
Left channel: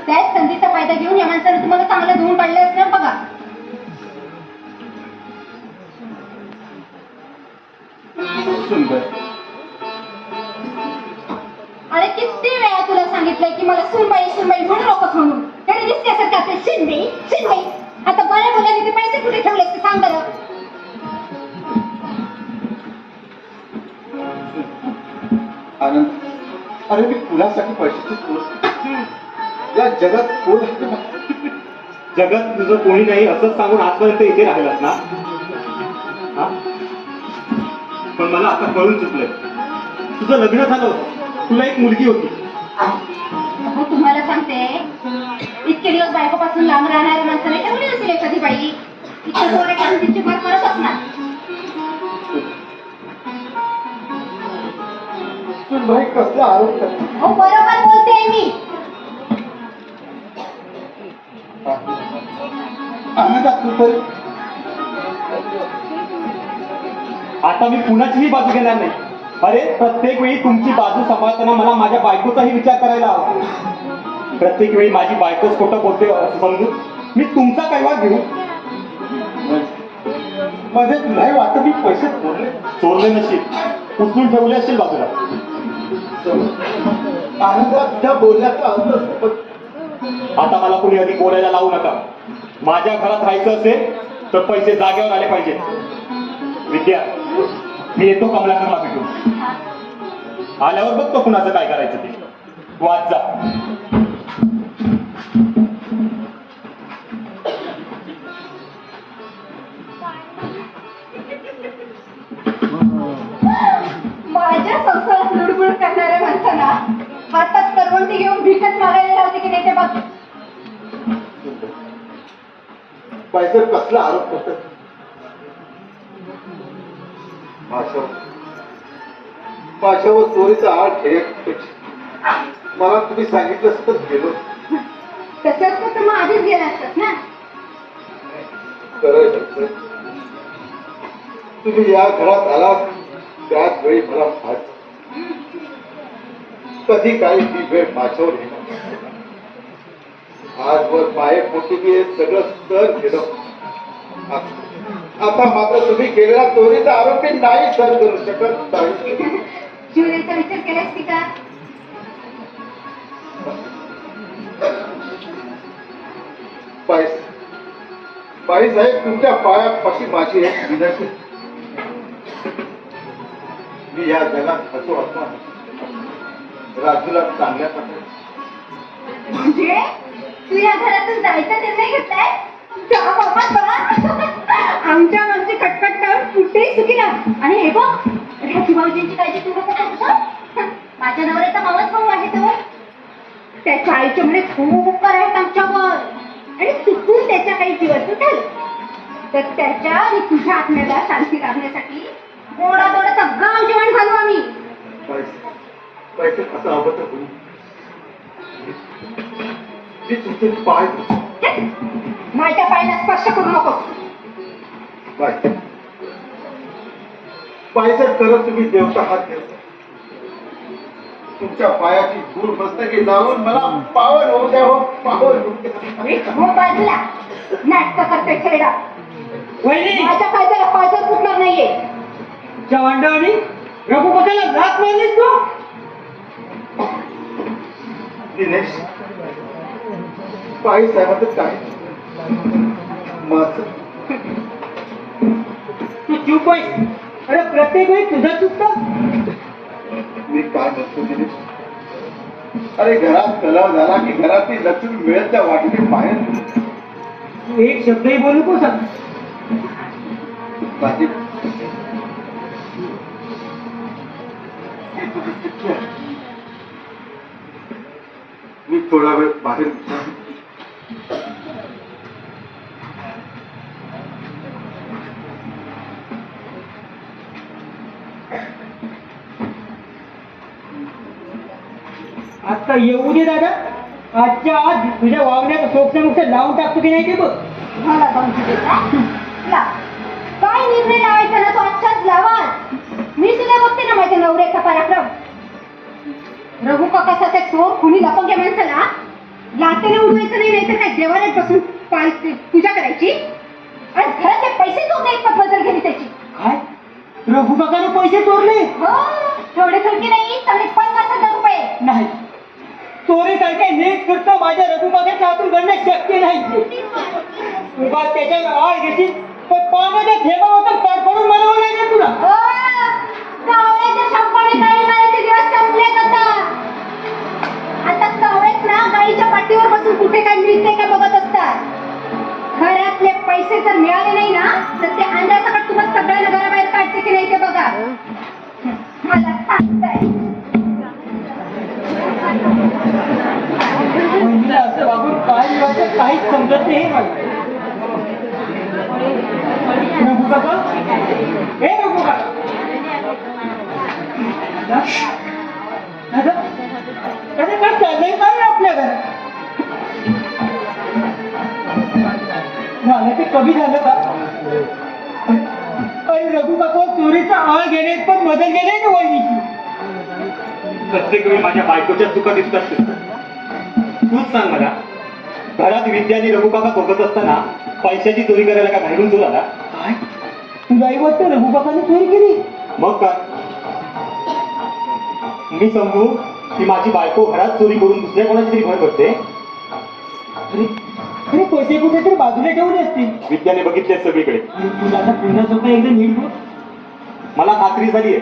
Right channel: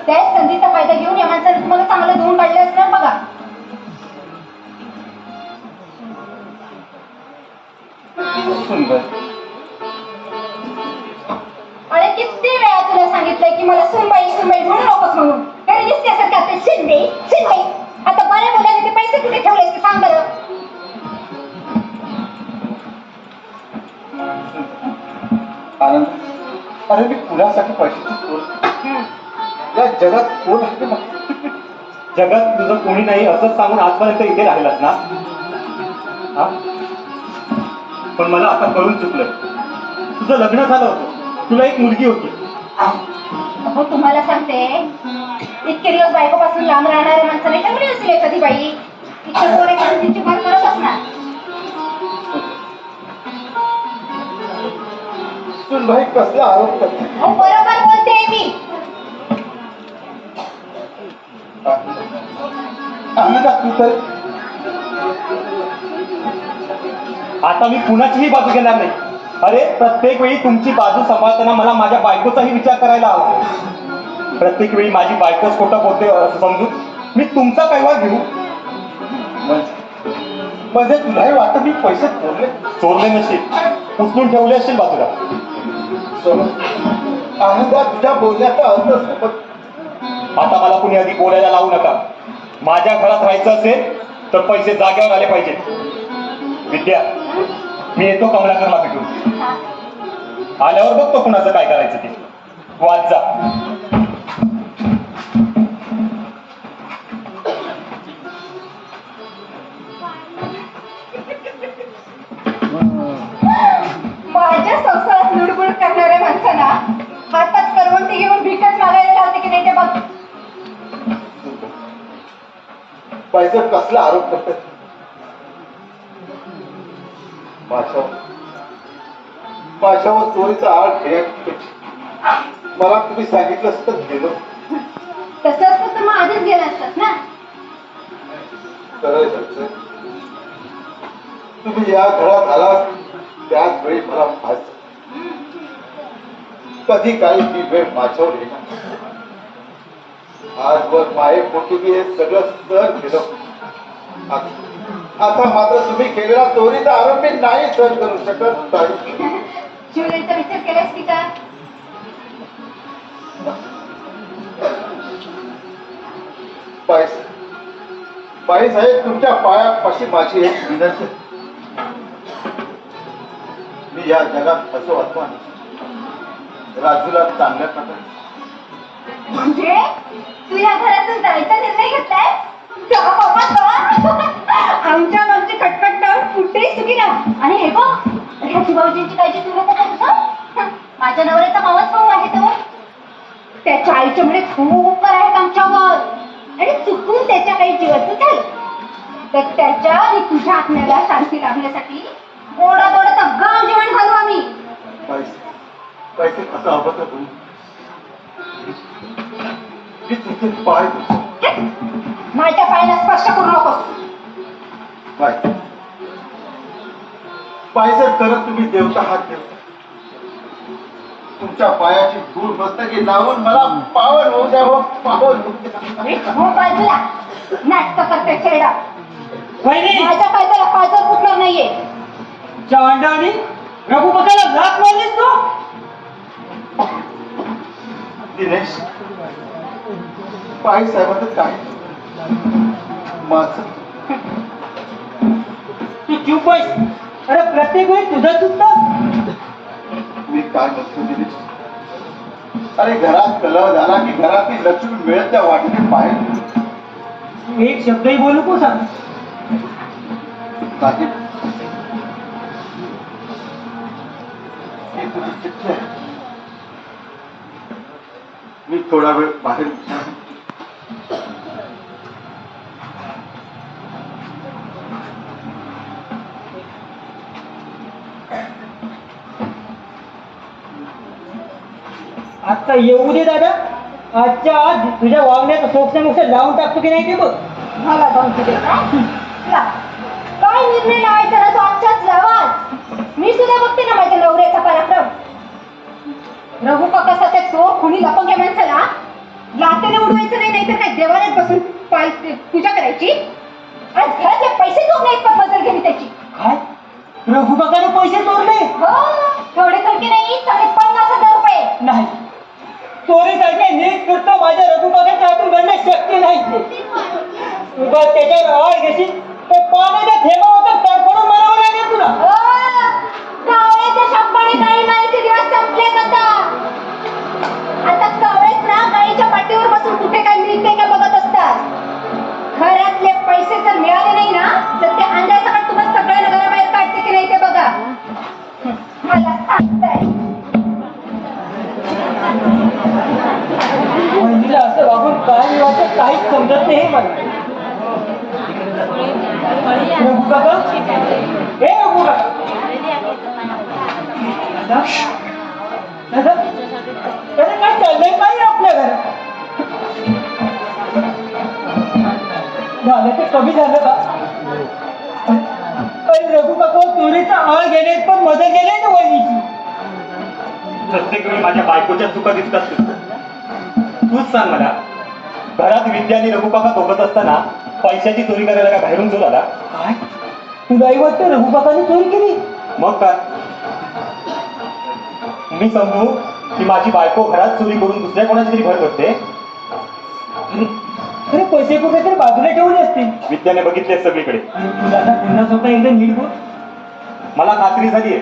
त्याच संधीचा फायदा घेऊन या माणसाने तुम्हाला चांगलं धुवून काढलं असणार बघा. सुंदर. अरे किती वेळा तुला सांगितलंय की मला सुनबाई सुनबाई म्हणू नकोस म्हणून. तरी दिसण्यासारखं आपले शिंदे शिंदे. आता बऱ्या मुलाने ते पैसे कुठे ठेवलेस ते सांग बरं. आनंद, अरे मी कुणासाठी पैशाची चोर? या जगात कोण असते मला? जगात तुझं कोणी नाही असं सांगून आजपर्यंत इथे राहिलास ना? हा? पण मला आता कळून चुकलंय. तुझं लग्न झालं होतं, तुला एक मुलगी होती. अहो तुम्हाला सांगते इतके दिवस बायकोपासून लांब राहणाऱ्या माणसाने तेवढी असेल एखादी बाई इतकं जोरे काढून तिची भर करत असणार. सुनबाई कसला आरोप करते? हो बरोबर बोलते मी. आनंदा तू तर आता मी कुणाचीही बाजू घेणार नाही. अरे प्रत्येक वेळी तुमची बाजू सांभाळताना मला माझ्या बायकोचाही विचार करायला हवा. प्रत्येक वेळी माझी बायकोच खोटं बोलते असं समजून मी तुमचा कैवार घेऊ? म्हणजे तुलाही वाटत मी पैसे ठेवले? चोरले नसेल, उचलून ठेवले असेल बाजूला. आनंदा तुझ्या बोलण्याचा अर्थ असतो. आता मला कुणी आधी बोलायला लावू नका. माझ्या घरात राहायचं असेल तर पैसे जागेवर आले पाहिजेत. विद्या, मी येतो कमलाकरला भेटून. आल्यावर बघतो कुणाचं काय करायचं ते. तू आज जा. माझ्या संसारात लुडबुड करणाऱ्या माणसाला हातात करवंटी घेऊन भीकच मागायला लावते की नाही ते बघ. पैसे कसला आरोप करतात? माझ्यावर चोरीचा आळ खेळ. मला तुम्ही सांगितलं असतं गेलो. तसं असतं तर मग आधीच गेला असतात ना. तुम्ही या घरात आलात त्याच वेळी मला फास. कधी काही ती वेळ माझ्यावर येणार. आजवर माये पोटी मी हे सगळं सर केलं. आता मात्र तुम्ही केलेला चोरीचा आरोप मी नाही सर करू शकत नाही. ज्वेलरीचा विचार केलास की का? बाई साहेब, तुमच्या पायापाशी माझी एक विनंती. मी या जगात असं वाटतं राजूला चांगल्या प्रकारे. म्हणजे तू या घरातून जायचा निर्णय घेतलाय? जा बाबा जा. आमच्या आमची कटकट कुठेही सुखी राहा. आणि हे बघ राजू भाऊजींची काळजी तू नको करूस हं. माझ्या नवऱ्याचा मावस भाऊ आहे तो. त्याच्या आईच्या मध्ये खूप आहेत आमच्यावर. आणि चुकून त्याच्या काही जीवाचं झालं तर त्याच्या आणि तुझ्या आत्म्याला शांती लाभण्यासाठी गोडादोडाचा गाव जेवण घालू आम्ही. पैसे कसं हवं तर तुम्ही तिथे पाय माझ्या पायाला स्पर्श करू नकोस. पैसे करत तुम्ही देवता हात देव. तुमच्या पायाची धूळ मस्तकी लावून मला पावन होऊ द्यावं. पावन होऊ द्या. हो बाजूला नाटक करते खेळा. माझ्या पायथ्याला पायथ्यात फुटणार नाहीये. चांडाळी रघु बघायला नाक मारलीस तू. दिनेश, पाय साहेबांचं काय माझं तू चूप आहेस. अरे प्रत्येक वेळी तुझं चुकतं. मी काय म्हणतो दिनेश? अरे घरात कलह झाला की घरातली लक्ष्मी मिळत त्या वाटेने बाहेर. तू एक शब्दही बोलू को सांग. ही तुझी चिठ्ठी आहे. मी थोडा वेळ बाहेर आता येऊ दे दादा. आजच्या आज तुझ्या वागण्यात सोक्ष लावून टाकतो की नाही ते बघ. मला जाऊन तुझे काय निर्णय लावायचा ना तो आजच्याच लावाच. मी सुद्धा बघते ना माझ्या नवऱ्याचा पराक्रम. रघु काकासारख्या चोर खुनी लपंग्या माणसाला लातेने उडवायचं नाही. नाहीतर काय देवालयात बसून पूजा करायची. आज घराचे पैसे चोरले एक पद्धत जर गेली त्याची. काय रघु काकाने पैसे चोरले? हो, थोडे थोडके नाही, 50,000 रुपये. नाही, चोरीसारखे नीट करतो माझ्या रघु काकाच्या हातून घडणं शक्य नाही. उगा त्याच्यावर आळ घेशील तर पाण्याच्या थेंबा होतं तडफडून मरावं लागेल तुला. हो, कावळ्याच्या शंपाने गाई मारायचे दिवस संपलेत आता. आता कावळेच ना गाईच्या पाठीवर बसून कुठे काय मिळते काय बघत असतात. घरातले पैसे जर मिळाले नाही ना तर ते अंधाचा का तुम्हाला सगळ्यांना घराबाहेर काढते की नाही ते बघा. मला सांगताय. वहिनीला असं वागून काय वाटत काहीच समजत नाही मला. रघु काका, हे रघु काका. दादा, दादा काय चाललंय काय आपल्या घरात? झालं ते कमी झालं का? पण रघु काका चोरीचा आळ घेण्यात पण मदत केली ना वहिनीची. प्रत्येक वेळी माझ्या बायकोच्या चुका दिसत असतील. तूच सांग मला, घरात विद्या आणि रघु काका बघत असताना पैशाची चोरी करायला का बाहेरून चोर आला? काय तुला वाटतं रघु काकाने चोरी केली? मग काय, मी समजू की माझी बायको घरात चोरी करून दुसऱ्या कोणाची तरी भर करते? अरे अरे पैसे कुठेतरी बाजूला ठेवले असते. विद्याने बघितले सगळीकडे. तुला ना पुन्हा स्वतः एकदा नीट बोल. मला खात्री झाली आहे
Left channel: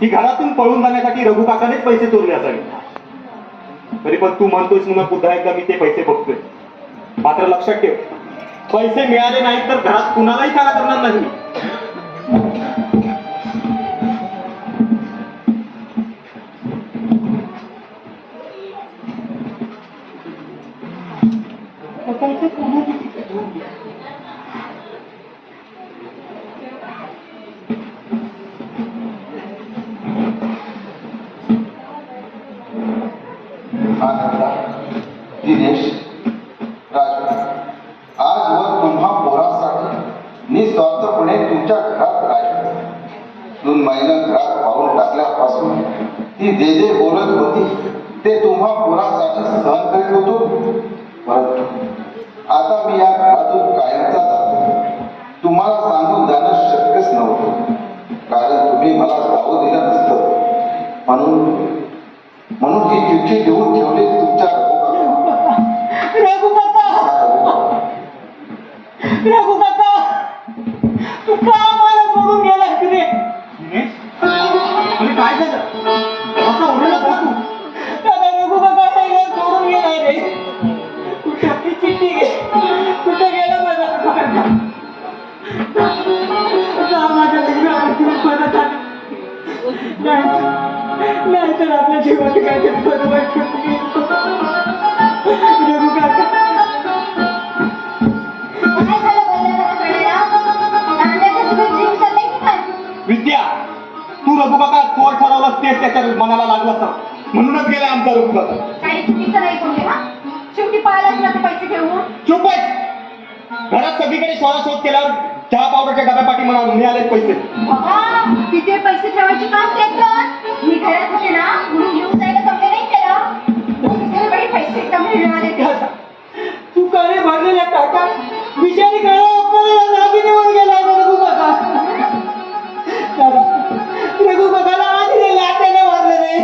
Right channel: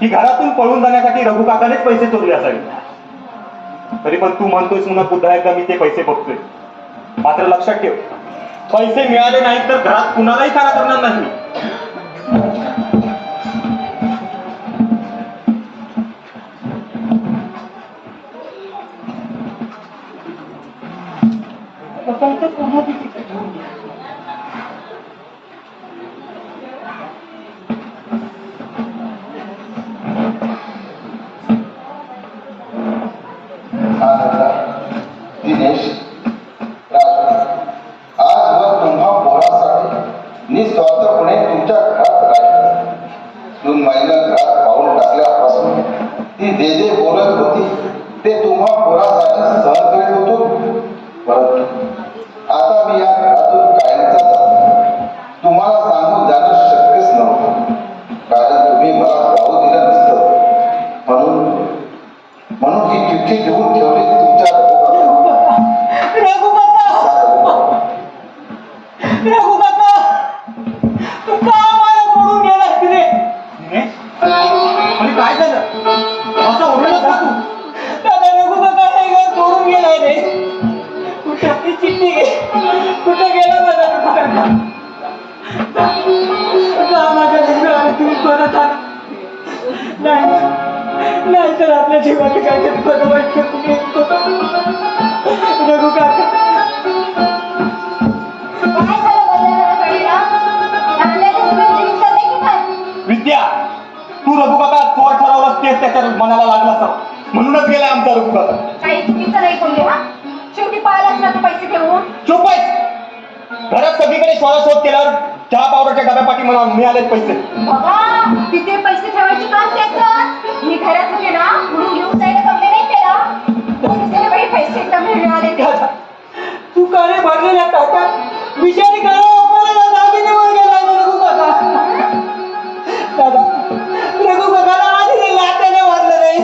की घरातून पळून जाण्यासाठी रघु काकानेच पैसे चोरले असावे. तरी पण तू म्हणतोयस म्हणून पुन्हा एकदा मी ते पैसे बघतोय. मात्र लक्षात ठेव, पैसे मिळाले नाहीत तर घरात कुणालाही ठारा करणार नाही मी. आता इथे पुन्हा तिथे ठेवून दे. आनंदा, दिनेश, राजू, आजवर तुम्हा पोरासाठी निस्वार्थपणे तुमच्या घरात राहिली. 2 महिने घरात पाऊल टाकल्यापासून ती जे जे बोलत होती ते तुम्हा पोरासाठी सहन करीत होतो. परंतु आता मी या घरातून कायमचा जातो. तुम्हाला सांगून जाणं शक्यच नव्हतं, कारण तुम्ही मला जाऊ दिलं नसतं. म्हणून ही चिठ्ठी लिहून ठेवली तुमच्या रघु काका, रघु काका, तू का मला सोडून गेला रे? म्हणजे काय झालं? असं ओरडलास का तू? दादा रघु काका हे घर सोडून गेलाय रे. कुठे आपली चिठ्ठी घे, कुठे गेला माझा रघु काका? जा माझ्या मुलाला तुम्ही परत आला. नाही तर आपल्या जीवाला काहीतरी बरं वाटत रघु काका. काय झालं बोलण्याला कळेला? नांद्याचं सगळं जीव चाललंय की काय? विद्या, तू रघु काका चोर ठरवलास तेच त्याच्या मनाला लागला असं. म्हणूनच गेला आमचा रघु काका. काही चुकीचं नाही बोलले हा. शेवटी पाहिलाच ना ते पैसे घेऊन. चुप आहेस. घरात सगळीकडे शोधाशोध केल्यावर चहा पावडरच्या डब्यापाठी मला मिळालेत पैसे. बाबा, तिथे पैसे ठेवायची काम त्याचं. मी घरात होते ना म्हणून घेऊन जायला कमी नाही केला. दुसरे बाई पैसे एकदम मिळाले ते. तू काळे भरलेल्या टाका विषारी काळा आपल्याला दागिनीवर गेला रघु काका. दादा रघु काकाला आधी लाट्याने मारलं रे.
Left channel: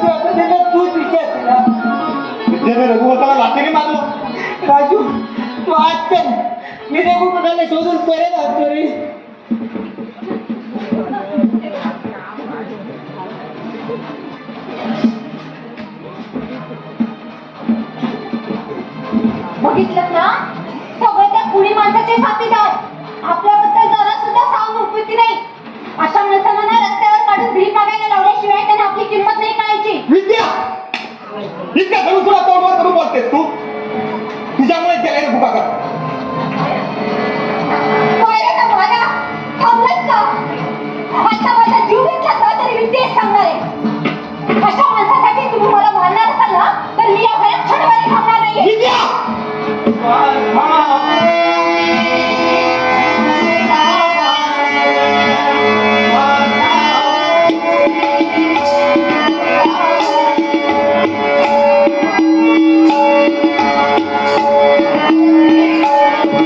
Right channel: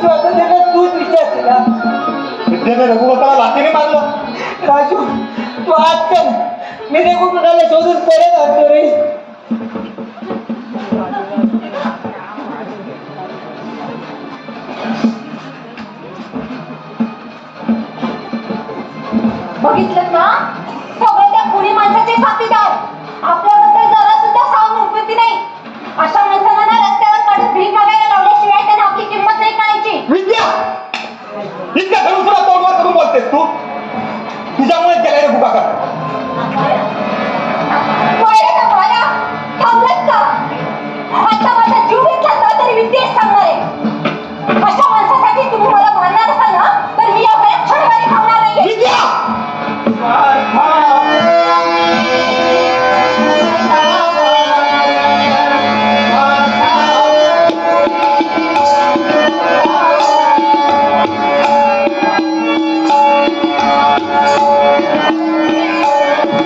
स्वतः तूच विचार केला. विद्याने रघु काकाला लाथेने मारलं. राजू तू आज चल, मी रघु काकाला शोधून परत